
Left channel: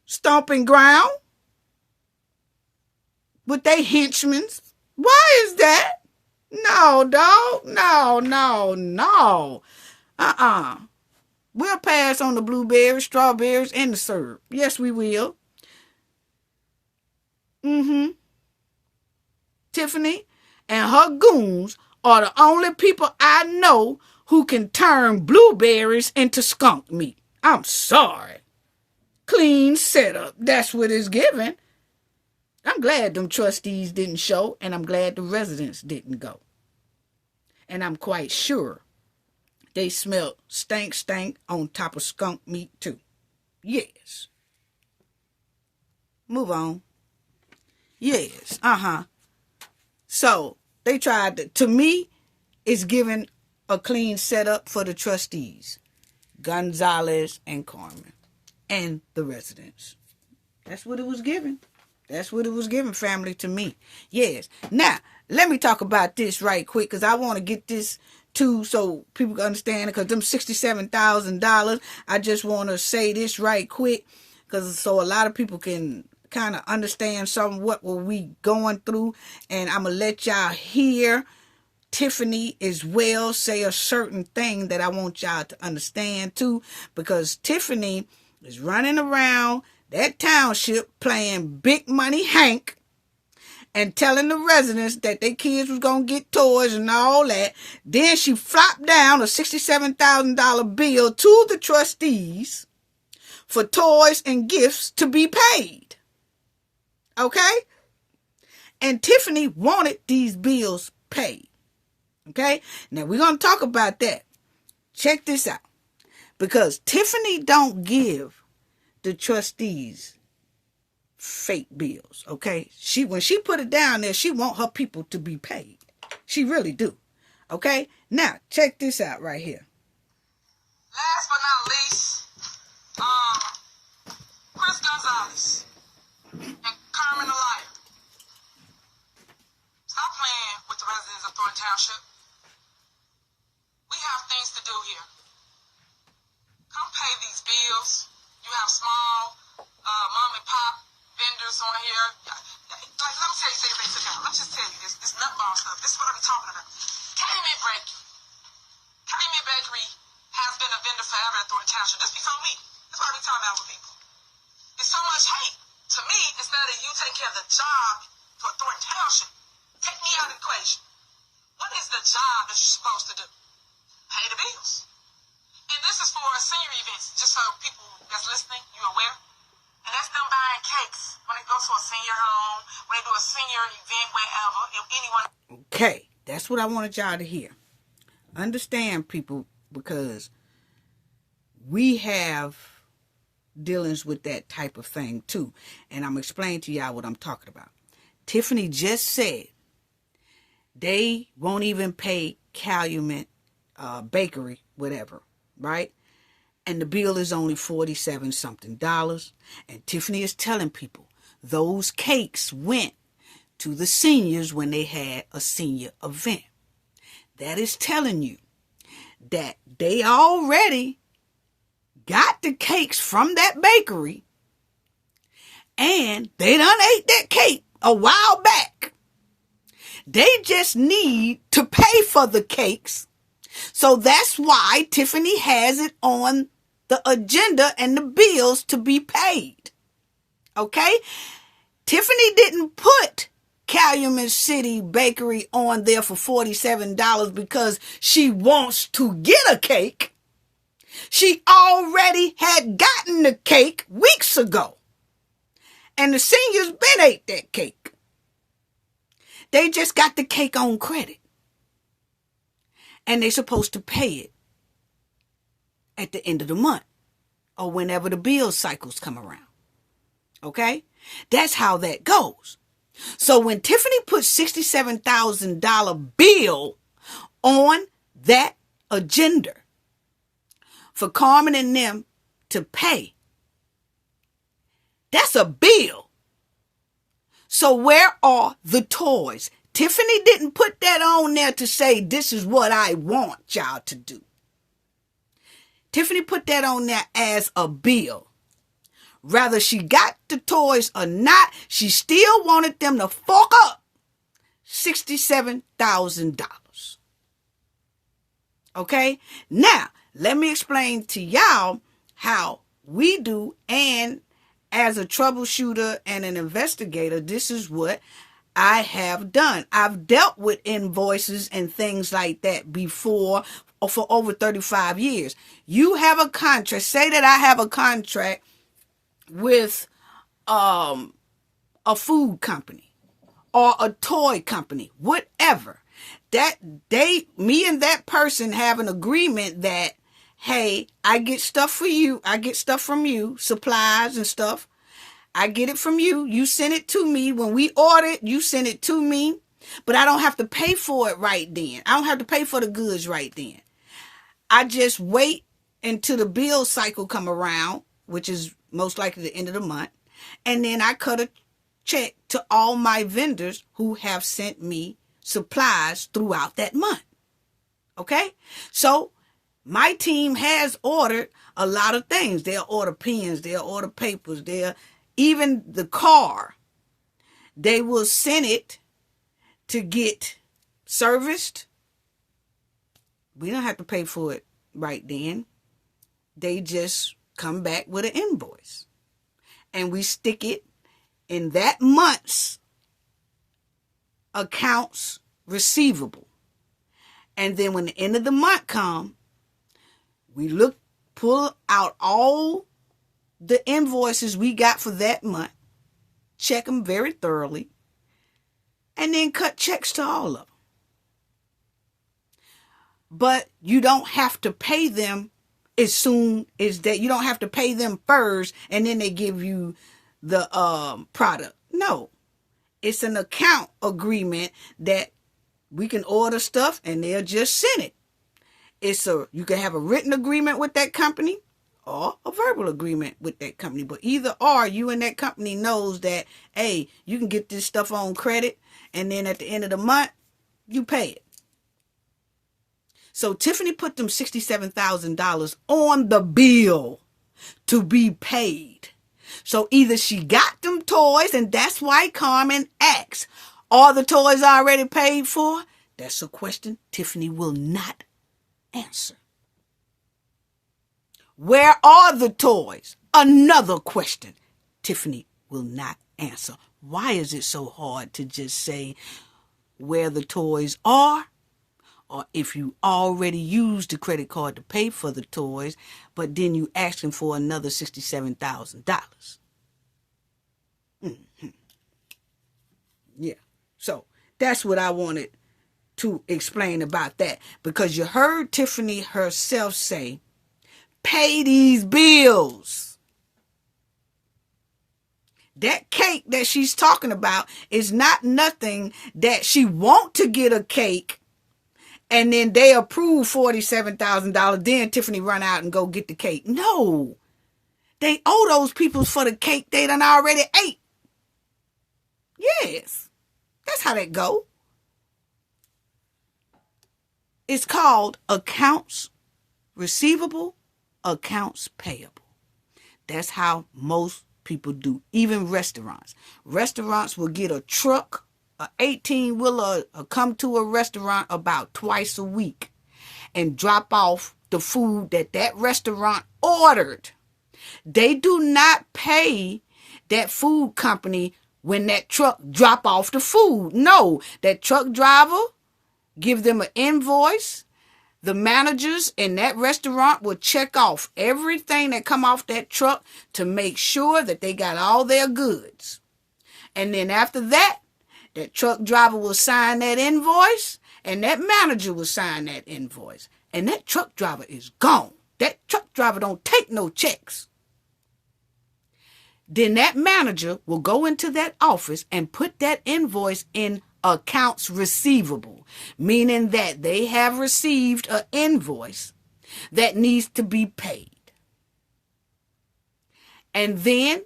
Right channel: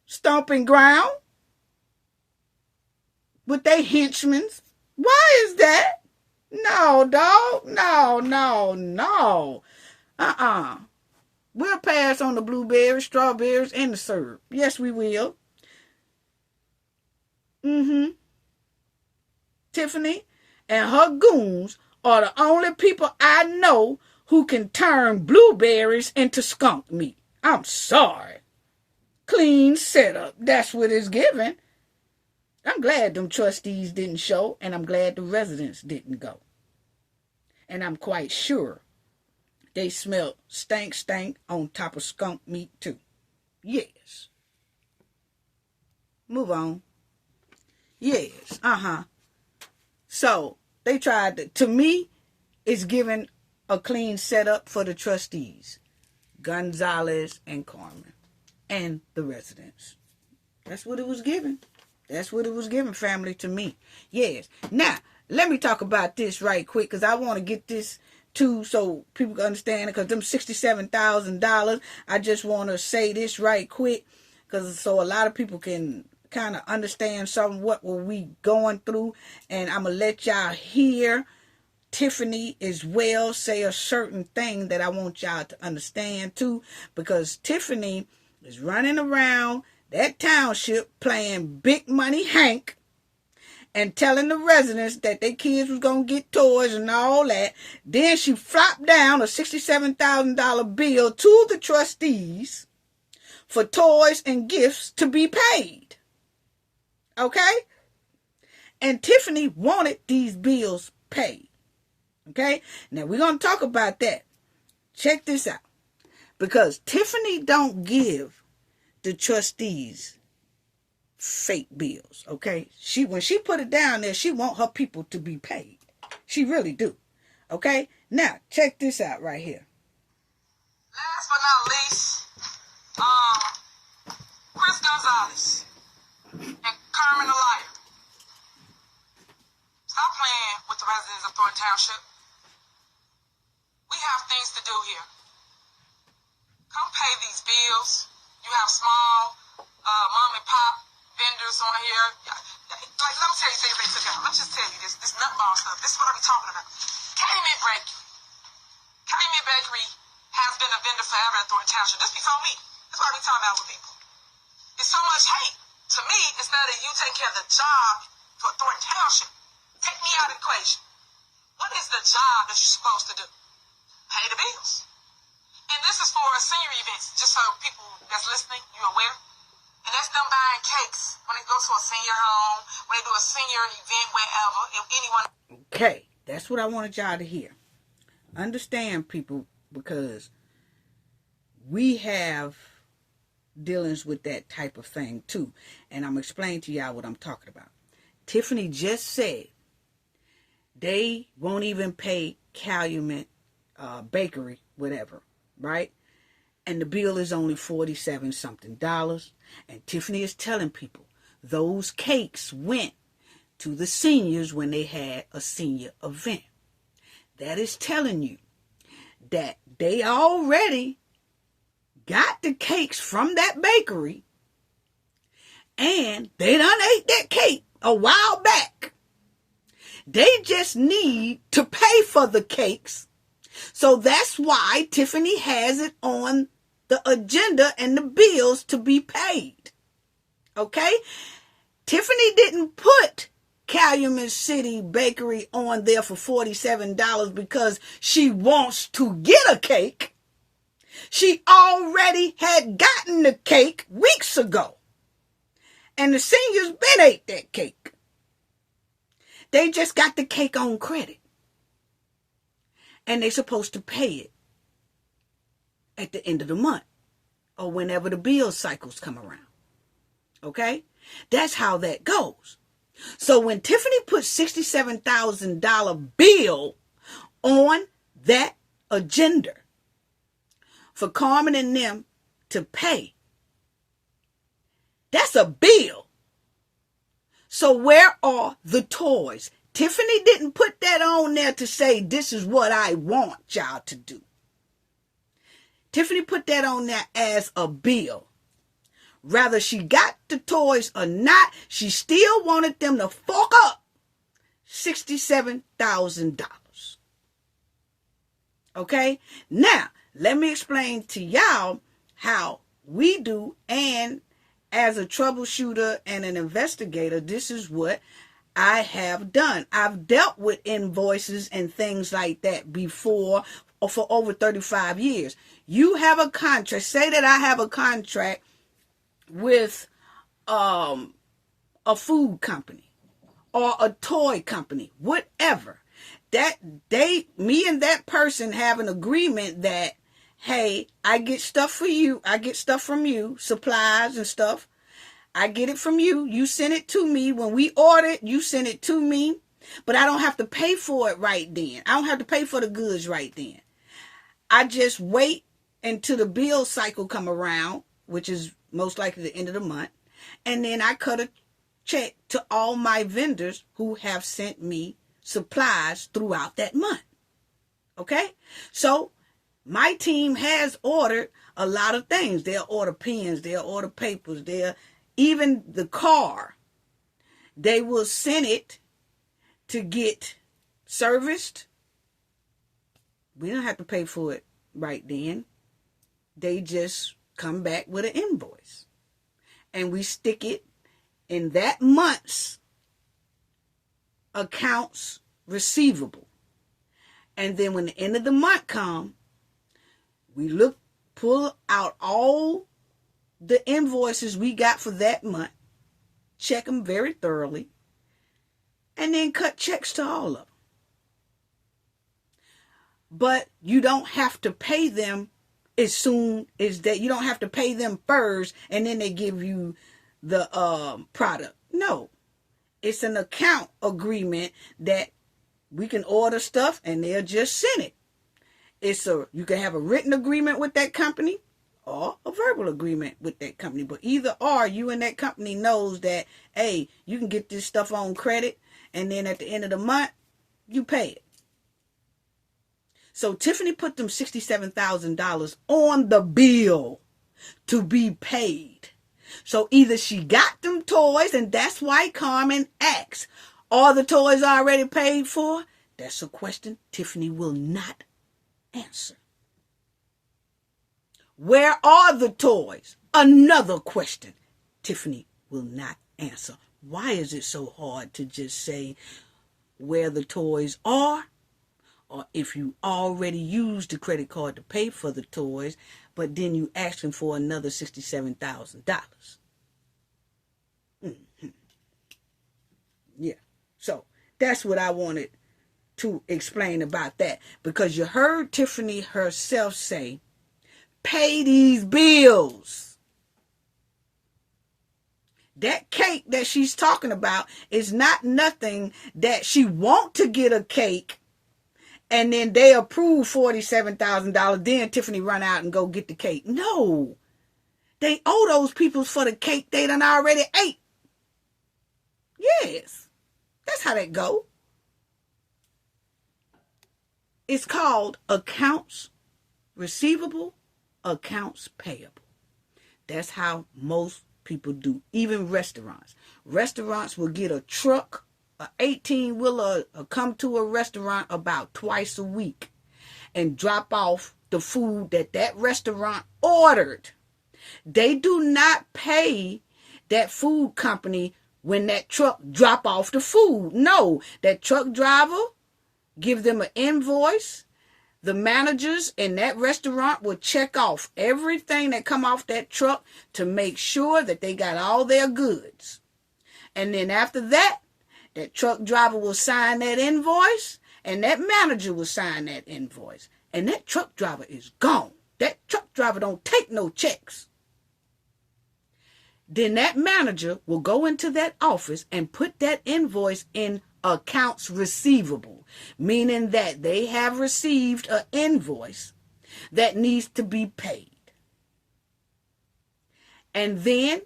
stomping ground? With they henchmen? Why is that? No, dog. No. We'll pass on the blueberries, strawberries, and the syrup. Yes, we will. Tiffany and her goons are the only people I know who can turn blueberries into skunk meat. I'm sorry. Clean setup. That's what it's given. I'm glad them trustees didn't show, and I'm glad the residents didn't go. And I'm quite sure they smelled stank on top of skunk meat too. Yes. Move on. Yes, So they tried to me, it's giving a clean setup for the trustees, Gonzalez and Carmen, and the residents. That's what it was given. That's what it was given, family, to me. Yes. Now, let me talk about this right quick, because I want to get this too so people can understand it, because them $67,000, I just want to say this right quick, because so a lot of people can kind of understand some what were we going through, and I'm going to let y'all hear Tiffany as well say a certain thing that I want y'all to understand too, because Tiffany is running around that township playing big money Hank and telling the residents that their kids was going to get toys and all that. Then she flopped down a $67,000 bill to the trustees for toys and gifts to be paid. Okay? And Tiffany wanted these bills paid. Okay? Now we're going to talk about that. Check this out. Because Tiffany don't give the trustees fake bills, okay? When she put it down there, she want her people to be paid. She really do, okay? Now, check this out right here. Last but not least, Chris Gonzalez and Carmen the Liar. Stop playing with the residents of Thornton Township. We have things to do here. Come pay these bills. You have small mom and pop vendors on here. Like, let me tell you things they took out. Let me just tell you this nutball stuff. This is what I'm talking about. Calumet Bakery has been a vendor forever at Thornton Township. This before me. That's what I be talking about with people. It's so much hate. To me, instead of you taking care of the job for Thornton Township, take me out of the equation. What is the job that you're supposed to do? Pay the bills. And this is for senior events, just so people that's listening, you're aware. And that's them buying cakes when they go to a senior home, when they do a senior event, wherever, if anyone. Okay, that's what I wanted y'all to hear. Understand, people, because we have dealings with that type of thing too. And I'm explaining to y'all what I'm talking about. Tiffany just said they won't even pay Calumet Bakery, whatever, right? And the bill is only $47 something. And Tiffany is telling people those cakes went to the seniors when they had a senior event. That is telling you that they already got the cakes from that bakery and they done ate that cake a while back. They just need to pay for the cakes. So that's why Tiffany has it on the agenda and the bills to be paid. Okay? Tiffany didn't put Calumet City Bakery on there for $47 because she wants to get a cake. She already had gotten the cake weeks ago. And the seniors been ate that cake. They just got the cake on credit. And they're supposed to pay it at the end of the month or whenever the bill cycles come around. Okay? That's how that goes. So when Tiffany put $67,000 bill on that agenda for Carmen and them to pay, that's a bill. So where are the toys? Tiffany didn't put that on there to say, this is what I want y'all to do. Tiffany put that on there as a bill. Whether she got the toys or not, she still wanted them to fork up $67,000. Okay? Now, let me explain to y'all how we do, and as a troubleshooter and an investigator, this is what I have done. I've dealt with invoices and things like that before for over 35 years. You have a contract. Say that I have a contract with a food company or a toy company, whatever. That me and that person have an agreement that, hey, I get stuff for you. I get stuff from you, supplies and stuff. I get it from you. You send it to me. When we order it, you send it to me. But I don't have to pay for it right then. I don't have to pay for the goods right then. I just wait until the bill cycle come around, which is most likely the end of the month. And then I cut a check to all my vendors who have sent me supplies throughout that month. Okay? So my team has ordered a lot of things. They'll order pens. They'll order papers. Even the car. They will send it to get serviced. We don't have to pay for it right then. They just come back with an invoice. And we stick it in that month's accounts receivable. And then when the end of the month comes, we pull out all the invoices we got for that month, check them very thoroughly, and then cut checks to all of them. But you don't have to pay them as soon as that. You don't have to pay them first, and then they give you the product. No, it's an account agreement that we can order stuff and they'll just send it. You can have a written agreement with that company or a verbal agreement with that company. But either or, you and that company knows that, hey, you can get this stuff on credit, and then at the end of the month, you pay it. So Tiffany put them $67,000 on the bill to be paid. So either she got them toys, and that's why Carmen asks, are the toys already paid for? That's a question Tiffany will not answer. Where are the toys? Another question Tiffany will not answer. Why is it so hard to just say where the toys are? Or if you already used the credit card to pay for the toys, but then you asking for another $67,000. Mm-hmm. Yeah. So that's what I wanted to explain about that. Because you heard Tiffany herself say, pay these bills. That cake that she's talking about is not nothing that she want to get a cake and then they approve $47,000. Then Tiffany run out and go get the cake. No. They owe those people for the cake they done already ate. Yes. That's how that go. It's called accounts receivable, accounts payable. That's how most people do. Even restaurants. Restaurants will get a truck, an 18-wheeler, come to a restaurant about twice a week and drop off the food that restaurant ordered. They do not pay that food company when that truck drop off the food. No, that truck driver give them an invoice. The managers in that restaurant will check off everything that come off that truck to make sure that they got all their goods. And then after that, that truck driver will sign that invoice and that manager will sign that invoice. And that truck driver is gone. That truck driver don't take no checks. Then that manager will go into that office and put that invoice in accounts receivable, meaning that they have received an invoice that needs to be paid. And then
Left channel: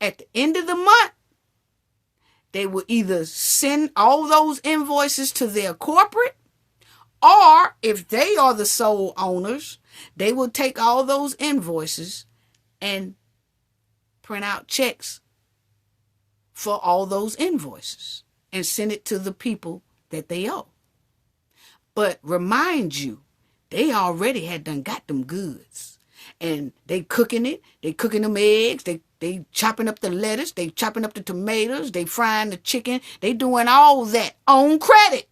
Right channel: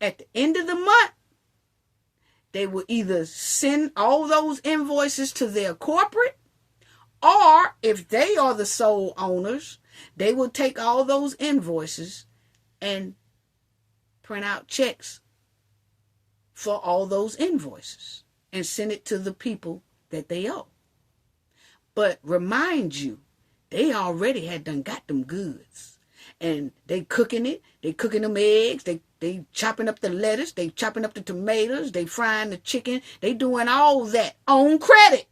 at the end of the month, they will either send all those invoices to their corporate, or if they are the sole owners, they will take all those invoices and print out checks for all those invoices and send it to the people that they owe. But remind you, they already had done got them goods. And they cooking it. They cooking them eggs. They chopping up the lettuce. They chopping up the tomatoes. They frying the chicken. They doing all that on credit.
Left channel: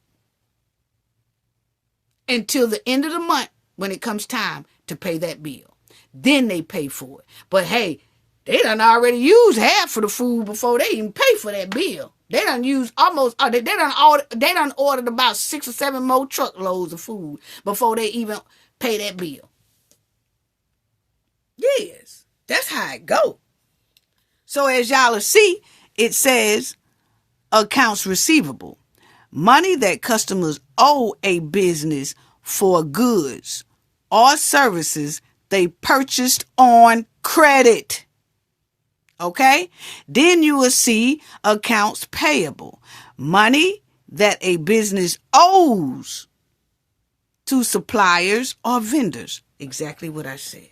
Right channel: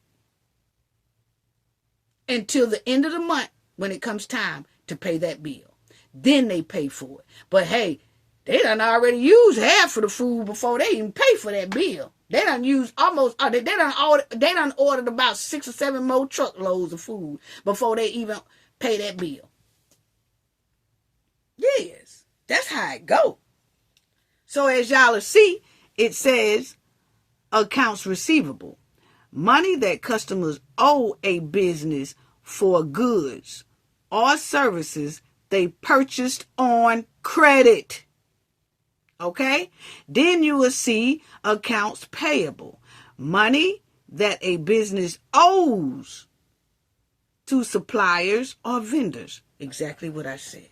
Until the end of the month when it comes time to pay that bill. Then they pay for it. But hey, they done already used half of the food before they even pay for that bill. They done used almost, they done ordered about 6 or 7 more truckloads of food before they even pay that bill. Yes, that's how it go. So as y'all will see, it says accounts receivable. Money that customers owe a business for goods or services they purchased on credit. Okay? Then you will see accounts payable. Money that a business owes to suppliers or vendors. Exactly what I said.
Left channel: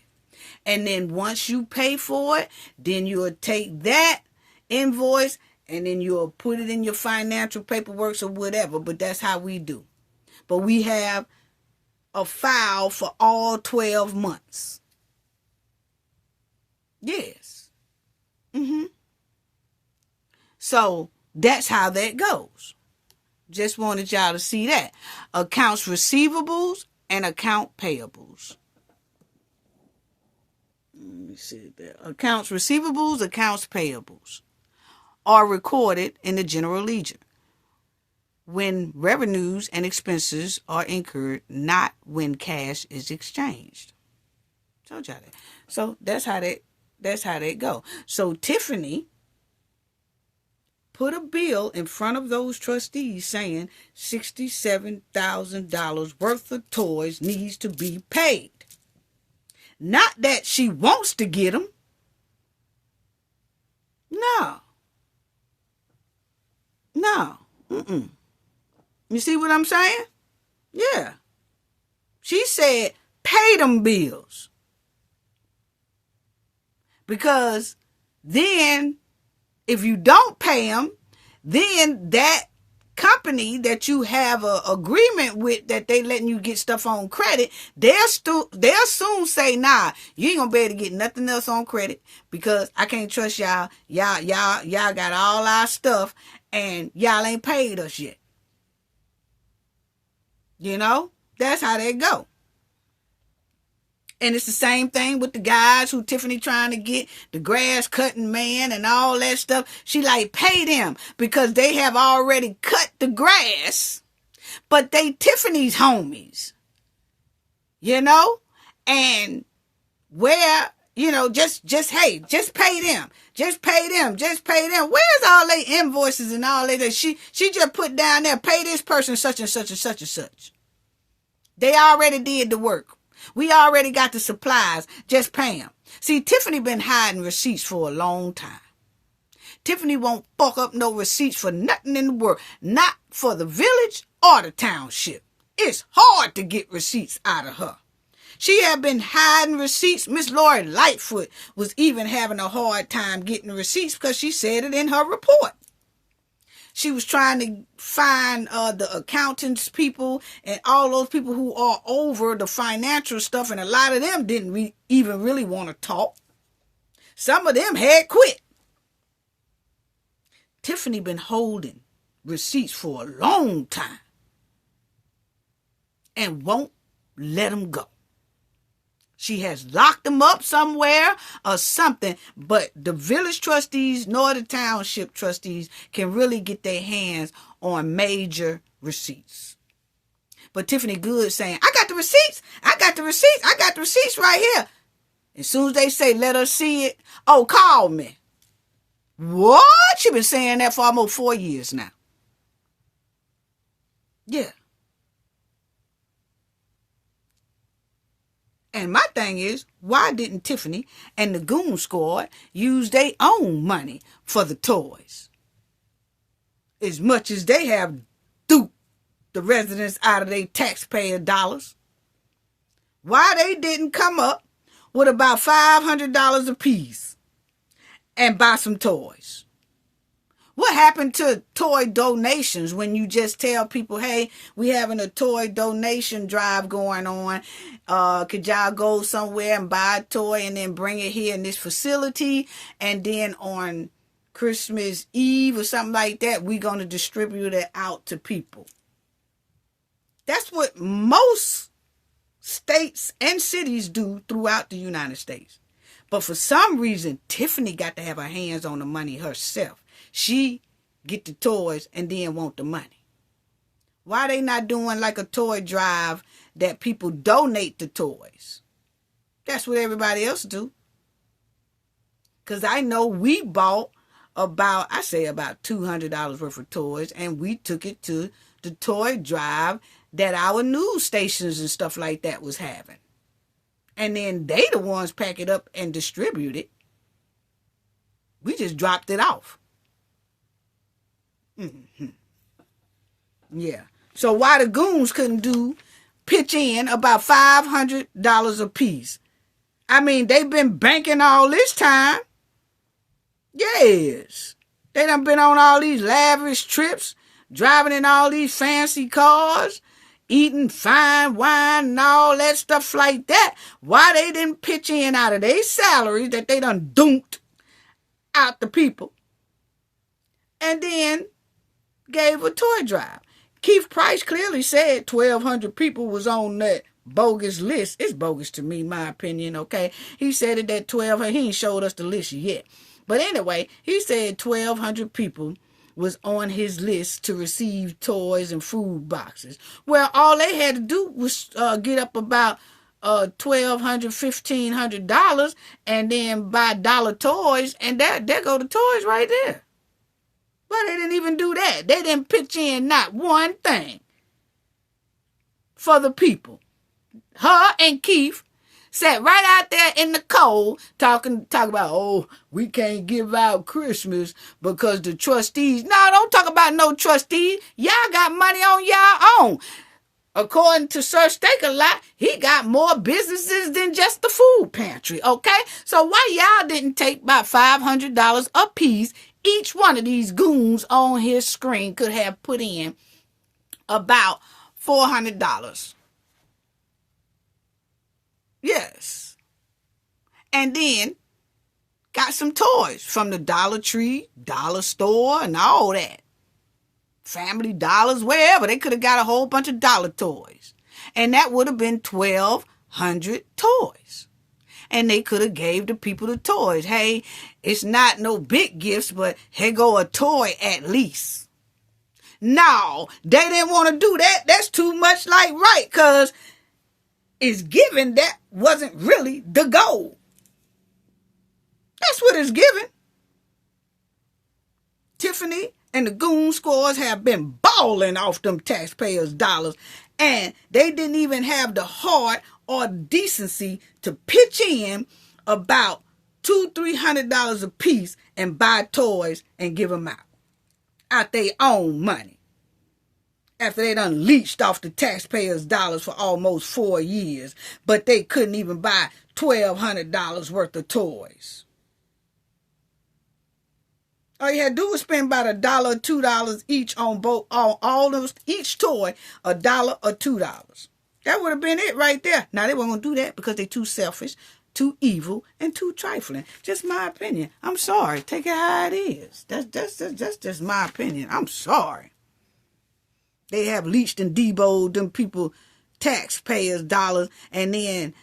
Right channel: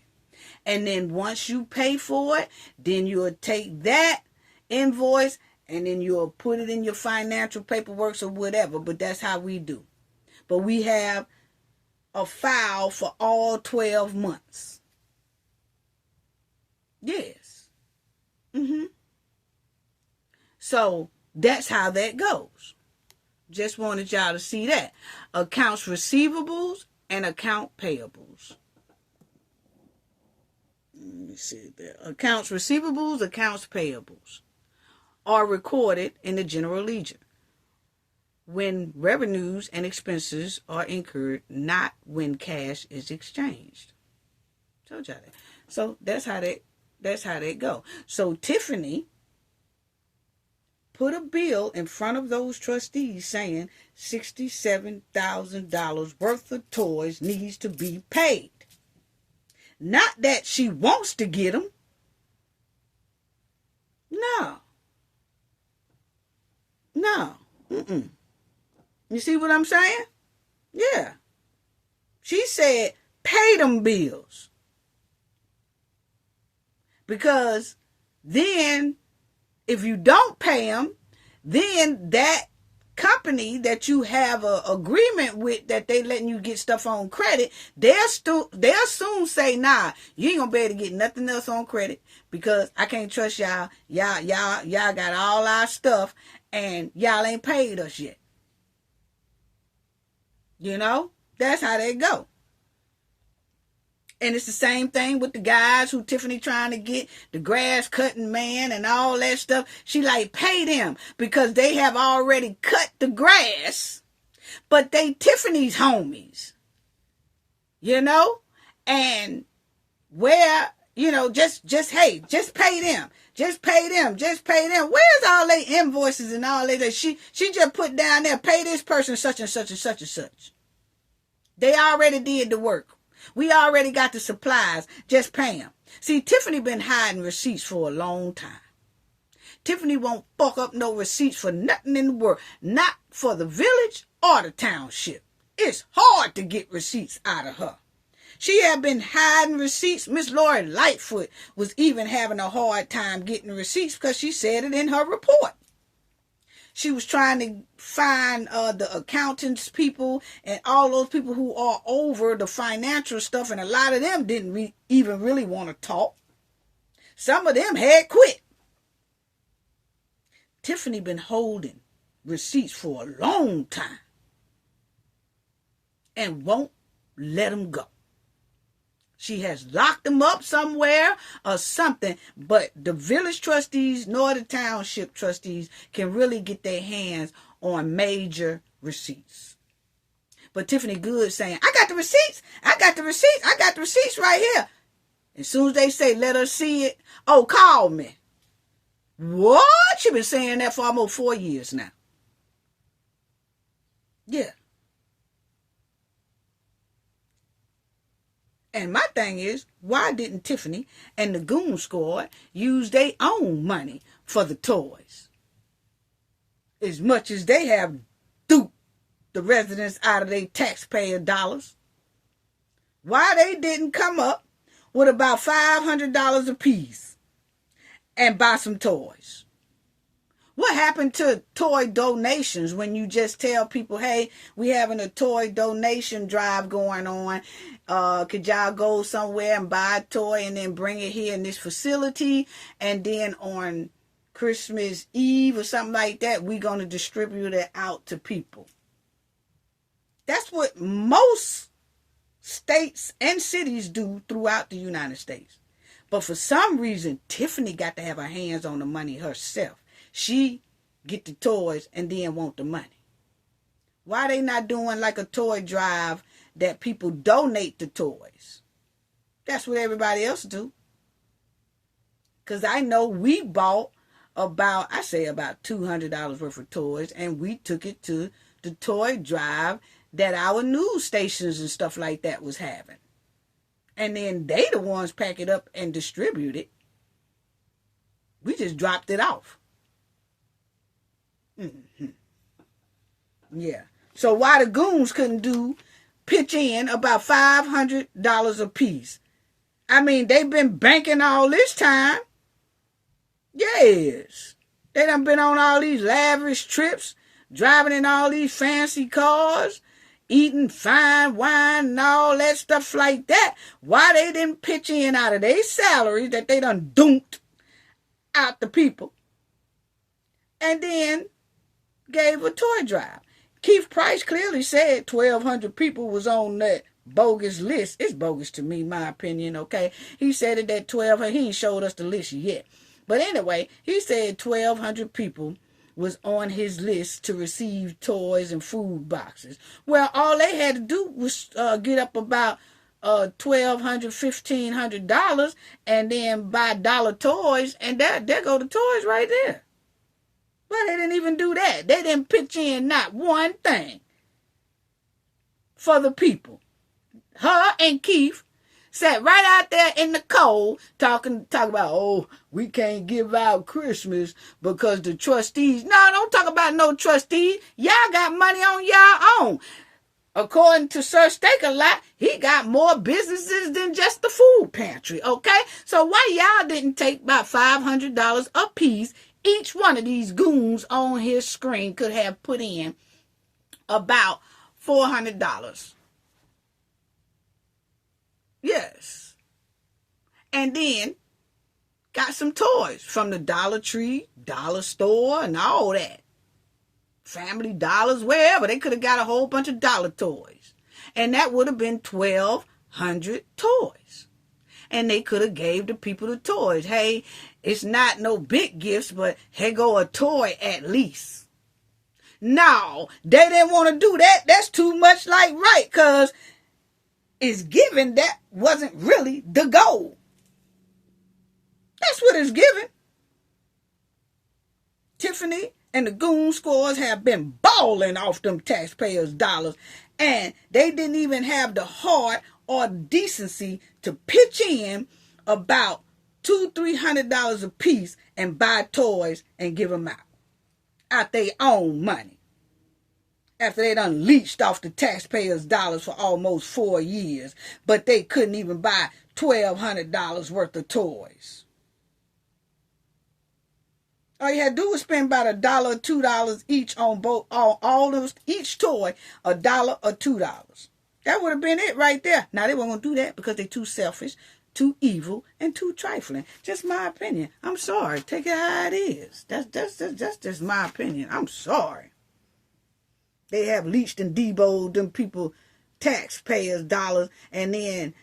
And then once you pay for it, then you'll take that invoice and then you'll put it in your financial paperwork or whatever. But that's how we do. But we have a file for all 12 months. Yes. So that's how that goes. Just wanted y'all to see that. Accounts receivables and account payables. Let me see there. Accounts receivables, accounts payables are recorded in the general ledger when revenues and expenses are incurred, not when cash is exchanged. Told y'all that. So that's how that That's how they go. So Tiffany put a bill in front of those trustees saying $67,000 worth of toys needs to be paid. Not that she wants to get them. No. Mm-mm. You see what I'm saying? Yeah. She said, pay them bills. Because then, if you don't pay them, then that company that you have an agreement with that they letting you get stuff on credit, they'll soon say, nah, you ain't gonna be able to get nothing else on credit because I can't trust y'all. Y'all got all our stuff and y'all ain't paid us yet. You know, that's how they go. And it's the same thing with the guys who Tiffany trying to get, the grass cutting man and all that stuff. She like, pay them because they have already cut the grass, but they Tiffany's homies, you know? And where, you know, just pay them. Just pay them. Where's all they invoices and all that? She just put down there, pay this person such and such and such and such. They already did the work. We already got the supplies. Just pay them. See, Tiffany been hiding receipts for a long time. Tiffany won't fuck up no receipts for nothing in the world. Not for the village or the township. It's hard to get receipts out of her. She had been hiding receipts. Miss Lori Lightfoot was even having a hard time getting receipts because she said it in her report. She was trying to find the accountants people and all those people who are over the financial stuff, and a lot of them didn't even really want to talk. Some of them had quit. Tiffany been holding receipts for a long time and won't let them go. She has locked them up somewhere or something, but the village trustees nor the township trustees can really get their hands on major receipts. But Tiffany Good saying, I got the receipts right here. As soon as they say, let us see it, oh, call me. What? She been saying that for almost 4 years now. Yeah. And my thing is, why didn't Tiffany and the Goon Squad use their own money for the toys? As much as they have duped the residents out of their taxpayer dollars. Why they didn't come up with about $500 apiece and buy some toys? What happened to toy donations when you just tell people, hey, we having a toy donation drive going on. Could y'all go somewhere and buy a toy and then bring it here in this facility? And then on Christmas Eve or something like that, we're going to distribute it out to people. That's what most states and cities do throughout the United States. But for some reason, Tiffany got to have her hands on the money herself. She get the toys and then want the money. Why they not doing like a toy drive that people donate the toys? That's what everybody else do. Because I know we bought about $200 worth of toys, and we took it to the toy drive that our news stations and stuff like that was having. And then they the ones pack it up and distribute it. We just dropped it off. Mm-hmm. Yeah. So why the goons couldn't pitch in about $500 a piece? I mean, they've been banking all this time. Yes. They done been on all these lavish trips, driving in all these fancy cars, eating fine wine and all that stuff like that. Why they didn't pitch in out of their salaries that they done dumped out the people? And then gave a toy drive. Keith Price clearly said 1,200 people was on that bogus list. It's bogus to me, my opinion, okay? He said it that 1,200, he ain't showed us the list yet. But anyway, he said 1,200 people was on his list to receive toys and food boxes. Well, all they had to do was get up about $1,200, $1,500 and then buy dollar toys, and there go the toys right there. But they didn't even do that. They didn't pitch in not one thing for the people. Her and Keith sat right out there in the cold talking about, oh, we can't give out Christmas because the trustees. No, don't talk about no trustees. Y'all got money on y'all own. According to Sir Steak-A-Lot, he got more businesses than just the food pantry, okay? So why y'all didn't take about $500 a piece? Each one of these goons on his screen could have put in about $400. Yes. And then got some toys from the Dollar Tree, Dollar Store, and all that. Family Dollars, wherever. They could have got a whole bunch of dollar toys. And that would have been 1,200 toys. And they could have gave the people the toys. Hey, it's not no big gifts, but here go a toy at least. No, they didn't want to do that. That's too much like right, because it's given that wasn't really the goal. That's what it's given. Tiffany and the goon squads have been balling off them taxpayers' dollars, and they didn't even have the heart or decency to pitch in about $200-$300 a piece and buy toys and give them out their own money. After they done leached off the taxpayers' dollars for almost 4 years, but they couldn't even buy $1,200 worth of toys. All you had to do was spend about $1 or $2 each on all those, each toy, $1 or $2. That would have been it right there. Now they weren't gonna do that because they're too selfish, too evil, and too trifling. Just my opinion. I'm sorry. Take it how it is. That's just my opinion. I'm sorry. They have leached and deboed them people taxpayers' dollars and then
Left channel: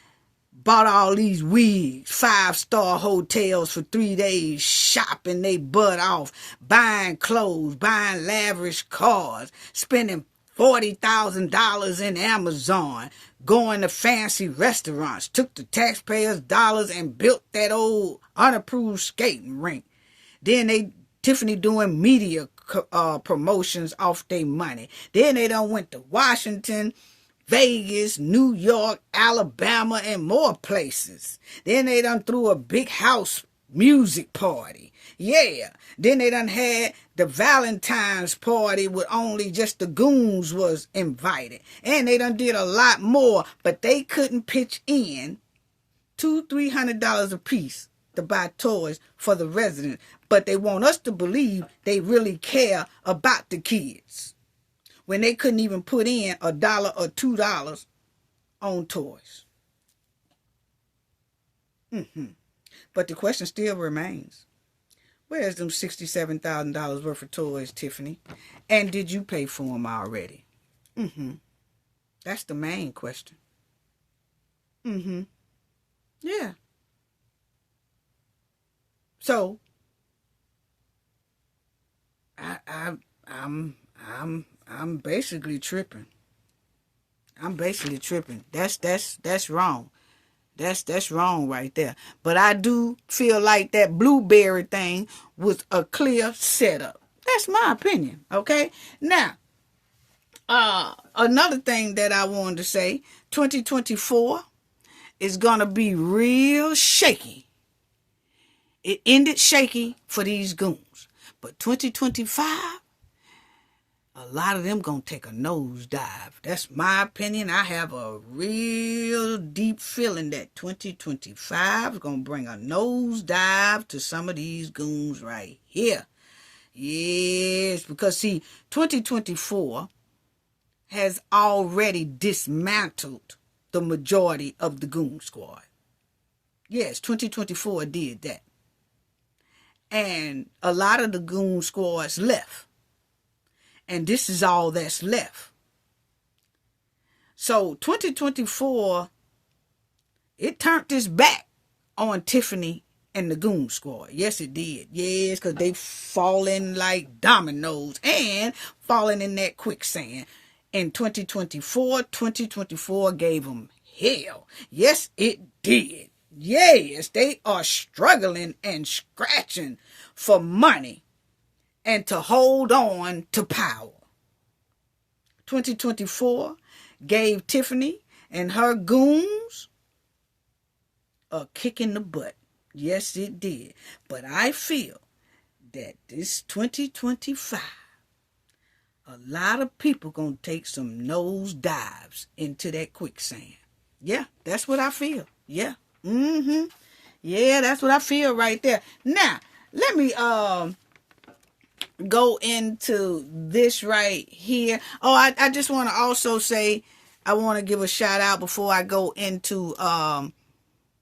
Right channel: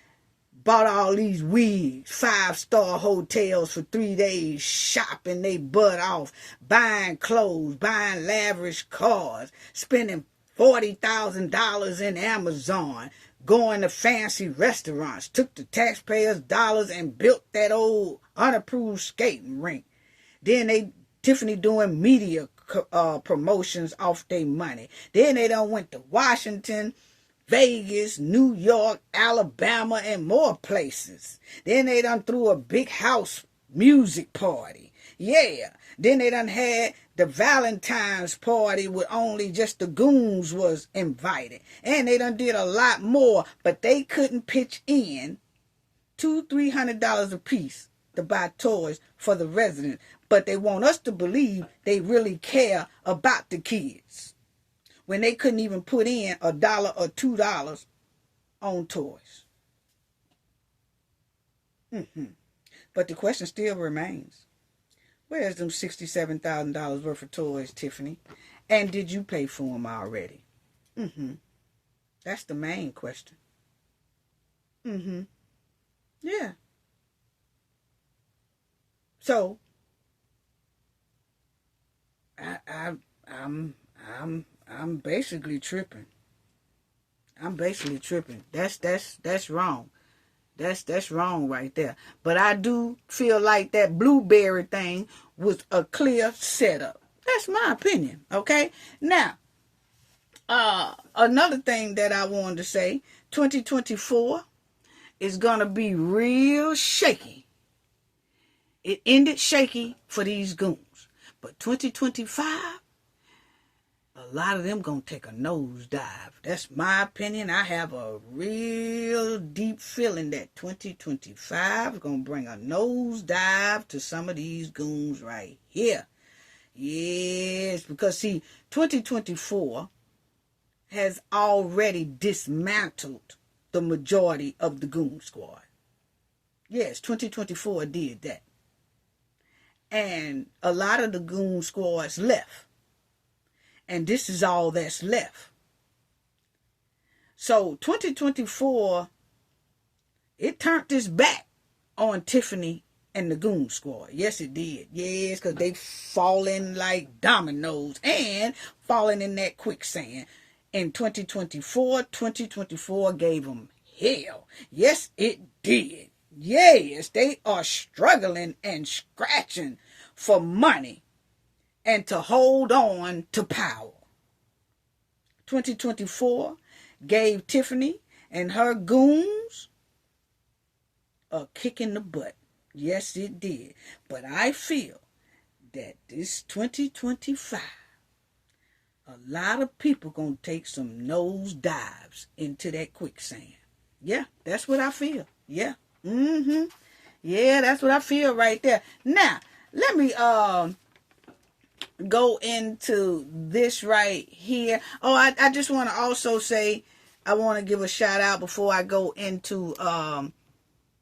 bought all these wigs, 5-star hotels for 3 days, shopping they butt off, buying clothes, buying lavish cars, spending $40,000 in Amazon, going to fancy restaurants, took the taxpayers' dollars and built that old unapproved skating rink. Then Tiffany doing media promotions off their money. Then they done went to Washington, Vegas, New York, Alabama, and more places. Then they done threw a big house music party. Yeah. Then they done had the Valentine's party with only just the goons was invited. And they done did a lot more, but they couldn't pitch in $200-$300 a piece to buy toys for the residents. But they want us to believe they really care about the kids, when they couldn't even put in $1 or $2 on toys. But the question still remains. Where's them $67,000 worth of toys, Tiffany? And did you pay for them already? That's the main question. Yeah. So I'm basically tripping. That's wrong. That's wrong right there. But I do feel like that blueberry thing was a clear setup. That's my opinion. Okay. Now, another thing that I wanted to say, 2024 is gonna be real shaky. It ended shaky for these goons, but 2025. A lot of them gonna take a nosedive. That's my opinion. I have a real deep feeling that 2025 is gonna bring a nosedive to some of these goons right here. Yes, because see, 2024 has already dismantled the majority of the goon squad. Yes, 2024 did that. And a lot of the goon squads left. And this is all that's left. So 2024, it turned its back on Tiffany and the goon squad. Yes, it did. Yes, because they falling like dominoes and falling in that quicksand. In 2024 gave them hell. Yes, it did. Yes, they are struggling and scratching for money and to hold on to power. 2024 gave Tiffany and her goons a kick in the butt. Yes, it did. But I feel that this 2025, a lot of people gonna take some nose dives into that quicksand. Yeah, that's what I feel. Yeah. Yeah, that's what I feel right there. Now, let me go into this right here. Oh, I just want to also say, I want to give a shout out before I go into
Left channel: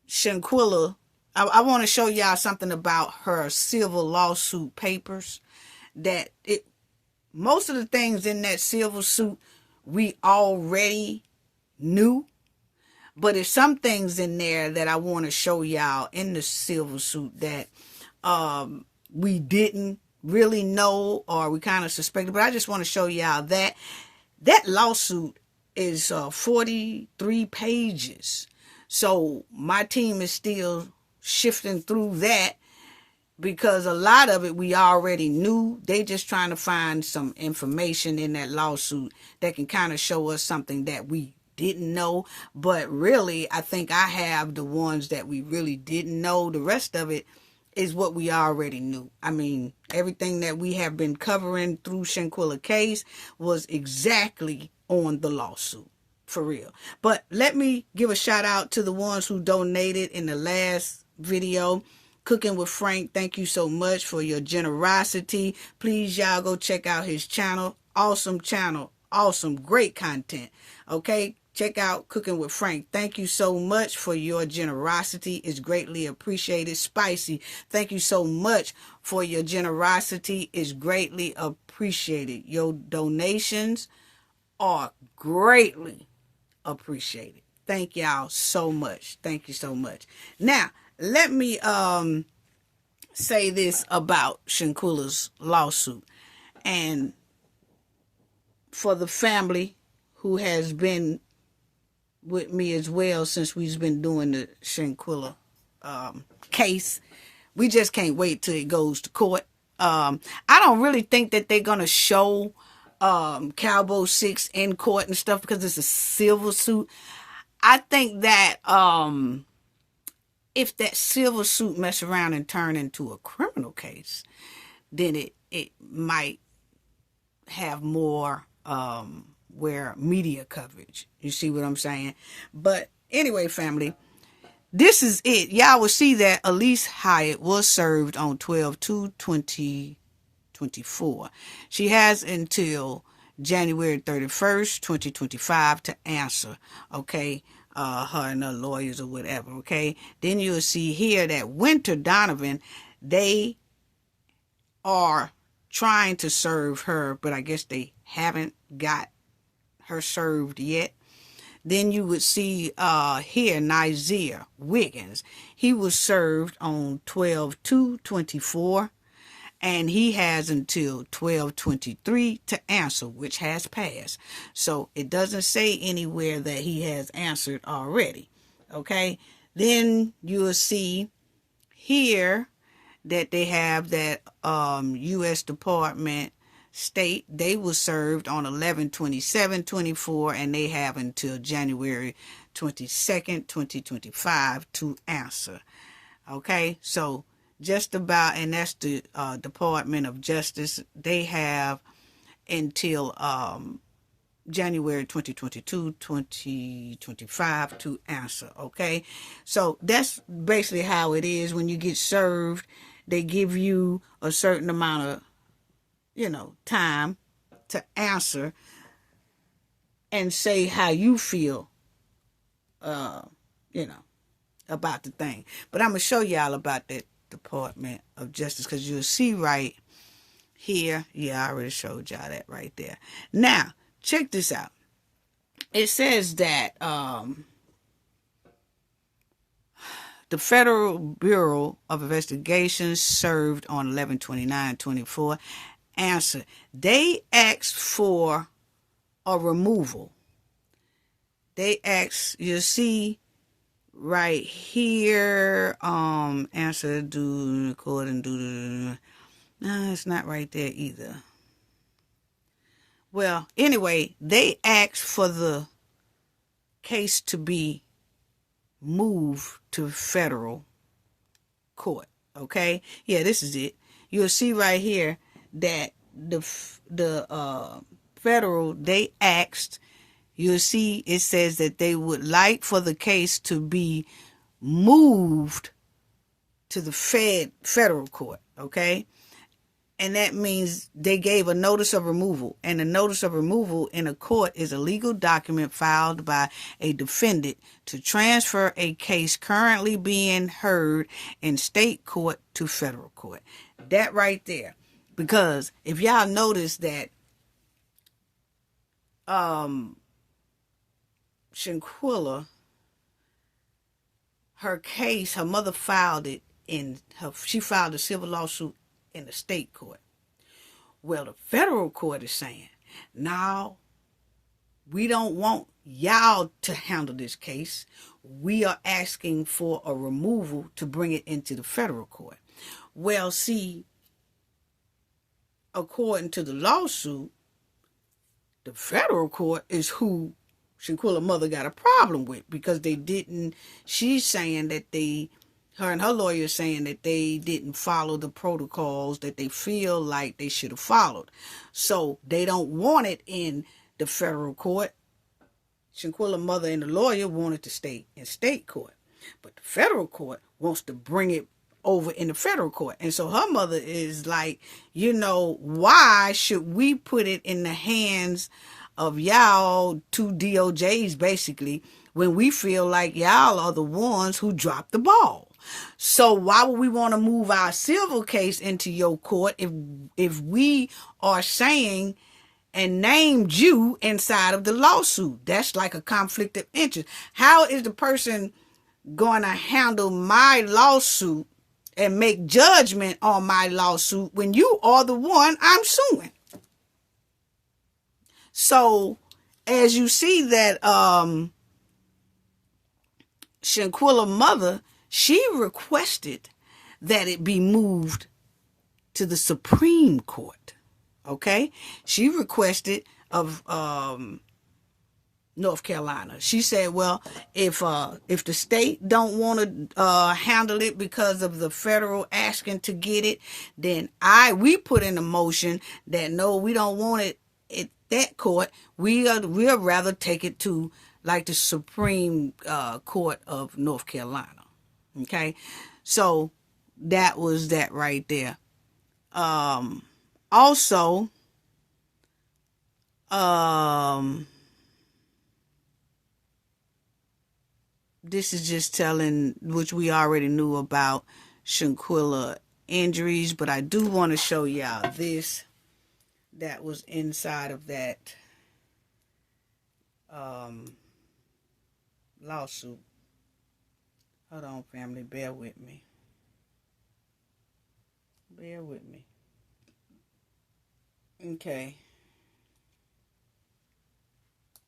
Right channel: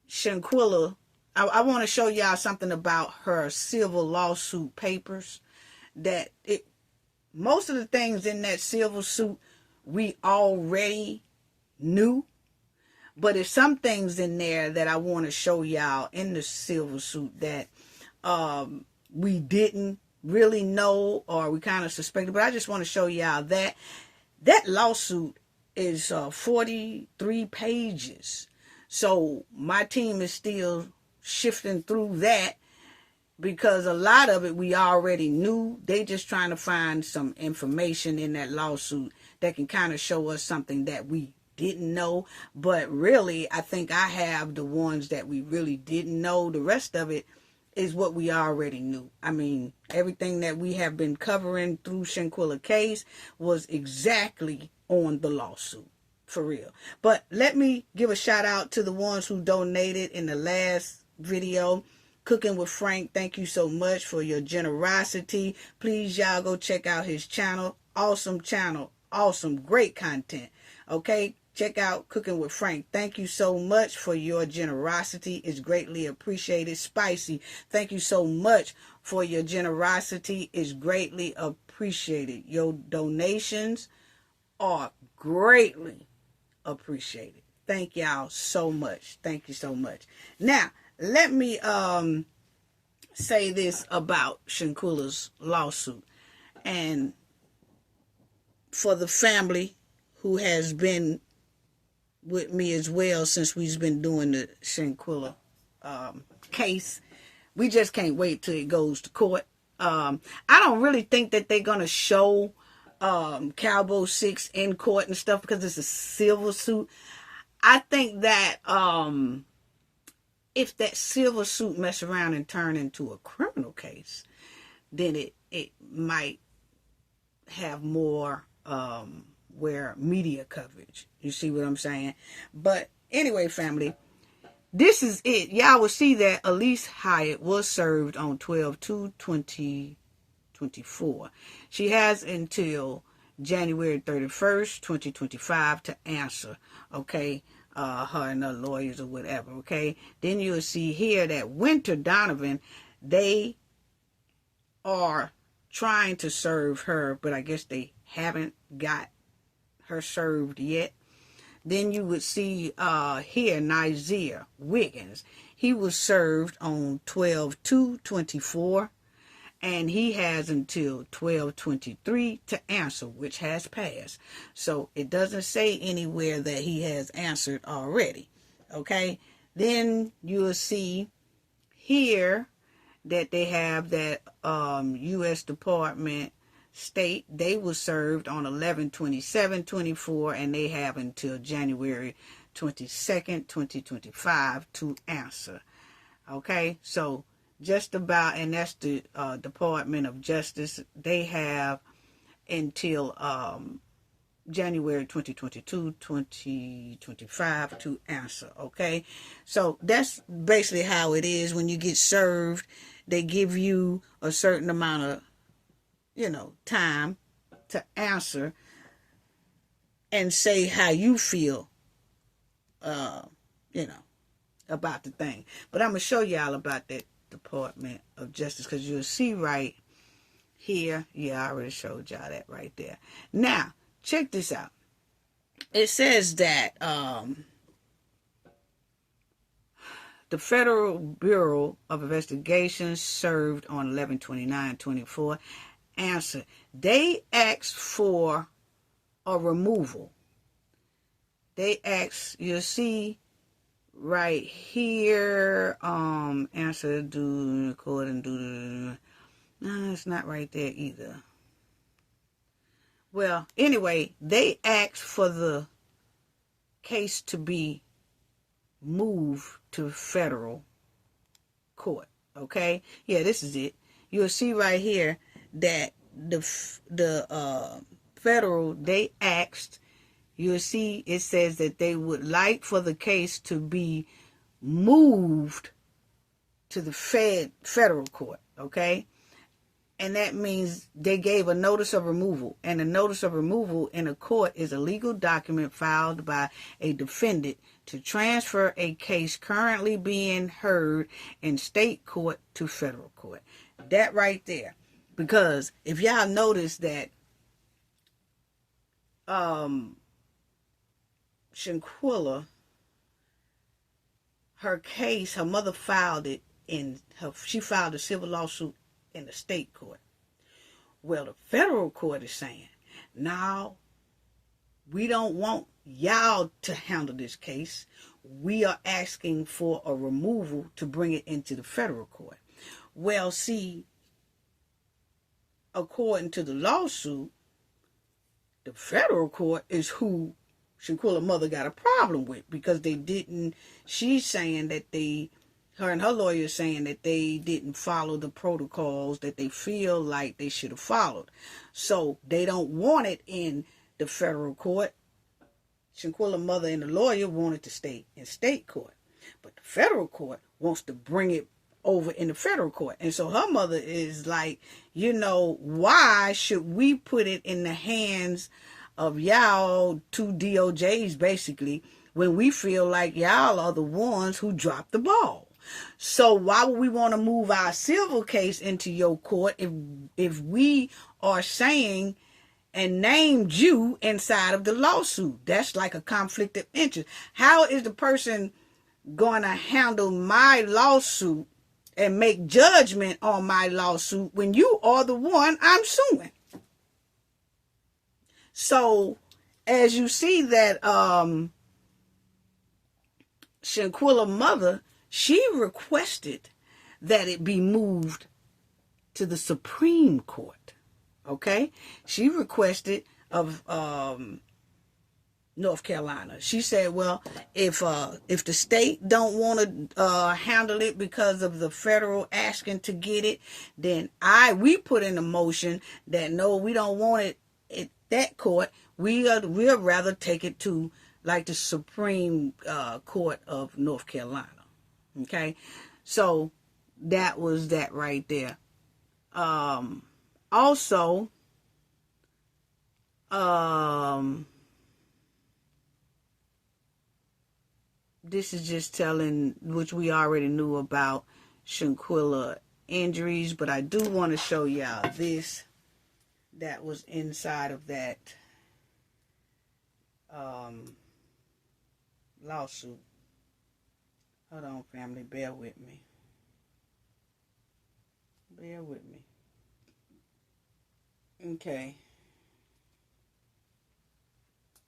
Shanquella. I want to show y'all something about her civil lawsuit papers. That most of the things in that civil suit we already knew, but there's some things in there that I want to show y'all in the civil suit that we didn't really know, or we kind of suspected. But I just want to show y'all that lawsuit is 43 pages. So my team is still shifting through that, because a lot of it we already knew. They just trying to find some information in that lawsuit that can kind of show us something that we didn't know. But really, I think I have the ones that we really didn't know. The rest of it is what we already knew. I mean, everything that we have been covering through Shanquella case was exactly on the lawsuit, for real. But let me give a shout out to the ones who donated in the last video. Cooking with Frank, thank you so much for your generosity. Please, y'all, go check out his channel. Awesome channel. Awesome. Great content. Okay? Check out Cooking with Frank. Thank you so much for your generosity. It's greatly appreciated. Spicy, thank you so much for your generosity. It's greatly appreciated. Your donations are greatly appreciated. Thank y'all so much. Thank you so much. Now, let me say this about Shanquella's lawsuit. And for the family who has been with me as well since we've been doing the Shanquella case, we just can't wait till it goes to court. I don't really think that they're going to show Cowboy 6 in court and stuff, because it's a civil suit. I think that if that civil suit mess around and turn into a criminal case, then it might have more where media coverage. You see what I'm saying? But anyway, family, this is it. Y'all will see that Elise Hyatt was served on 12/2/2024. She has until January 31st, 2025 to answer. Okay. Her and her lawyers or whatever. Okay. Then you'll see here that Winter Donovan, they are trying to serve her, but I guess they haven't got her served yet. Then you would see here Nizer Wiggins. He was served on 12/2/24, and he has until 12/23 to answer, which has passed. So it doesn't say anywhere that he has answered already. Okay. Then you'll see here that they have that U.S. Department State. They were served on 11/27/24, and they have until January 22nd, 2025 to answer. Okay. So just about, and that's the Department of Justice. They have until January 2022, 2025 to answer. Okay. So that's basically how it is. When you get served, they give you a certain amount of, time to answer and say how you feel, about the thing. But I'm going to show y'all about that Department of Justice, because you'll see right here. Yeah, I already showed y'all that right there. Now, check this out. It says that the Federal Bureau of Investigation served on 11/29/24. Answer. They asked for a removal they asked, you'll see right here, answer do record and do. No, it's not right there either. Well, anyway, they asked for the case to be moved to federal court. Okay, yeah, this is it. You'll see right here that the federal, they asked. You'll see it says that they would like for the case to be moved to the federal court. Okay, and that means they gave a notice of removal. And a notice of removal in a court is a legal document filed by a defendant to transfer a case currently being heard in state court to federal court. That right there. Because if y'all notice that Shanquella, her case, her mother filed it she filed a civil lawsuit in the state court. Well, the federal court is saying, now we don't want y'all to handle this case. We are asking for a removal to bring it into the federal court. Well, see, according to the lawsuit, the federal court is who Shanquella's mother got a problem with, because she's saying that her and her lawyer is saying that they didn't follow the protocols that they feel like they should have followed. So they don't want it in the federal court. Shanquella's mother and the lawyer wanted to stay in state court. But the federal court wants to bring it over in the federal court. And so her mother is like, why should we put it in the hands of y'all, two DOJs basically, when we feel like y'all are the ones who dropped the ball? So why would we want to move our civil case into your court if we are saying and named you inside of the lawsuit? That's like a conflict of interest. How is the person going to handle my lawsuit and make judgment on my lawsuit when you are the one I'm suing? So as you see that Shanquella's mother, she requested that it be moved to the Supreme Court. Okay? She requested of North Carolina. She said, well, if the state don't want to handle it because of the federal asking to get it, then we put in a motion that no, we don't want it at that court. We'll rather take it to like the Supreme Court of North Carolina. Okay, so that was that right there. Also, this is just telling, which we already knew about Shanquella injuries, but I do want to show y'all this that was inside of that lawsuit. Hold on, family, bear with me. Bear with me. Okay.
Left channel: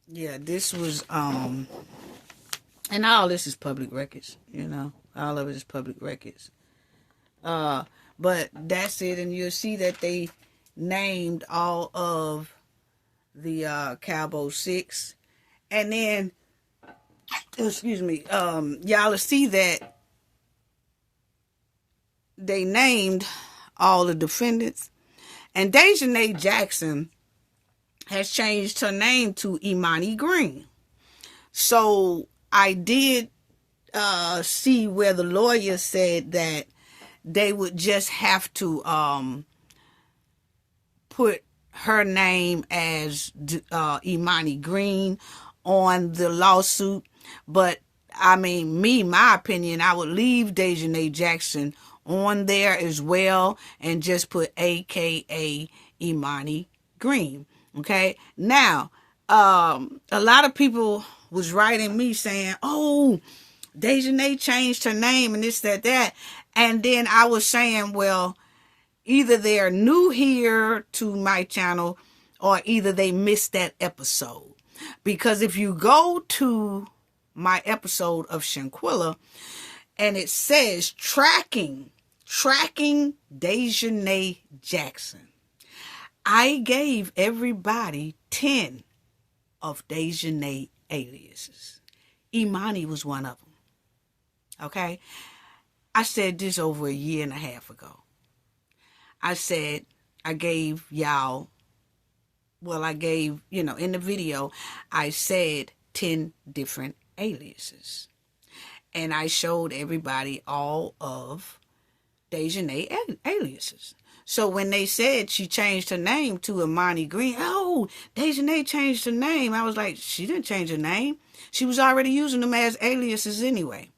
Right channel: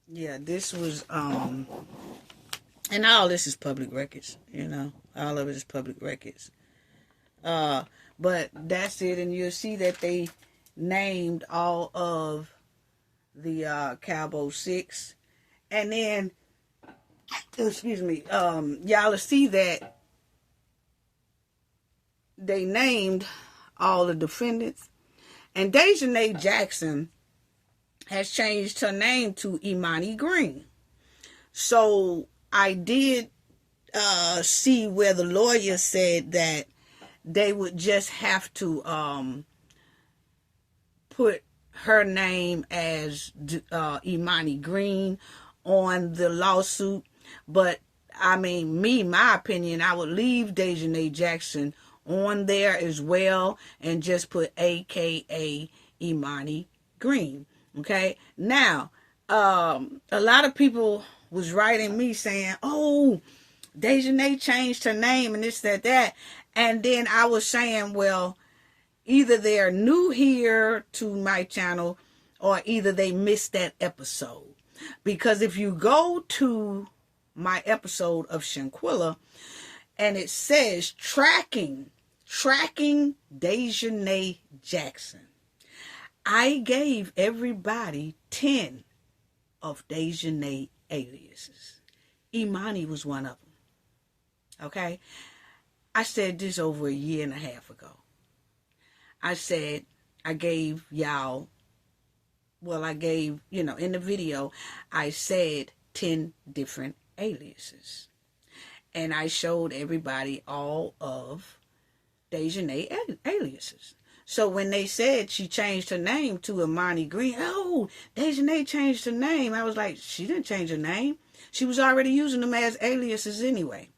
Yeah, this was and all this is public records, all of it is public records. But that's it, and you'll see that they named all of the Cabo 6, and then y'all will see that they named all the defendants, and Dejanay Jackson has changed her name to Imani Green. So I did see where the lawyer said that they would just have to put her name as Imani Green on the lawsuit. But I mean, my opinion, I would leave Dejanay Jackson on there as well and just put AKA Imani Green. Okay, now a lot of people was writing me saying, oh, Dejanay changed her name and this, that. And then I was saying, well, either they're new here to my channel or either they missed that episode. Because if you go to my episode of Shanquella, and it says tracking Dejanay Jackson, I gave everybody 10 of Dejanay aliases. Imani was one of them. Okay? I said this over a year and a half ago. I said I gave y'all, in the video, I said 10 different aliases. And I showed everybody all of Dejanay aliases. So when they said she changed her name to Imani Green, Dejanay changed her name. I was like, she didn't change her name. She was already using them as aliases anyway.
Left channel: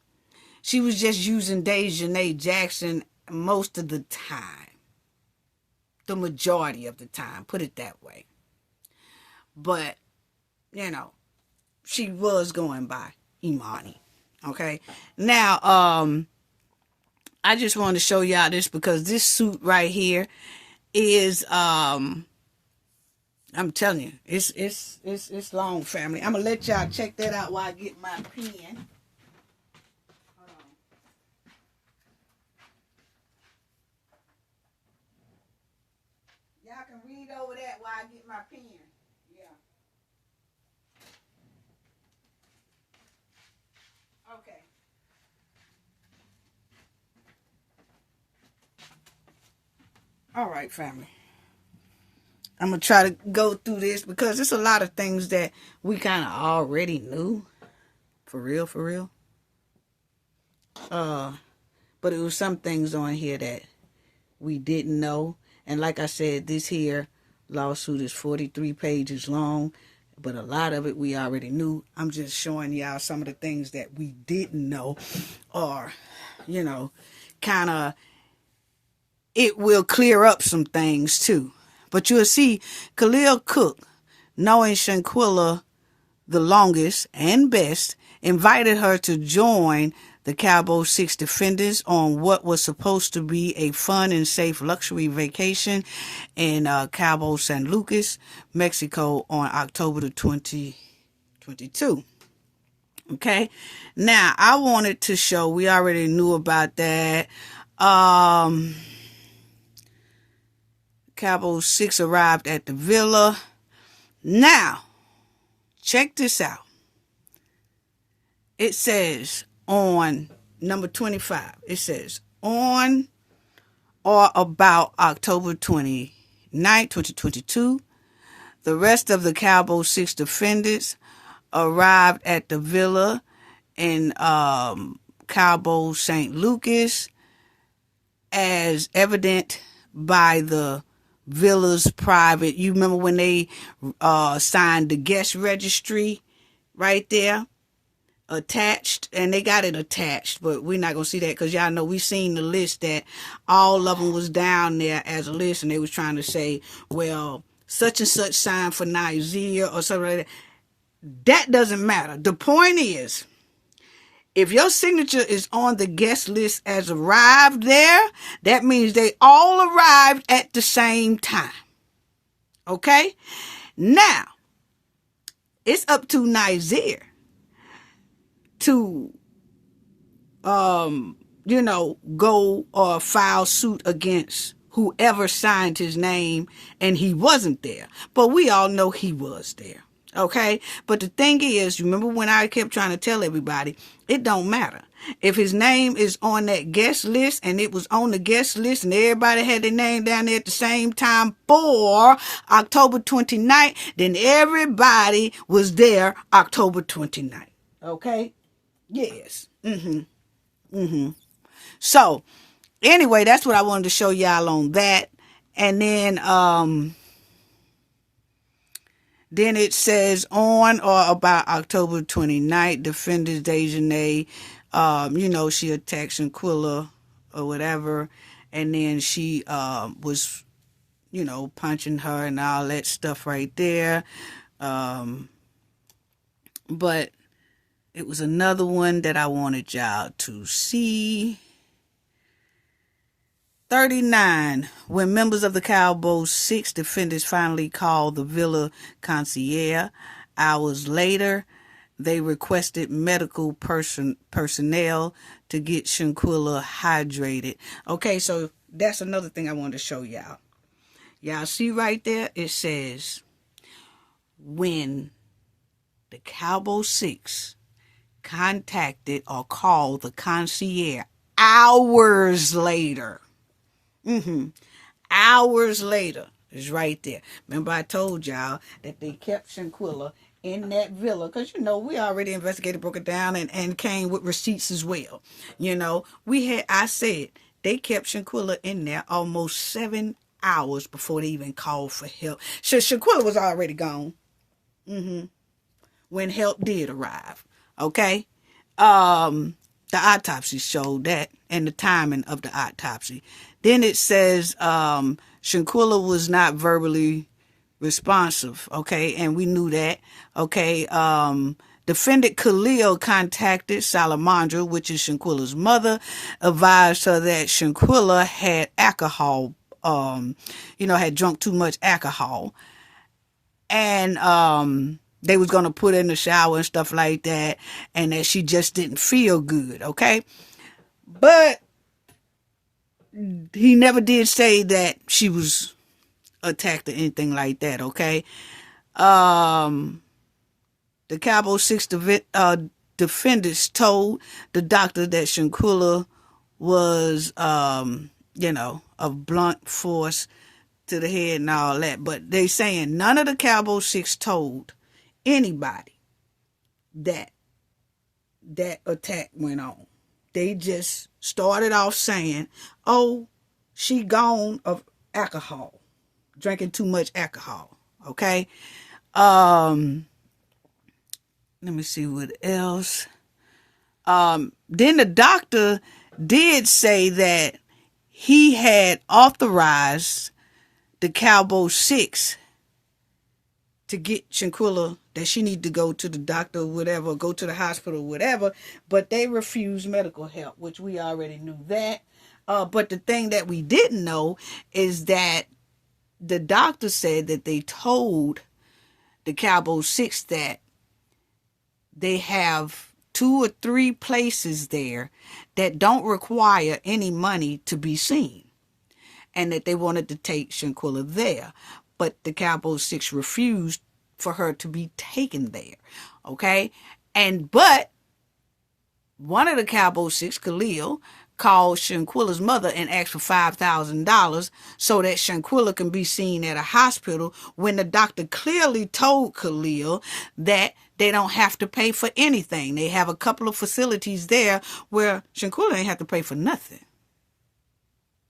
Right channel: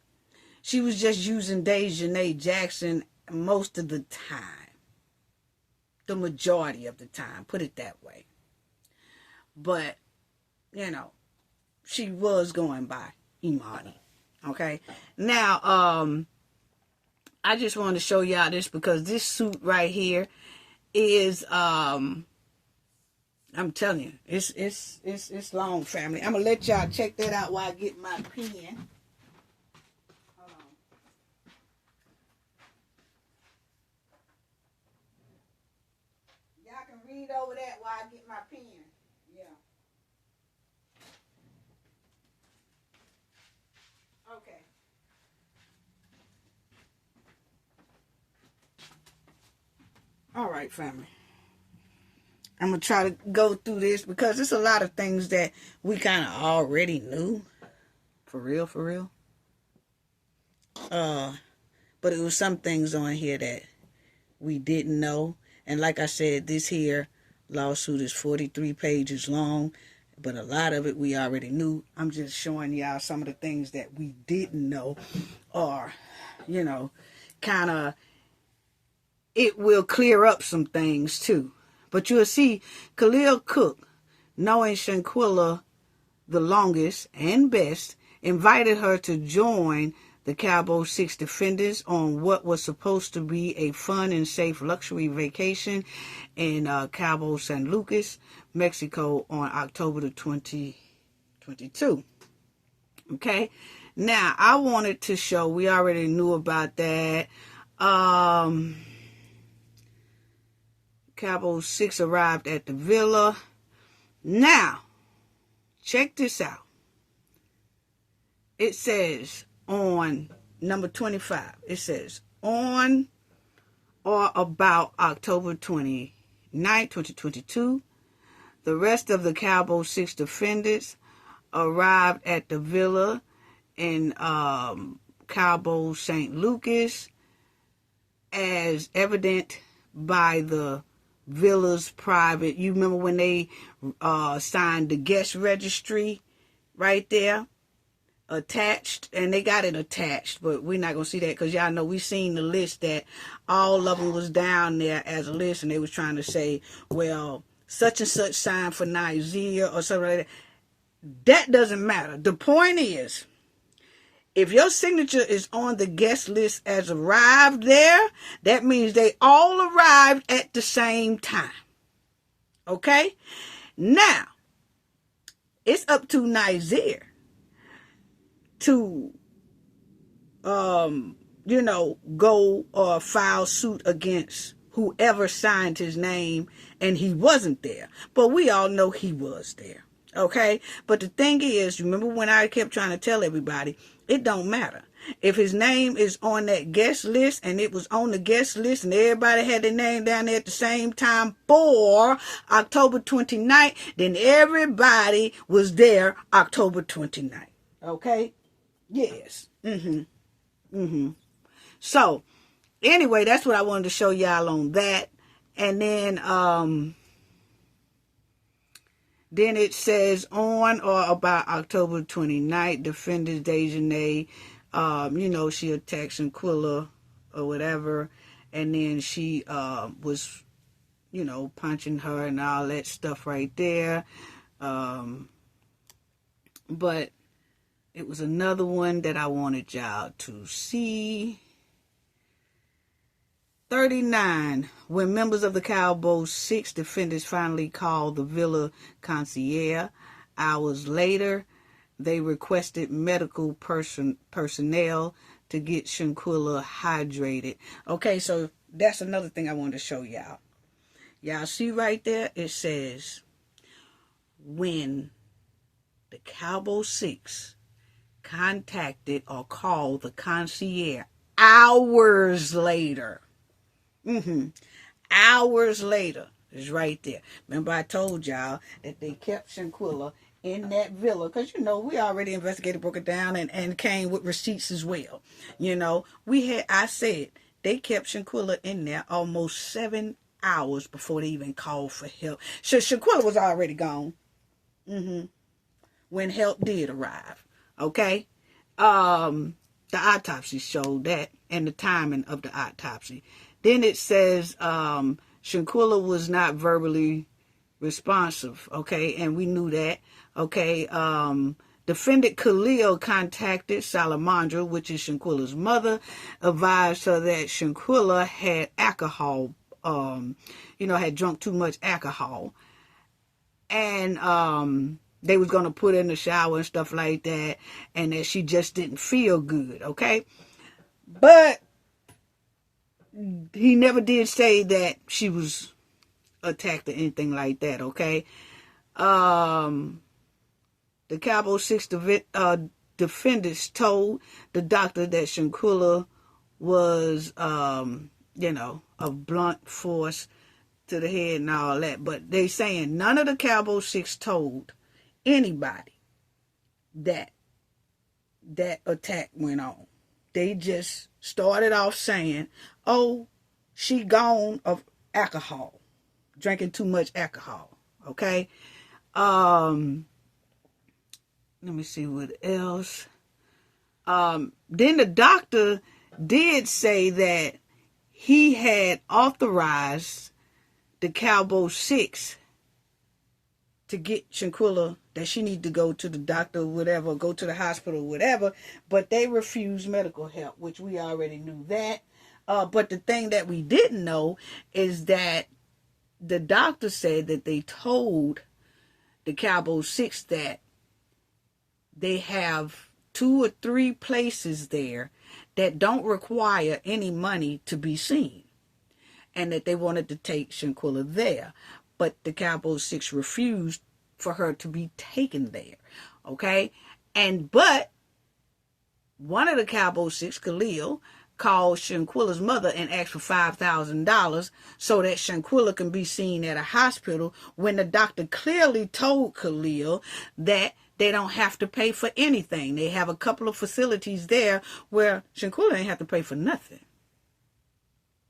She was just using Dejanay Jackson most of the time. The majority of the time, put it that way. But, she was going by Imani. Okay? Now, I just want to show y'all this because this suit right here is, I'm telling you, it's long, family. I'm going to let y'all check that out while I get my pen. Y'all can read over that while I get my pen. Yeah. Okay. All right, family. I'm going to try to go through this because there's a lot of things that we kind of already knew. For real. But it was some things on here that we didn't know. And like I said, this here lawsuit is 43 pages long. But a lot of it we already knew. I'm just showing y'all some of the things that we didn't know. Or, kind of, it will clear up some things too. But you'll see, Khalil Cook, knowing Shanquella the longest and best, invited her to join the Cabo 6 defendants on what was supposed to be a fun and safe luxury vacation in Cabo San Lucas, Mexico on October the 2022. Okay, now I wanted to show, we already knew about that. Cabo 6 arrived at the villa. Now, check this out. It says on number 25, it says on or about October 29, 2022, the rest of the Cabo 6 defendants arrived at the villa in Cabo St. Lucas, as evident by the villa's private, you remember when they signed the guest registry right there, attached, and they got it attached, but we're not gonna see that because y'all know we seen the list that all of them was down there as a list, and they was trying to say, well, such and such signed for Nigeria or something like that. That doesn't matter. The point is, if your signature is on the guest list as arrived there, that means they all arrived at the same time. Okay? Now, it's up to Nizer to, go or file suit against whoever signed his name and he wasn't there. But we all know he was there. Okay? But the thing is, remember when I kept trying to tell everybody, it don't matter. If his name is on that guest list and it was on the guest list and everybody had their name down there at the same time for October 29th, then everybody was there October 29th. Okay? Yes. So, anyway, that's what I wanted to show y'all on that. And then it says on or about October 29th, defendant Dejanay, she attacked Shanquella or whatever. And then she was, punching her and all that stuff right there. But it was another one that I wanted y'all to see. 39, when members of the Cabo 6 defendants finally called the Villa concierge hours later, they requested medical personnel to get Shanquella hydrated. Okay, so that's another thing I wanted to show y'all. Y'all see right there? It says, when the Cowboy 6 contacted or called the concierge hours later. Hours later is right there. Remember I told y'all that they kept Shanquella in that villa because, we already investigated, broke it down, and came with receipts as well. I said they kept Shanquella in there almost 7 hours before they even called for help. Shanquella was already gone when help did arrive. Okay? The autopsy showed that, and the timing of the autopsy. Then it says Shanquella was not verbally responsive, okay, and we knew that, okay. Defendant Khalil contacted Salamandra, which is Shanquella's mother, advised her that Shanquella had alcohol, had drunk too much alcohol, and they was going to put her in the shower and stuff like that, and that she just didn't feel good, okay? But he never did say that she was attacked or anything like that, okay? The Cowboy 6 defendants told the doctor that Shanquella was, of blunt force to the head and all that. But they saying none of the Cowboy 6 told anybody that attack went on. They just started off saying, oh, she gone of alcohol, drinking too much alcohol, okay? Let me see what else. Then the doctor did say that he had authorized the Cowboy 6 to get Shanquella, that she need to go to the doctor or whatever, go to the hospital or whatever, but they refused medical help, which we already knew that. But the thing that we didn't know is that the doctor said that they told the Cowboy 6 that they have 2 or 3 places there that don't require any money to be seen, and that they wanted to take Shanquella there. But the Cowboy 6 refused for her to be taken there, okay? But one of the Cowboy 6, Khalil, called Shanquella's mother and asked for $5,000 so that Shanquella can be seen at a hospital, when the doctor clearly told Khalil that they don't have to pay for anything. They have a couple of facilities there where Shanquella ain't have to pay for nothing.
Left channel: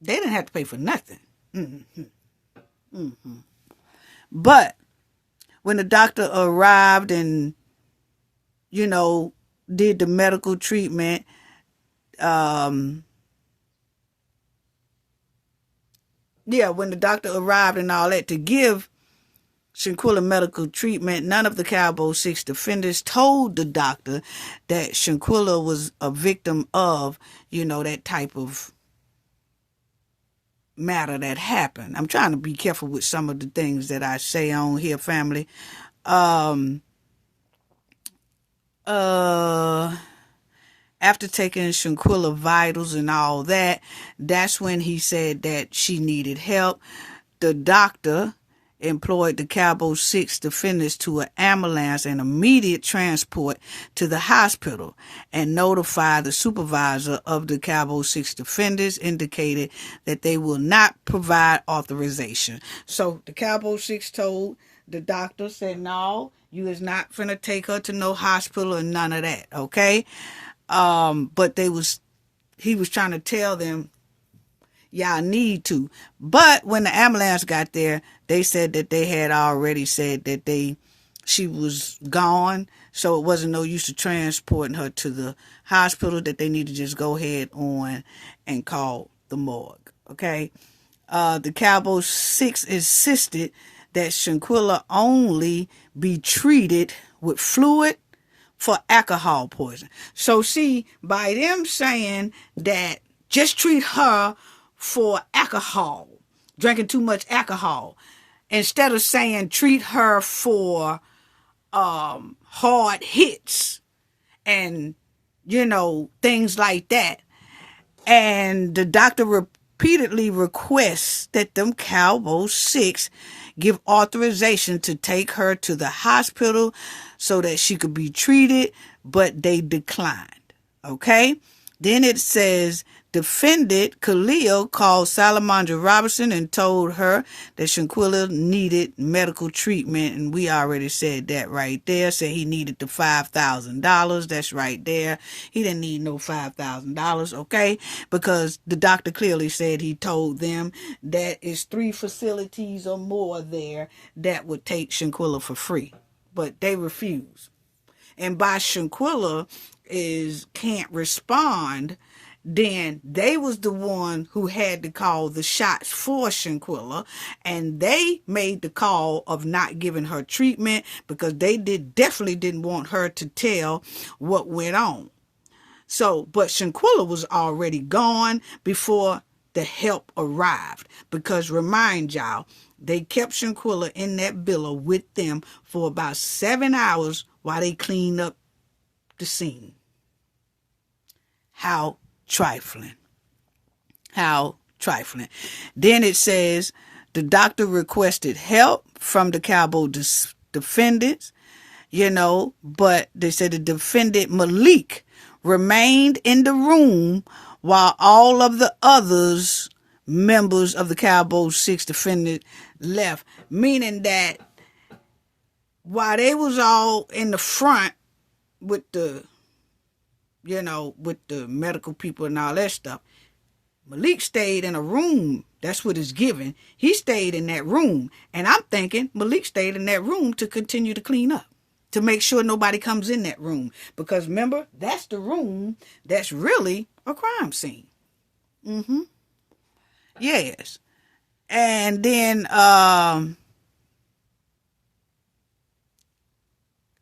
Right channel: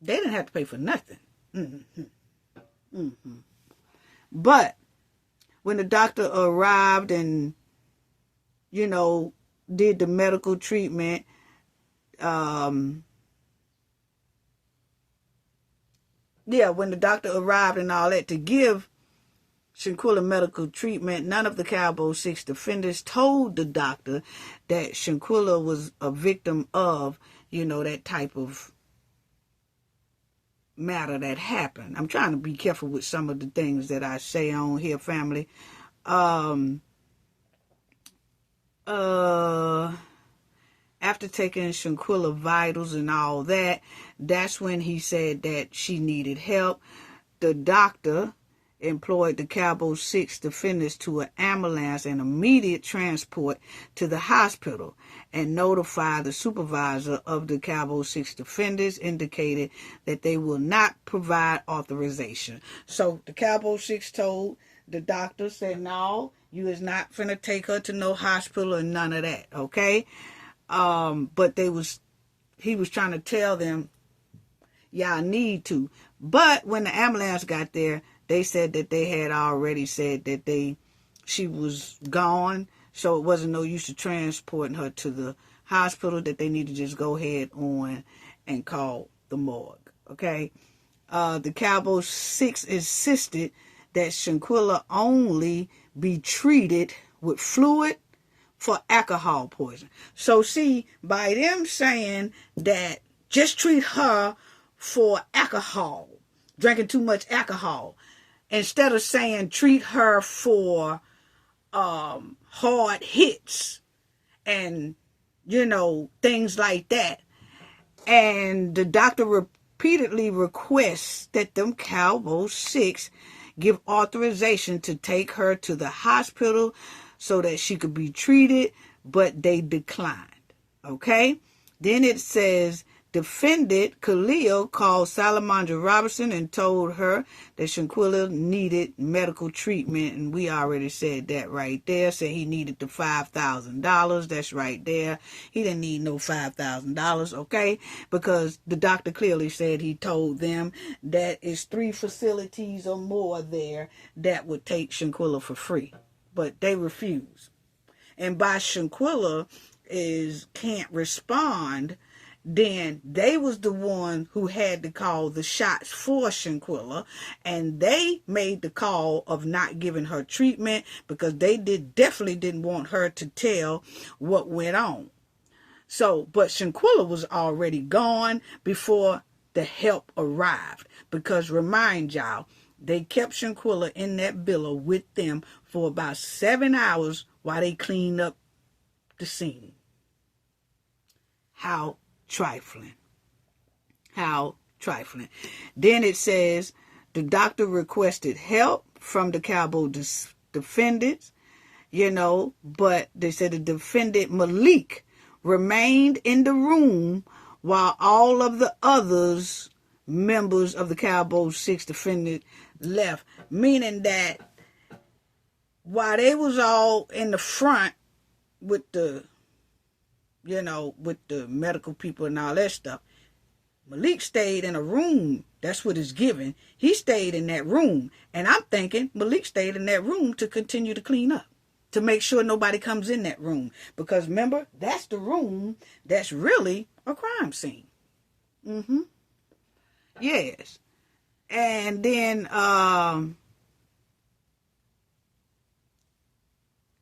They didn't have to pay for nothing. But when the doctor arrived and, did the medical treatment, when the doctor arrived and all that to give Shanquella medical treatment, none of the Cowboy 6 defendants told the doctor that Shanquella was a victim of, that type of matter that happened. I'm trying to be careful with some of the things that I say on here, family. After taking Shanquella vitals and all that, that's when he said that she needed help. The doctor employed the Cowboy 6 defendants to an ambulance and immediate transport to the hospital, and notified the supervisor of the Cowboy 6 defendants, indicated that they will not provide authorization. So the Cowboy 6 told the doctor, said, no, you is not finna take her to no hospital and none of that, okay? But he was trying to tell them, y'all need to. But when the ambulance got there, they said that they had already said that she was gone, so it wasn't no use of transporting her to the hospital, that they need to just go ahead on and call the morgue, okay? The Cowboy 6 insisted that Shanquella only be treated with fluid for alcohol poison. So see, by them saying that just treat her for alcohol, drinking too much alcohol, instead of saying treat her for hard hits and, things like that. And the doctor repeatedly requests that them Cowboy 6 give authorization to take her to the hospital so that she could be treated, but they declined. Okay? Then it says, defendant Khalil called Salamandra Robertson and told her that Shanquella needed medical treatment. And we already said that right there. Said he needed the $5,000. That's right there. He didn't need no $5,000, okay? Because the doctor clearly said he told them that it's 3 facilities or more there that would take Shanquella for free. But they refused. And by Shanquella can't respond, then they was the one who had to call the shots for Shanquella, and they made the call of not giving her treatment because they definitely didn't want her to tell what went on. So, but Shanquella was already gone before the help arrived, because remind y'all, they kept Shanquella in that villa with them for about 7 hours while they cleaned up the scene. How trifling. How trifling. Then it says the doctor requested help from the Cowboy defendants, but they said the defendant Malik remained in the room while all of the others members of the Cowboy 6 defendant left, meaning that while they was all in the front with the with the medical people and all that stuff, Malik stayed in a room. That's what it's given. He stayed in that room. And I'm thinking Malik stayed in that room to continue to clean up, to make sure nobody comes in that room. Because remember, that's the room that's really a crime scene. Yes. And then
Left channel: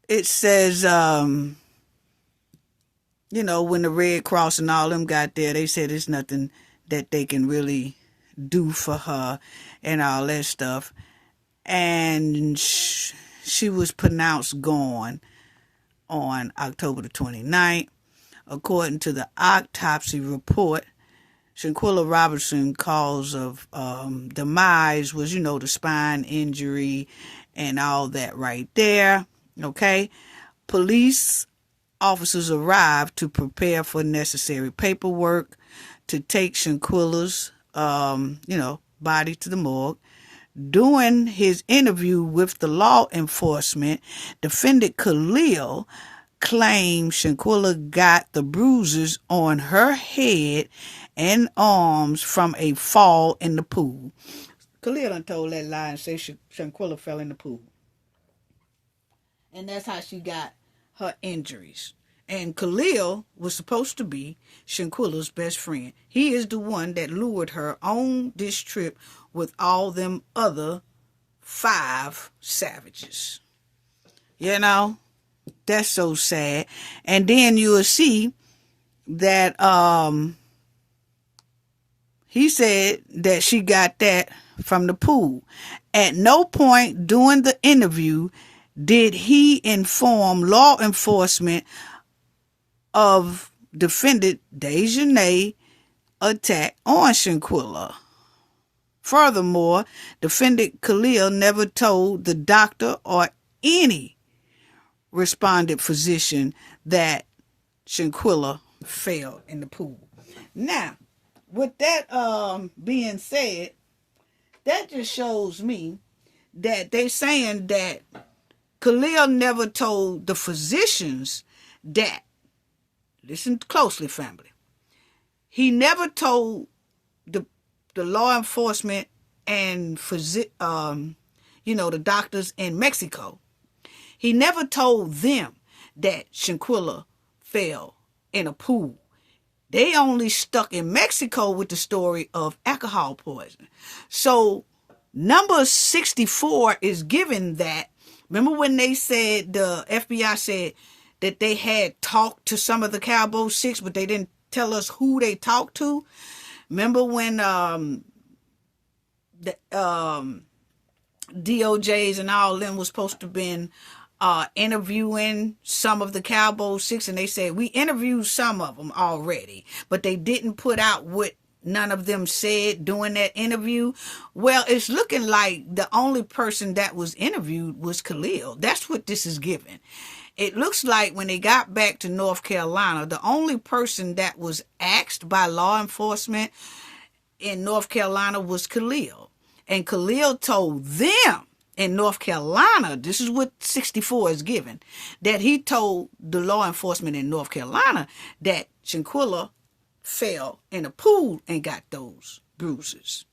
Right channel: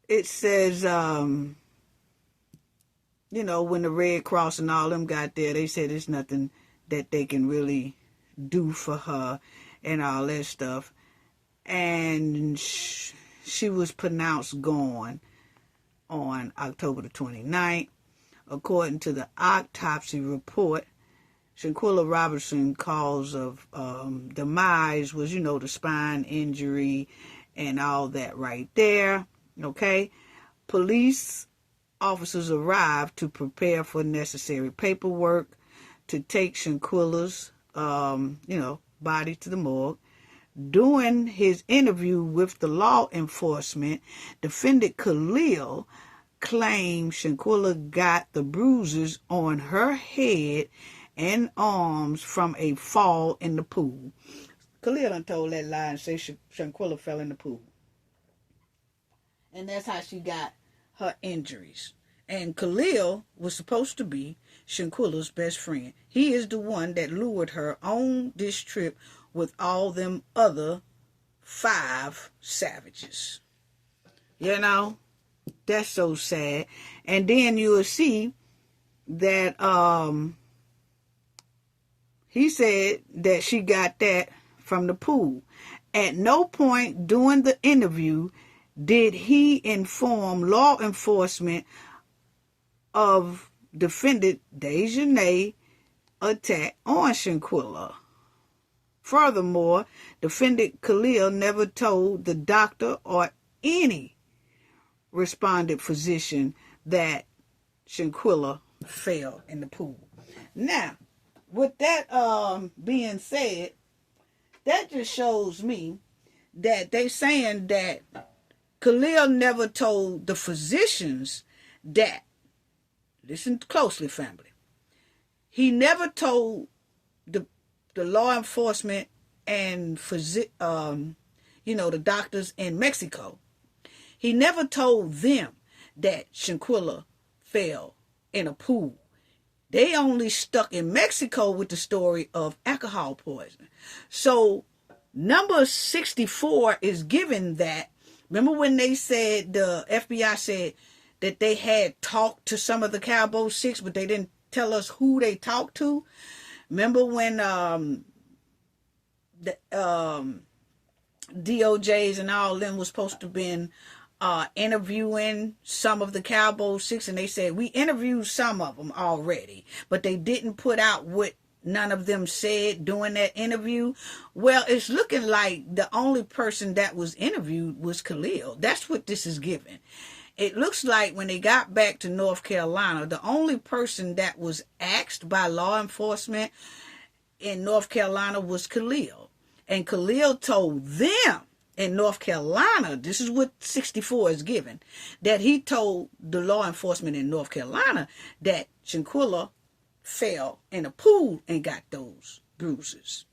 it says, when the Red Cross and all them got there, they said there's nothing that they can really do for her and all that stuff. And she was pronounced gone on October the 29th. According to the autopsy report, Shanquella Robertson cause of demise was, the spine injury and all that right there. Okay. Police officers arrived to prepare for necessary paperwork to take Shanquella's, body to the morgue. During his interview with the law enforcement, defendant Khalil claimed Shanquella got the bruises on her head and arms from a fall in the pool. Khalil done told that lie and said Shanquella fell in the pool. And that's how she got her injuries. And Khalil was supposed to be Shanquella's best friend. He is the one that lured her on this trip with all them other 5 savages. That's so sad. And then you will see that he said that she got that from the pool. At no point during the interview did he inform law enforcement of defendant Dejanay attack on Shanquella. Furthermore, defendant Khalil never told the doctor or any respondent physician that Shanquella fell in the pool. Now, with that being said, that just shows me that they saying that Khalil never told the physicians that. Listen closely, family. He never told the law enforcement and the doctors in Mexico. He never told them that Shanquella fell in a pool. They only stuck in Mexico with the story of alcohol poisoning. So number 64 is given that. Remember when they said, the FBI said that they had talked to some of the Cowboy 6, but they didn't tell us who they talked to? Remember when the DOJs and all of them was supposed to have been interviewing some of the Cowboy Six, and they said we interviewed some of them already, but they didn't put out what none of them said during that interview. Well, it's looking like the only person that was interviewed was Khalil. That's what this is giving. It looks like when they got back to North Carolina, the only person that was asked by law enforcement in North Carolina was Khalil. And Khalil told them in North Carolina, this is what 64 is given, that he told the law enforcement in North Carolina that Shanquella fell in a pool and got those bruises.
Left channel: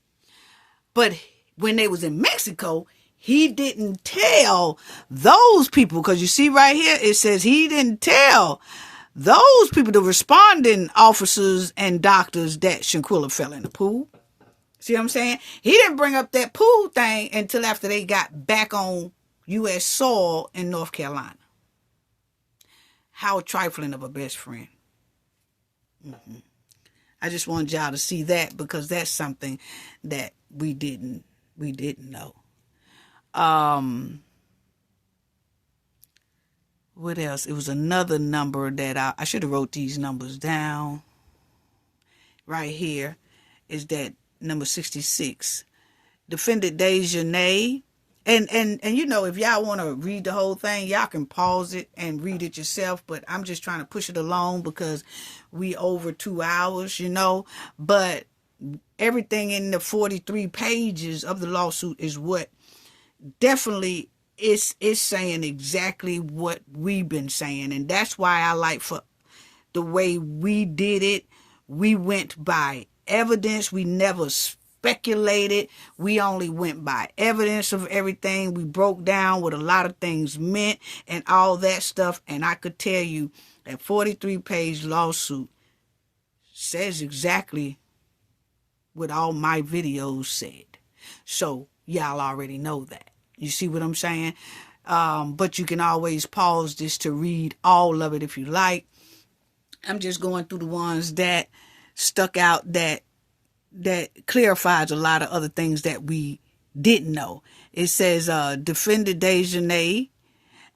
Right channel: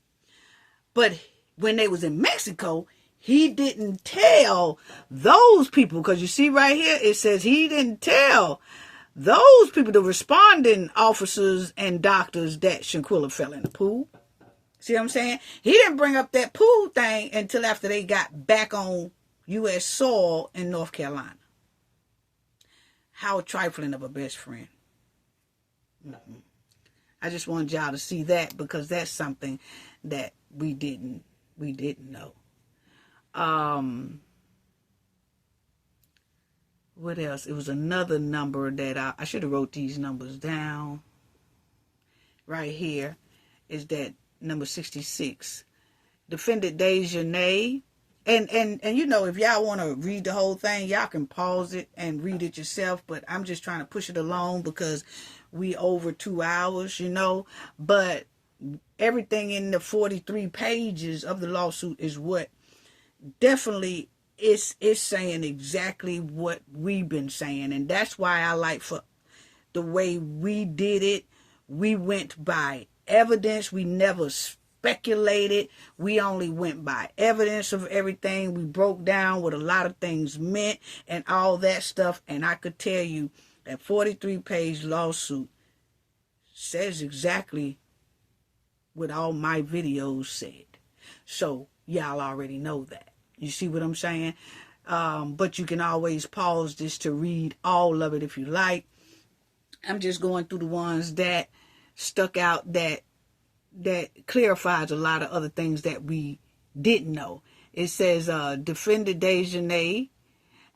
But when they was in Mexico, he didn't tell those people, because you see right here, it says he didn't tell those people, the responding officers and doctors, that Shanquella fell in the pool. See what I'm saying? He didn't bring up that pool thing until after they got back on U.S. soil in North Carolina. How trifling of a best friend. Mm-hmm. I just wanted y'all to see that, because that's something that we didn't know. What else? It was another number that I should have wrote these numbers down. Right here is that number 66. Defendant Dejanay. And you know, if y'all want to read the whole thing, y'all can pause it and read it yourself. But I'm just trying to push it along because we over 2 hours, you know. But everything in the 43 pages of the lawsuit is what definitely is saying exactly what we've been saying. And that's why I like for the way we did it. We went by evidence. We never speculated. We only went by evidence of everything. We broke down what a lot of things meant and all that stuff. And I could tell you that 43-page lawsuit says exactly what all my videos said. So y'all already know that. You see what I'm saying? But you can always pause this to read all of it if you like. I'm just going through the ones that stuck out that clarifies a lot of other things that we didn't know. It says Defendant Dejanay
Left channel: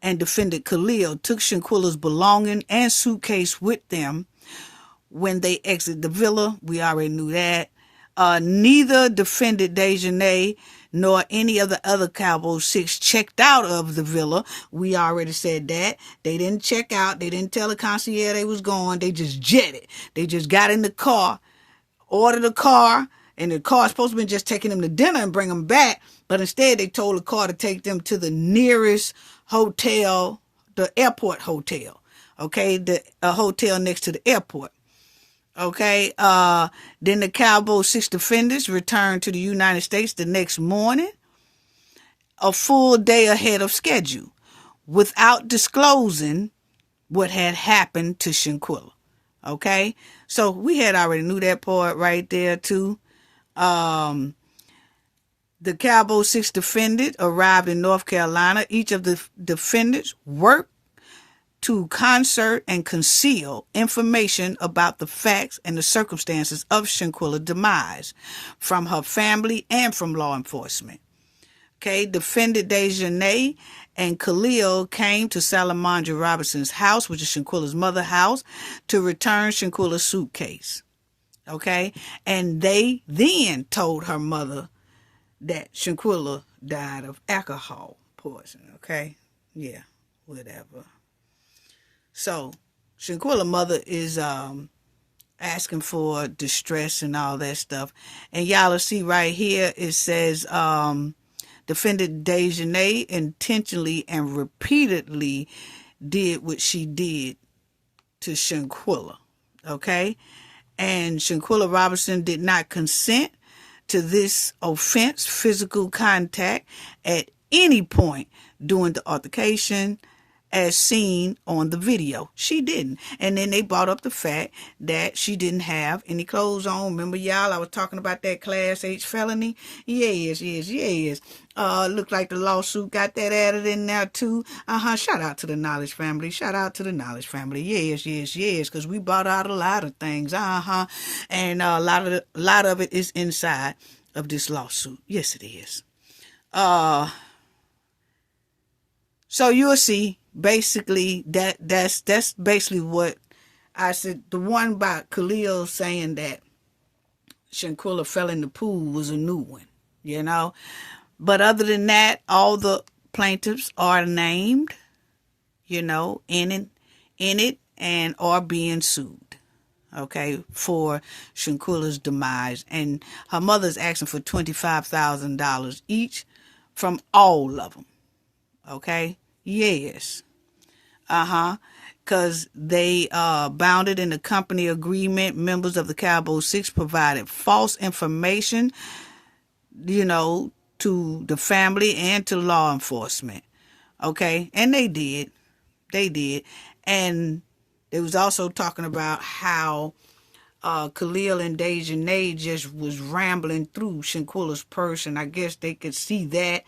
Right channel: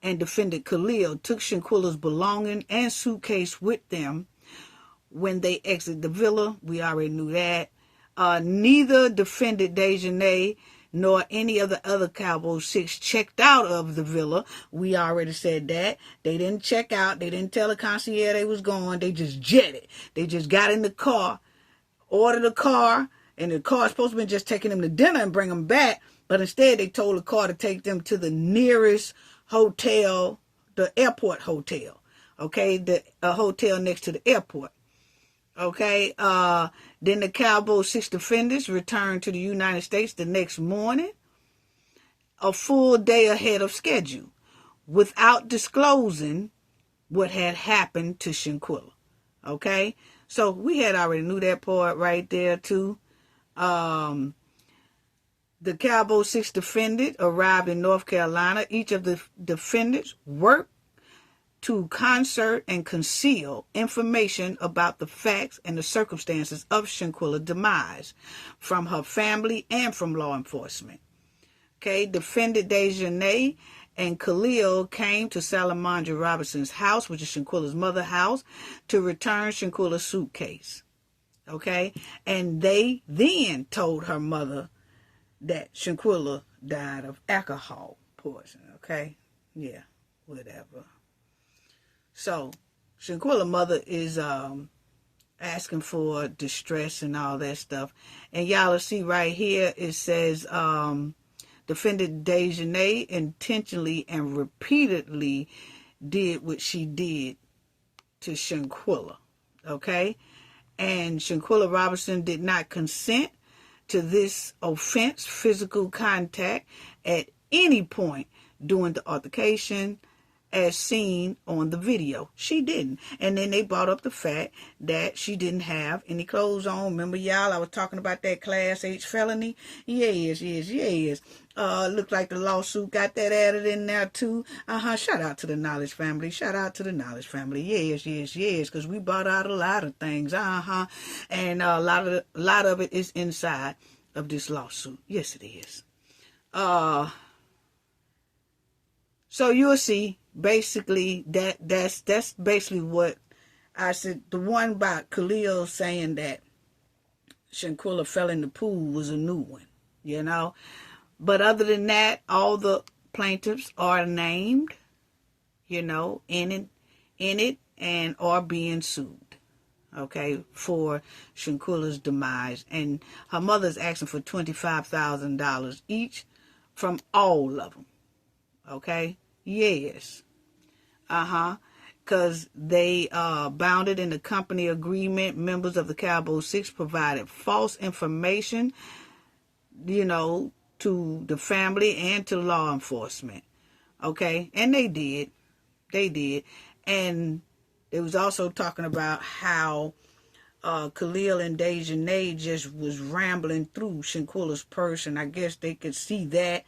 and Defendant Khalil took Shanquella's belonging and suitcase with them when they exited the villa. We already knew that. Neither Defendant Dejanay nor any of the other Cowboy Six checked out of the villa. We already said that. They didn't check out. They didn't tell the concierge they was going. They just jetted. They just got in the car, ordered a car, and the car was supposed to be just taking them to dinner and bring them back. But instead, they told the car to take them to the nearest hotel, the airport hotel. Okay, a hotel next to the airport. Okay, then the Cowboy Six defendants returned to the United States the next morning, a full day ahead of schedule, without disclosing what had happened to Shanquella. Okay, so we had already knew that part right there too. The Cowboy Six defendant arrived in North Carolina. Each of the defendants worked to concert and conceal information about the facts and the circumstances of Shanquella's demise from her family and from law enforcement. Okay, Defendant Dejanay and Khalil came to Salamandra Robinson's house, which is Shanquella's mother's house, to return Shanquella's suitcase. Okay, and they then told her mother that Shanquella died of alcohol poisoning. Okay, yeah, whatever. So, Shanquella's mother is asking for distress and all that stuff. And y'all will see right here, it says, Defendant Dejanay intentionally and repeatedly did what she did to Shanquella. Okay? And Shanquella Robinson did not consent to this offense, physical contact, at any point during the altercation, as seen on the video. She didn't. And then they brought up the fact that she didn't have any clothes on. Remember, y'all, I was talking about that Class H felony? Yes. Looked like the lawsuit got that added in there too. Shout out to the Knowledge family. Yes. Because we brought out a lot of things. And a lot of it is inside of this lawsuit. Yes, it is. So you'll see basically that's basically what I said. The one about Khalil saying that Shanquella fell in the pool was a new one, you know. But other than that, all the plaintiffs are named, you know, in it and are being sued, okay, for Shanquella's demise. And her mother's asking for $25,000 each from all of them, okay? Yes. Because they bounded in the company agreement. Members of the Cowboy Six provided false information, you know, to the family and to law enforcement. Okay? And they did. They did. And they was also talking about how Khalil and Dejanay just was rambling through Shanquella's purse, and I guess they could see that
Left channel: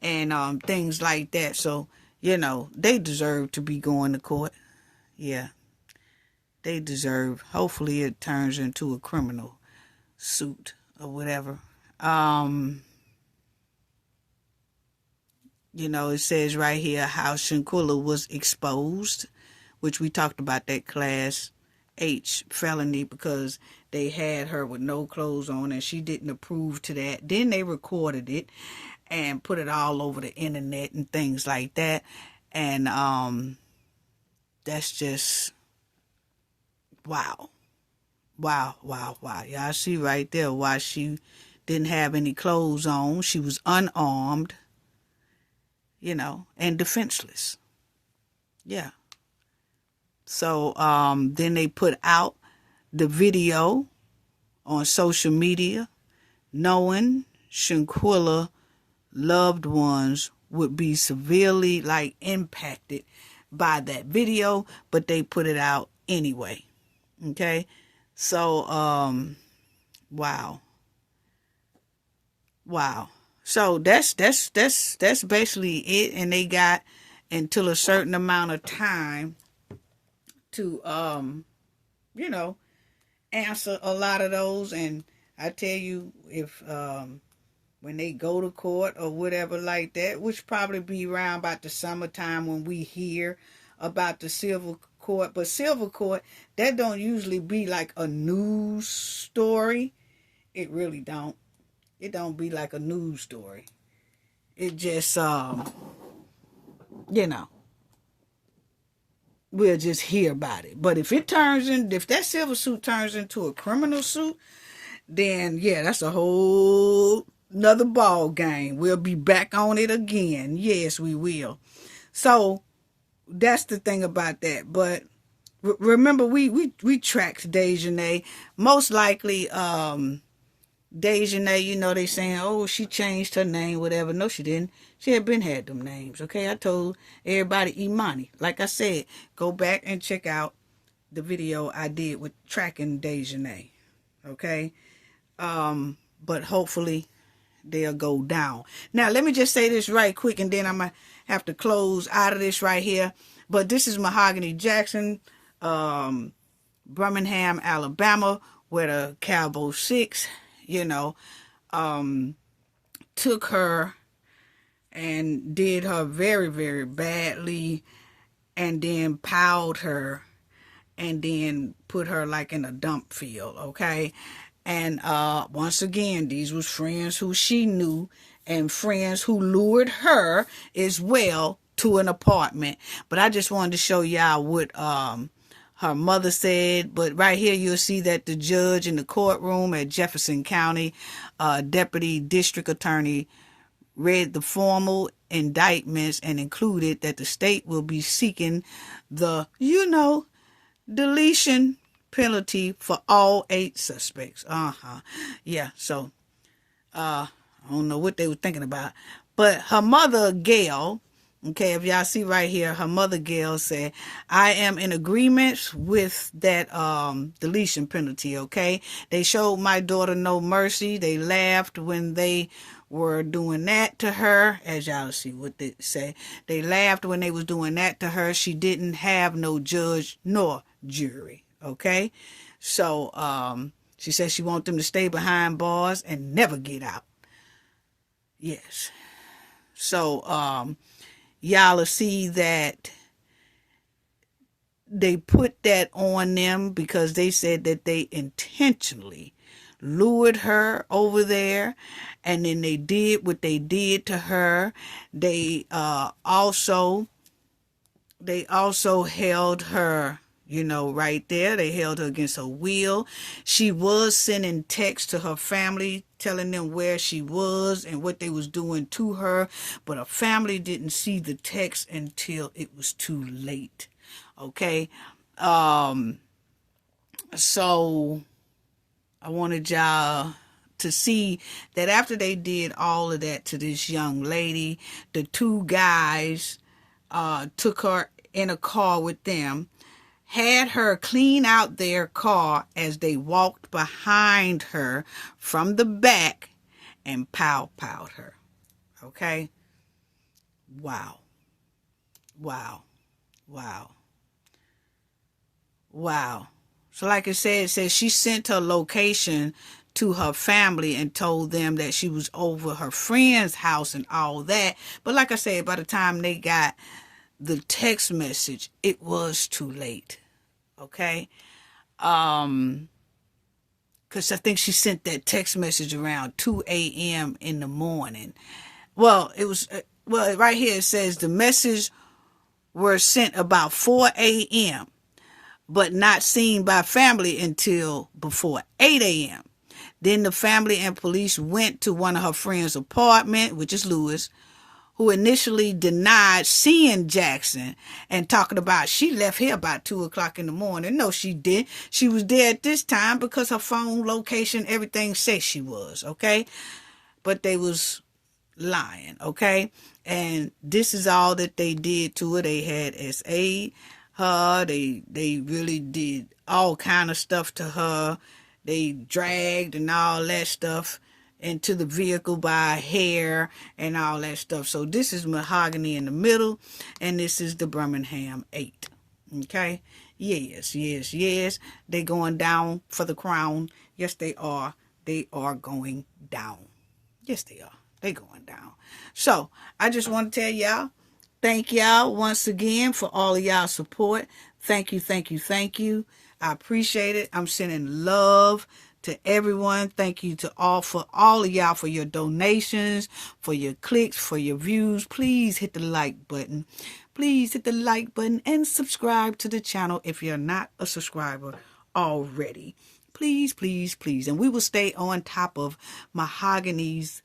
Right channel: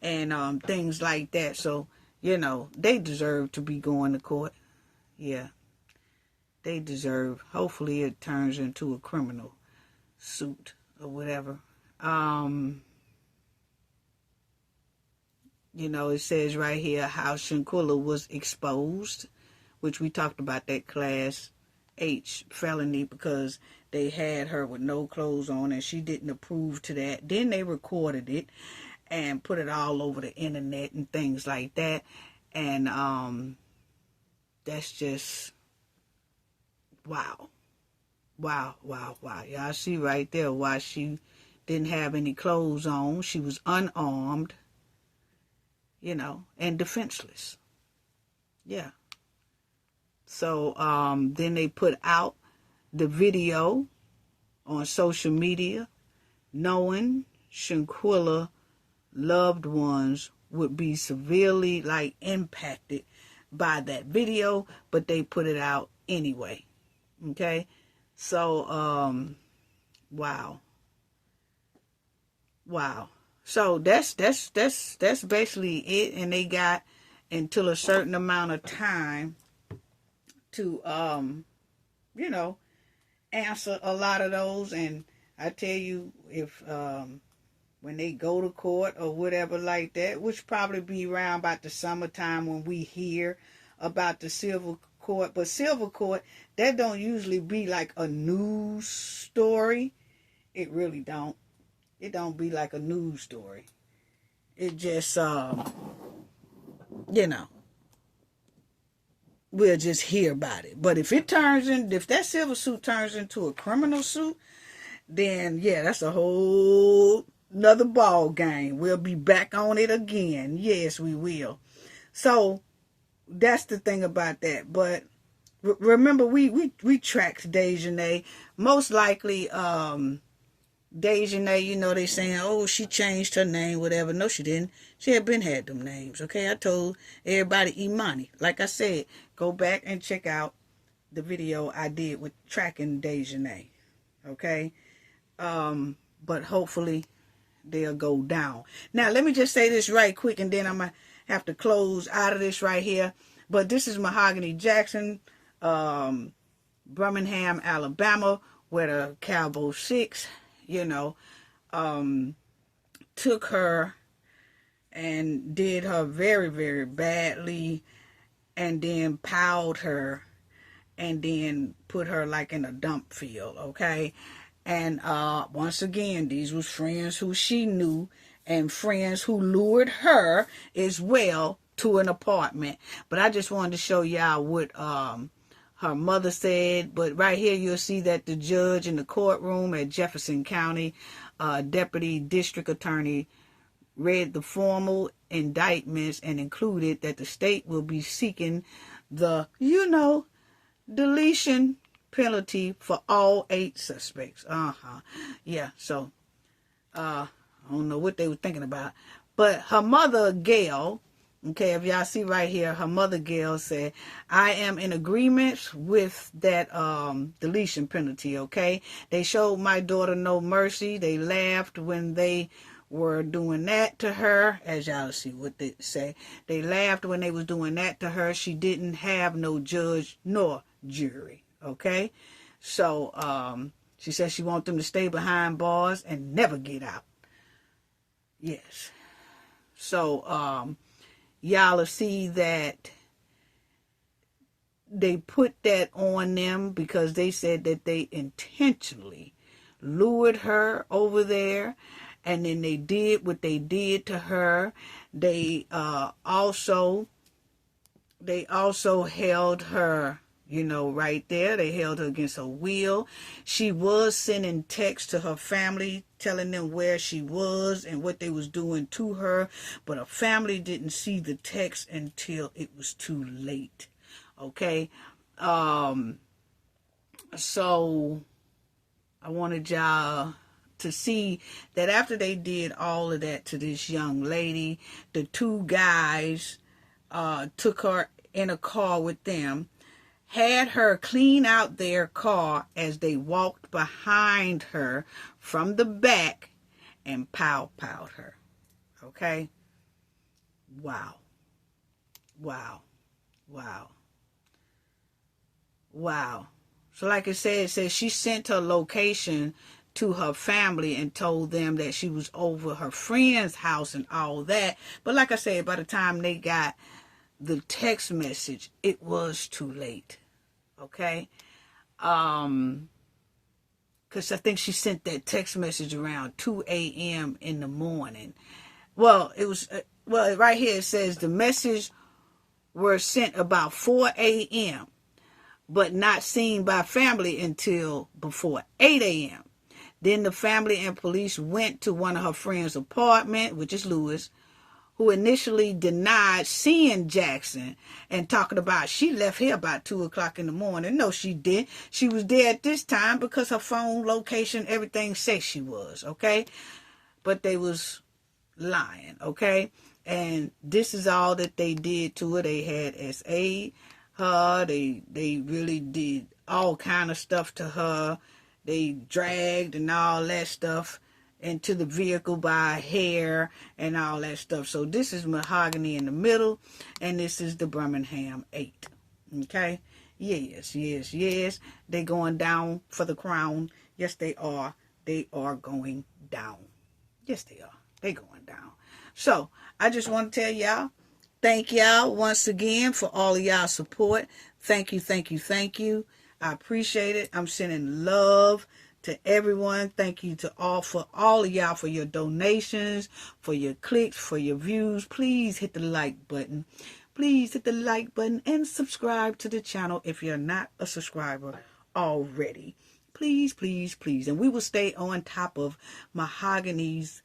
and things like that. So, you know, they deserve to be going to court. Yeah. They deserve. Hopefully it turns into a criminal suit or whatever. You know, it says right here how Shanquella was exposed, which we talked about that class H felony because they had her with no clothes on and she didn't approve to that. Then they recorded it and put it all over the internet and things like that. And that's just wow. Y'all see right there why she didn't have any clothes on. She was unarmed, you know, and defenseless. Yeah. So then they put out the video on social media, knowing Shanquella loved ones would be severely impacted by that video, but they put it out anyway. Okay, so wow. So that's basically it, and they got until a certain amount of time to you know, answer a lot of those. And I tell you, if when they go to court or whatever like that, which probably be around about the summertime when we hear about the civil court. But civil court, that don't usually be like a news story. It really don't. It don't be like a news story. It just you know, we'll just hear about it. But if that civil suit turns into a criminal suit, then yeah, that's a whole another ball game. We'll be back on it again. Yes, we will. So that's the thing about that. But remember, we tracked Dejanay. Most likely, Dejanay, you know, they saying, oh, she changed her name, whatever. No, she didn't. She had been had them names. Okay, I told everybody Imani. Like I said, go back and check out the video I did with tracking Dejanay. Okay, but hopefully they'll go down. Now, let me just say this right quick, and then I'm gonna have to close out of this right here. But this is Mahogany Jackson, Birmingham, Alabama, where the Cowboy Six, you know, took her and did her very, very badly, and then piled her and then put her like in a dump field, okay? And once again, these was friends who she knew and friends who lured her as well to an apartment. But I just wanted to show y'all what her mother said. But right here, you'll see that the judge in the courtroom at Jefferson County, Deputy District Attorney, read the formal indictments and included that the state will be seeking the, you know, deletion penalty for all 8 suspects. Yeah, so I don't know what they were thinking about. But her mother, Gail, okay, if y'all see right here, her mother, Gail, said, I am in agreement with that deletion penalty, okay? They showed my daughter no mercy. They laughed when they were doing that to her. As y'all see what they say. They laughed when they was doing that to her. She didn't have no judge nor jury, okay? So she said she wants them to stay behind bars and never get out. Yes. So y'all will see that they put that on them because they said that they intentionally lured her over there, and then they did what they did to her. They also held her, right there. They held her against her will. She was sending texts to her family telling them where she was and what they was doing to her, but her family didn't see the text until it was too late. Okay, so I wanted y'all to see that after they did all of that to this young lady, the two guys took her in a car with them, had her clean out their car as they walked behind her from the back and pow-powed her. Okay? Wow. Wow. Wow. Wow. So like it says she sent her location to her family and told them that she was over her friend's house and all that. But like I said, by the time they got the text message, it was too late. Okay? Because I think she sent that text message around 2 a.m. in the morning. Well, it was, right here it says the message were sent about 4 a.m., but not seen by family until before 8 a.m. Then the family and police went to one of her friend's apartment, which is Lewis, who initially denied seeing Jackson and talking about she left here about 2 o'clock in the morning. No, she didn't. She was there at this time because her phone location, everything says she was, okay? But they was lying, okay? And this is all that they did to her. They had SA her. They really did all kind of stuff to her. They dragged and all that stuff into the vehicle by hair and all that stuff. So this is Mahogany in the middle, and this is the Birmingham 8. Okay? Yes. They going down for the crown. Yes, they are. They are going down. Yes, they are. They going down. So I just want to tell y'all, thank y'all once again for all of y'all support. Thank you. I appreciate it. I'm sending love to everyone. Thank you to all of y'all for your donations, for your clicks, for your views. Please hit the like button. Please hit the like button and subscribe to the channel if you're not a subscriber already. Please. And we will stay on top of Mahogany's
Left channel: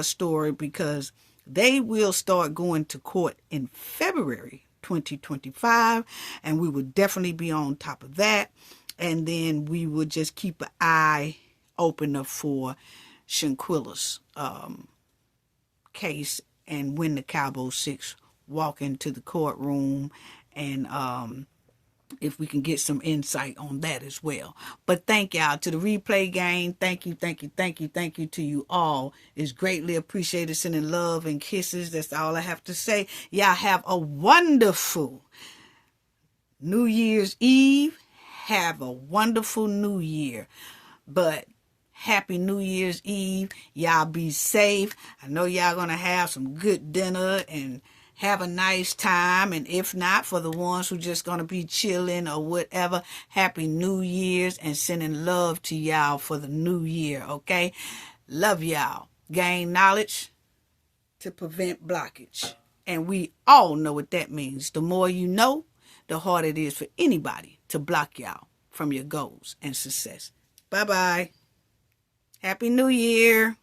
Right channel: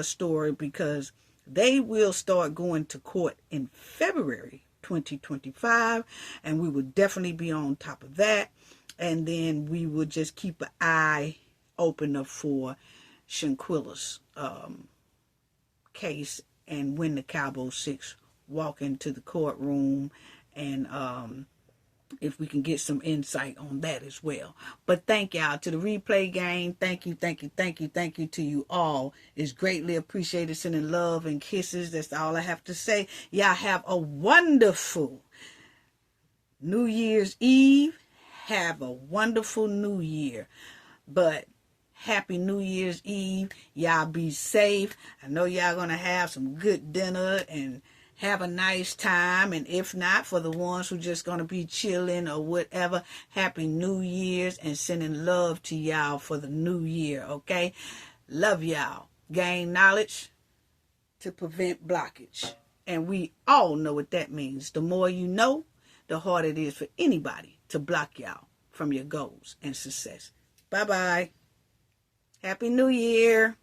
story because they will start going to court in February 2025, and we will definitely be on top of that. And then we will just keep an eye open up for Shanquella's case, and when the Cowboy 6 walk into the courtroom, and if we can get some insight on that as well. But thank y'all to the replay gang. Thank you to you all. It's greatly appreciated. Sending love and kisses. That's all I have to say. Y'all have a wonderful New Year's Eve. Have a wonderful New Year. But happy New Year's Eve. Y'all be safe. I know y'all gonna have some good dinner and have a nice time. And if not, for the ones who just gonna be chilling or whatever, happy New Year's, and sending love to y'all for the new year. Okay, love y'all. Gain knowledge to prevent blockage, and we all know what that means. The more you know, the harder it is for anybody to block y'all from your goals and success. Bye-bye. Happy New Year.